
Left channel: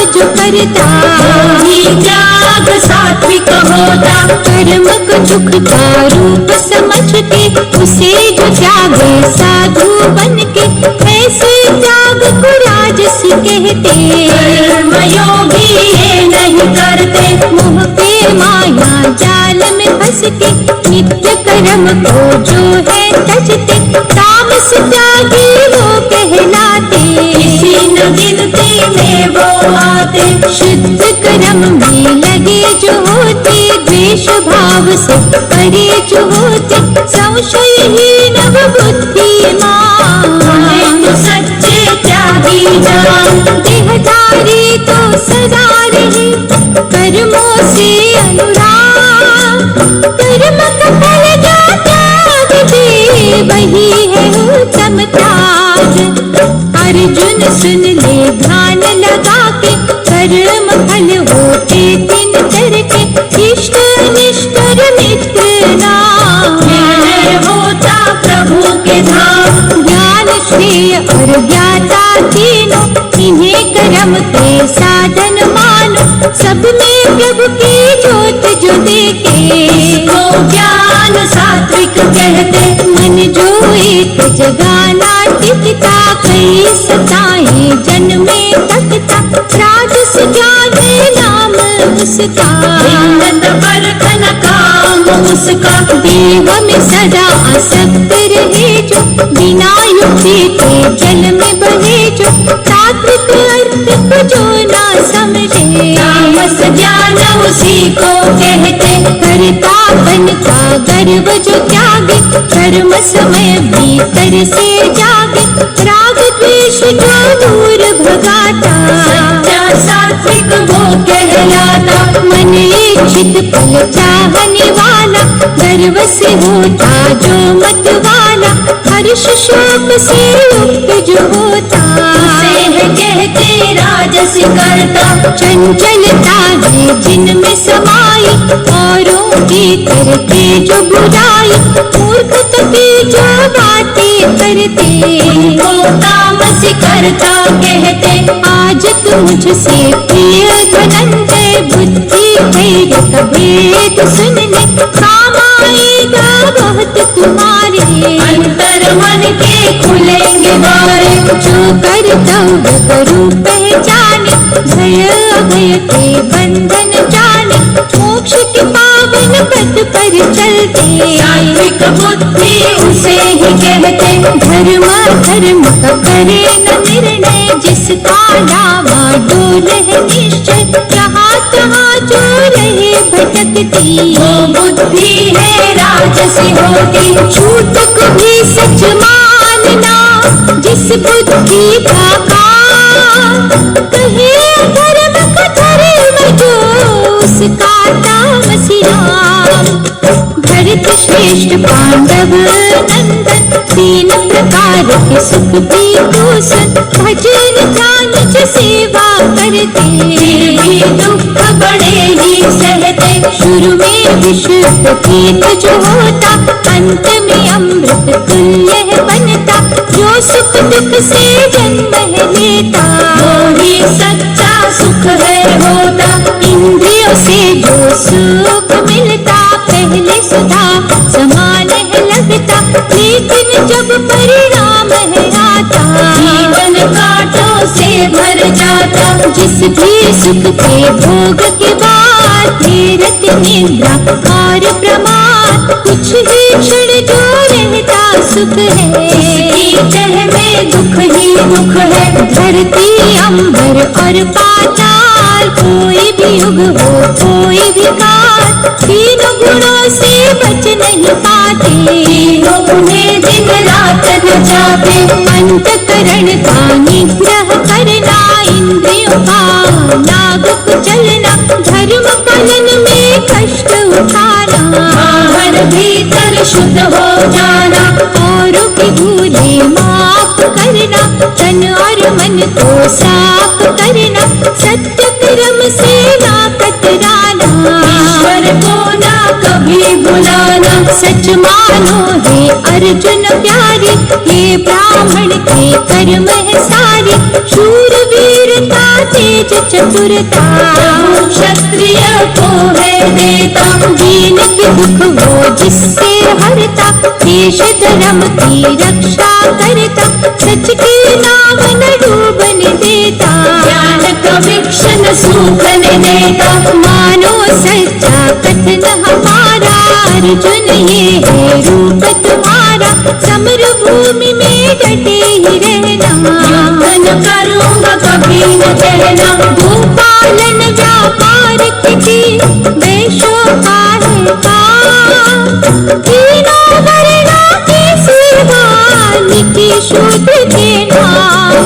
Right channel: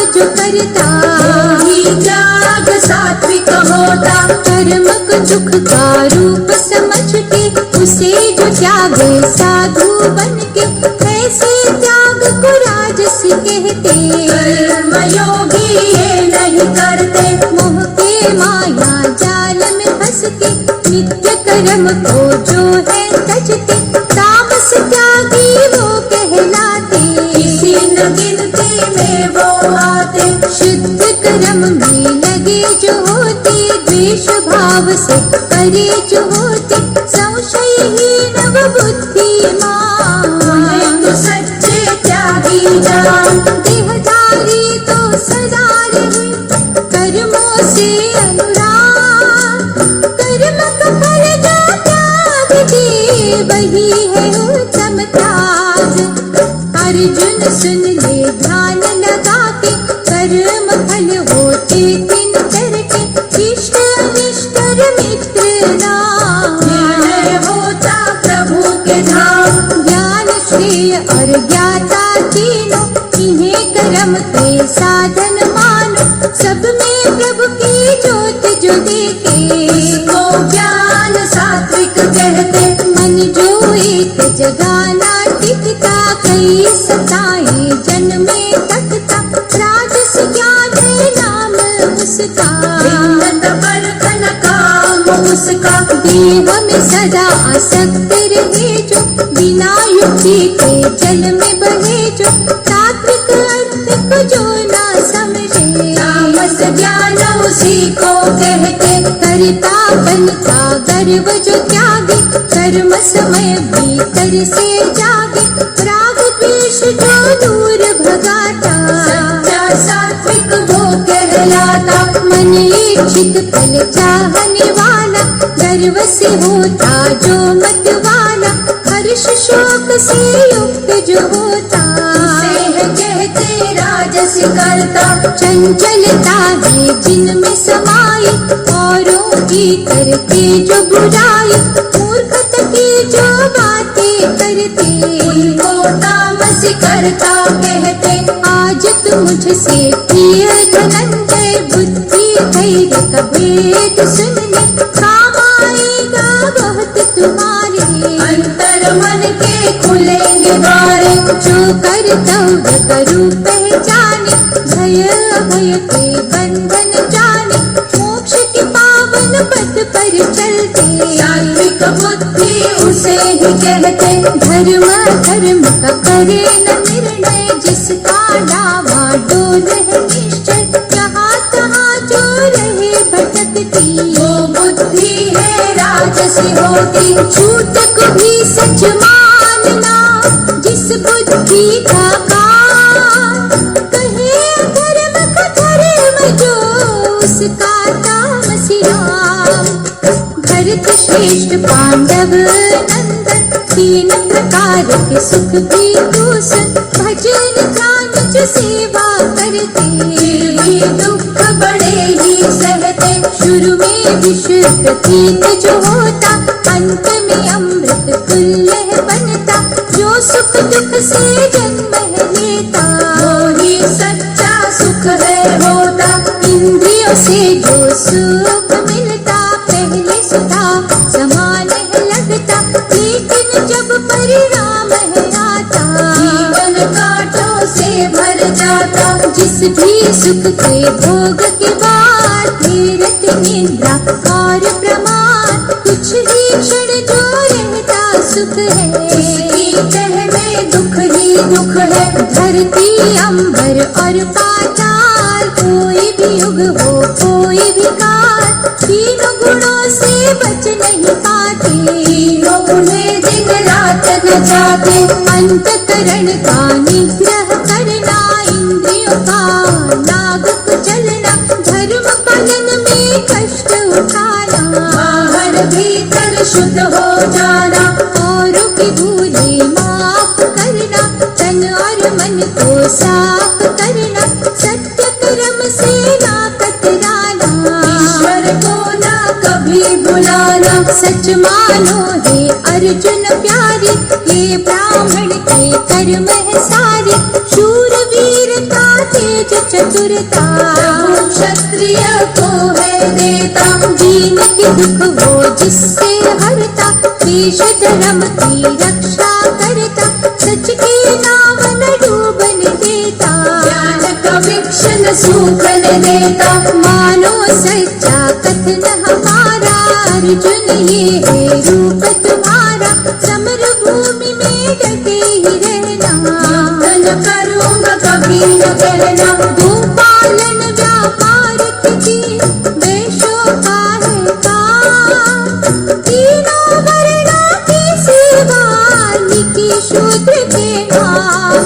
करता, वही त्याग सात्विक होता। कर्म को दुख का रूप समझ के उसे जो त्यागे साधु बन के, ऐसे त्याग को राजस कहते। कर्मयोगी ये नहीं करते, मोह के माया जाल में फंस के नित्य कर्म को जो है तजते, तामस त्यागी वो कहलाते। किसी न गिनती में वो आते, शुद्ध कर्म में लगे जो होते, द्वेष भाव से परे जो होते, संशयहीन बुद्धिमान। तो सच्चे त्यागी जान, देहधारी तो सदा रहे कर्मों से अनुराग, कर्म का फल जो त्याग दे वही है उत्तम त्याग। अर्जुन सुन ले ध्यान लगा के, कर्म फल होते तीन तरह के, इष्ट अनिष्ट और मित्र नाम। निर्णय होता प्रभु के धाम, ज्ञान श्रेय और ज्ञाता तीनों, इन्हें कर्म के साधन मानो। सब में प्रभु की ज्योत जो देखे, इसको ज्ञान सात्विक कहते। मन जो एक जगाना टिकता, कई सताएं जन्मे तकता, राजस ज्ञान नाम उसका। हिम्मत परखन काम उसका, देह में सदा आसक्त रहे जो, बिना युक्ति के जल में बहे जो, तात्विक अर्थ को जो ना समझे। तामस ज्ञान उसी को कहते। कर्तापन का गर्व जो त्यागे, कर्म समय भीतर से जागे, राग द्वेष जो दूर भगाता, सच्चा सात्विक वो कहलाता। मन इच्छित फल चाहने वाला, गर्व से होता जो मत वाला, हर्ष शोक से युक्त जो होता, उसे है कहते राजस करता। चंचलता है जिनमें समाई, औरों की करके जो बुराई, मूर्खता की जो बातें करते, वो तामस करता कहते। आज तुम मुझसे प्रिय धनंजय, बुद्धि धैर्य का भेद सुन ले, काम आएगा बहुत तुम्हारे। अंतर मन के खुलेंगे द्वारे, जो कर्तव्य करूं पहचाने, भय अभय के बंधन जाने, मोक्ष के पावन पथ पर चलते। सात्विक बुद्धि उसे ही कहते। धर्म धर्म का करे न निर्णय, जिसका डावाडोल है निश्चय, जहाँ तहाँ जो रहे भटकती, वो बुद्धि है राजसी होती। झूठ को भी सच मानना, जिस बुद्धि का काम, कहे धर्म का धर्म जो, उसका तामसी नाम। भरत श्रेष्ठ पांडव नंदन, तीन प्रकार के सुख भी दूषण, भजन ध्यान से सेवा करते, भी दुख बड़े ही सहते। शुरू में विष प्रतीत जो होता, अंत में अमृत तुल्य है बनता, जो सुख दुख से जन्म है लेता, वही सच्चा सुख है होता। इंद्रियों से जो सुख मिलता, पहले सुधा समान है लगता, लेकिन जब परिणाम है आता, जीवन कांटों से भर जाता। जिस भी सुख के भोग के बाद, तीरथ निद्रा और प्रमाद, कुछ ही क्षण जो रहता सुख है, इसकी तह में दुख ही दुख है। धरती अंबर और पाताल, कोई भी युग हो कोई भी काल, तीनों गुणों से बच नहीं पाते, तीनों उन्हें दिन रात न चापे। अंतकरण का निग्रह करना, इंद्रियों का नाग कुचलना, धर्म पालन में कष्ट उठाना, बाहर भीतर शुद्ध हो जाना, औरों की भूले माफ करना, तन और मन को साफ करना, सत्य कर्म से ना कतराना, ईश्वर को ना कभी बुलाना। सच मानो हे अर्जुन प्यारे, ये ब्राह्मण के कर्म है सारे, शूर वीरता तेज चतुरता, प्रभु क्षत्रिय को है देता, दीन के दुख वो जिससे हरता, देश धर्म की रक्षा करता, सच के नाम न डूबने देता, ज्ञान का वृक्ष न सूखने देता, मानो सच्चा कथन हमारा, अर्जुन ये है रूप तुम्हारा, समर भूमि में डटे ही रहना, युद्ध न करूँगा कभी न कहना, गोपालन व्यापार किसी वैश्यों का है काम, तीनों वर्ण के सिवा निकी शूद्र के नाम,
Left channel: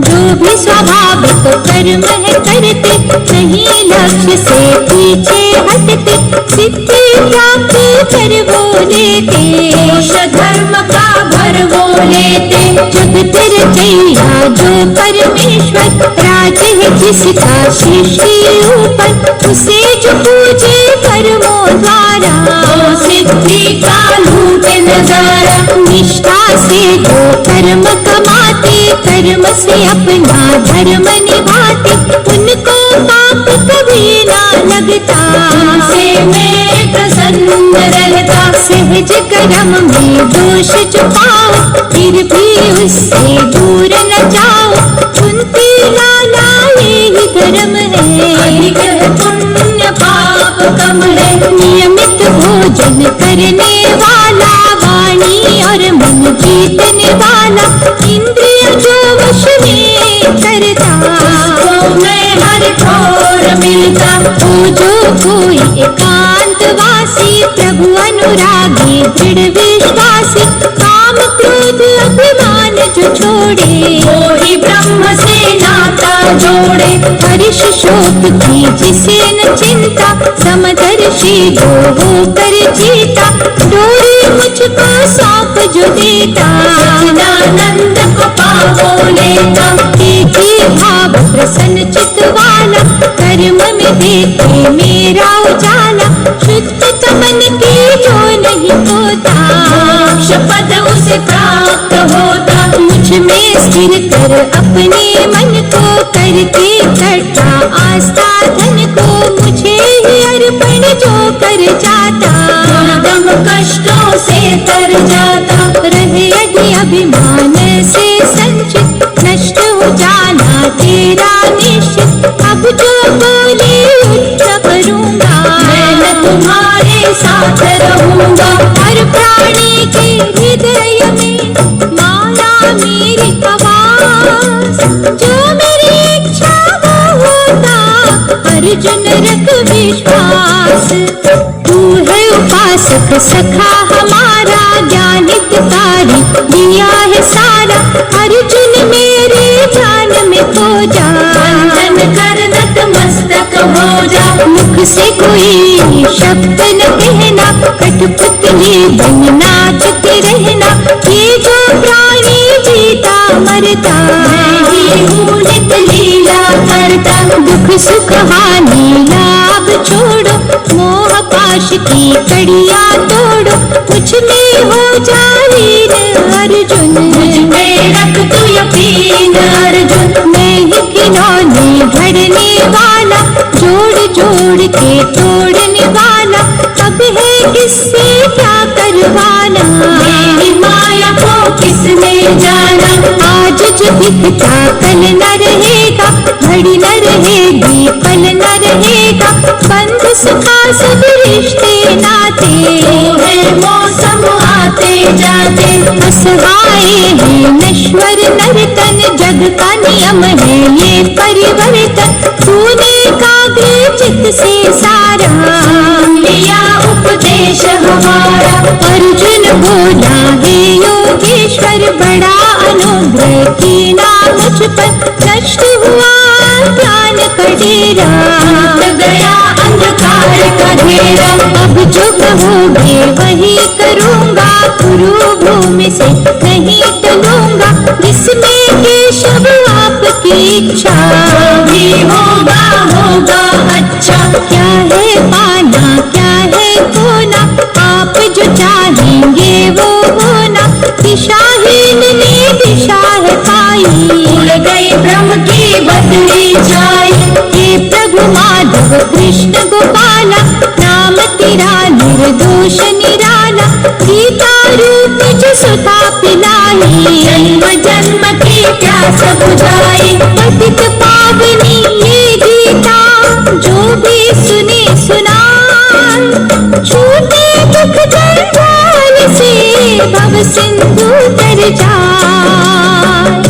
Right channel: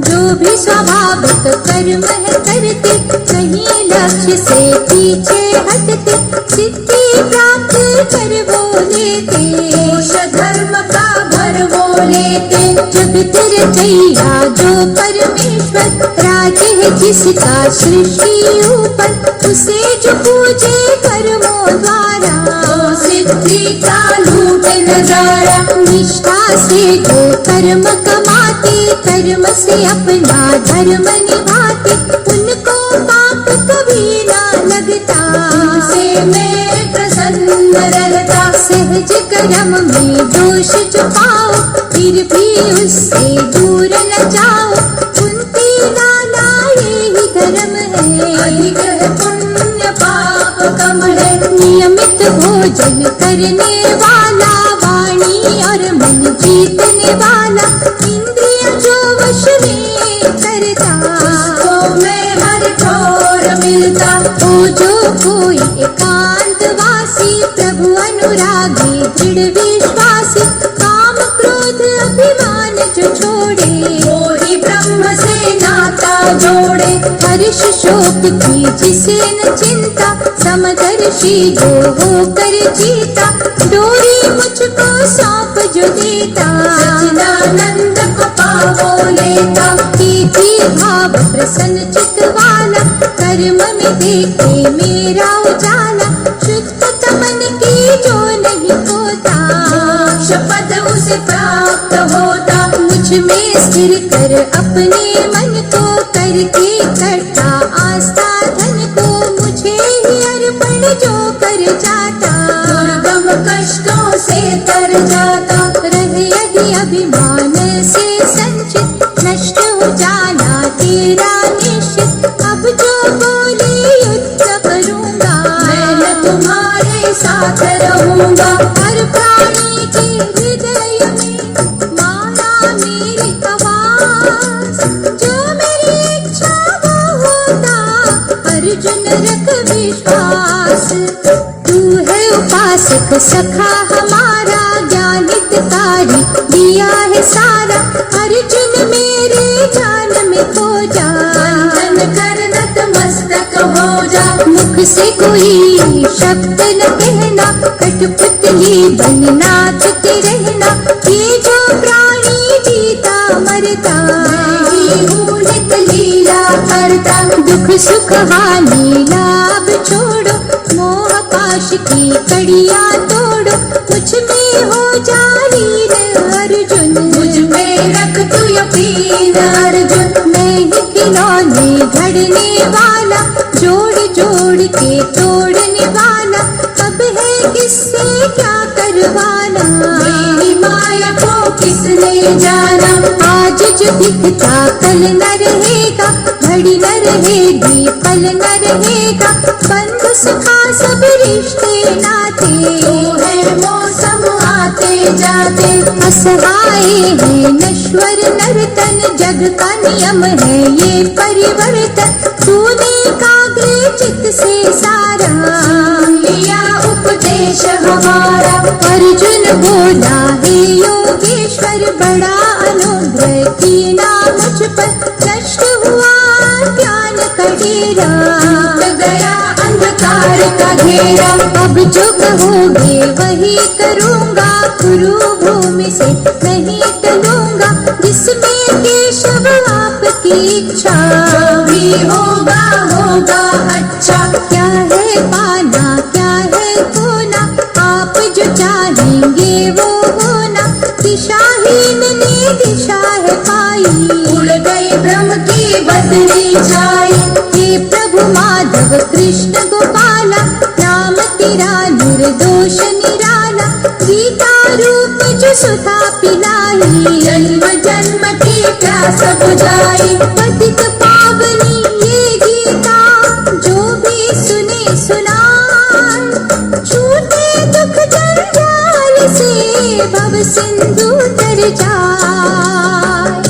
जो भी स्वाभाविक कर्म है करते, नहीं लक्ष्य से पीछे हटते, सिद्धि प्राप्त कर वो लेते, दोष धर्म का भर वो लेते, जगत रचैया जो परमेश्वर, राज है जिसका सृष्टि ऊपर, उसे जो पूजे कर्मों द्वारा, वो सिद्धि का लूटे नजारा, निष्ठा से जो कर्म कमाते, कर्म से अपना धर्म निभाते, उनको पाप कभी ना लगता, उनसे मैं प्रसन्न रहता, सहज कर्म में दोष छुपाओ, फिर भी उससे दूर न जाओ, कुंती लाला यही धर्म है, अधिक है पुण्य पाप कम है, नियमित भोजन करने वाला, वाणी और मन जीतने वाला, इंद्रिय जो वश में करता, उसको मैं हर ठोर मिलता, तो जो कोई एकांतवासी, प्रभु अनुरागी दृढ़ विश्वासी, काम क्रोध अभिमान जो छोड़े, वो ही ब्रह्म से नाता जोड़े, हर्ष शोक की जिसे न चिंता, समदर्शी जो होकर जीता, डोरी मुझको सौंप जो देता, सच्चिदानंद को पावो लेता, एक ही भाव प्रसन्न चित वाला, कर्म में देखे मेरा उजाला, शुद्ध मन की जो नहीं होता, मोक्ष पद उसे प्राप्त होता, मुझ में स्थिर कर अपने मन को, करके इकट्ठा आस्था धन को, मुझे ही अर्पण जो कर जाता, दुर्गम कष्टों से तर जाता, रहे यदि अभिमान से संचित, नष्ट हो जाना तेरा निश्चित, अब जो बोले युद्ध करूँगा, मैं न तुम्हारे साथ रहूँगा, हर प्राणी के हृदय में माया मेरी आवाज, जो मेरी इच्छा वो होता, अर्जुन रख विश्वास, तू है उपासक सखा हमारा, ज्ञान हितकारी दिया है सारा, अर्जुन मेरे ध्यान में खो जा, बंधन कर नतमस्तक हो जा, मुख से कोई शब्द न कहना, कठपुतली बनना चुके रहना, ये जो प्राणी जीता मरता, मैं ही हूँ नित लीला करता, दुख सुख हानि लाभ छोड़ो, मोह पाश की कड़ियाँ तोड़ो, मुझ में हो जा लीन अर्जुन, मुझ में रख तू यकीन अर्जुन, मैं ही खिलौने घड़ने वाला, जोड़ जोड़ के तोड़ने वाला, अब है किससे क्या करवाना, मेरी माया को किसने जाना, आज जो दिखता कल न रहेगा, घड़ी न रहेगी पल न रहेगा, बंध सुखा सब रिश्ते नाते, है मौसम आते जाते, असहाय है नश्वर नर्तन, जग का नियम है ये परिवर्तन, तूने काग्र चित से सारा, लिया उपदेश हमारा, अर्जुन बोला हे योगेश्वर, बड़ा अनुग्रह कीना मुझ पर, नष्ट हुआ ज्ञान का डेरा, टूट गया अंधकार का घेरा, अब जो कहोगे वही करूँगा, गुरु भूमि से नहीं टलूंगा, जिसमें केशव आपकी इच्छा, जो भी होगा होगा अच्छा, क्या है पाना क्या है खोना, आप जो चाहेंगे वो होना, दिशाहीन ने दिशा है पाई, भूल गई ब्रह्म की बदली तव कृष्ण गोपाला, नाम तेरा निर्दोष निराला, गीता रूप जो सुधा पिलाई, जन्म जन्म की प्यास बुझाई, पतित पावनी ये गीता, जो भी सुने सुनाए, छूटे दुख जंजाल से भव सिंधु तर जाए।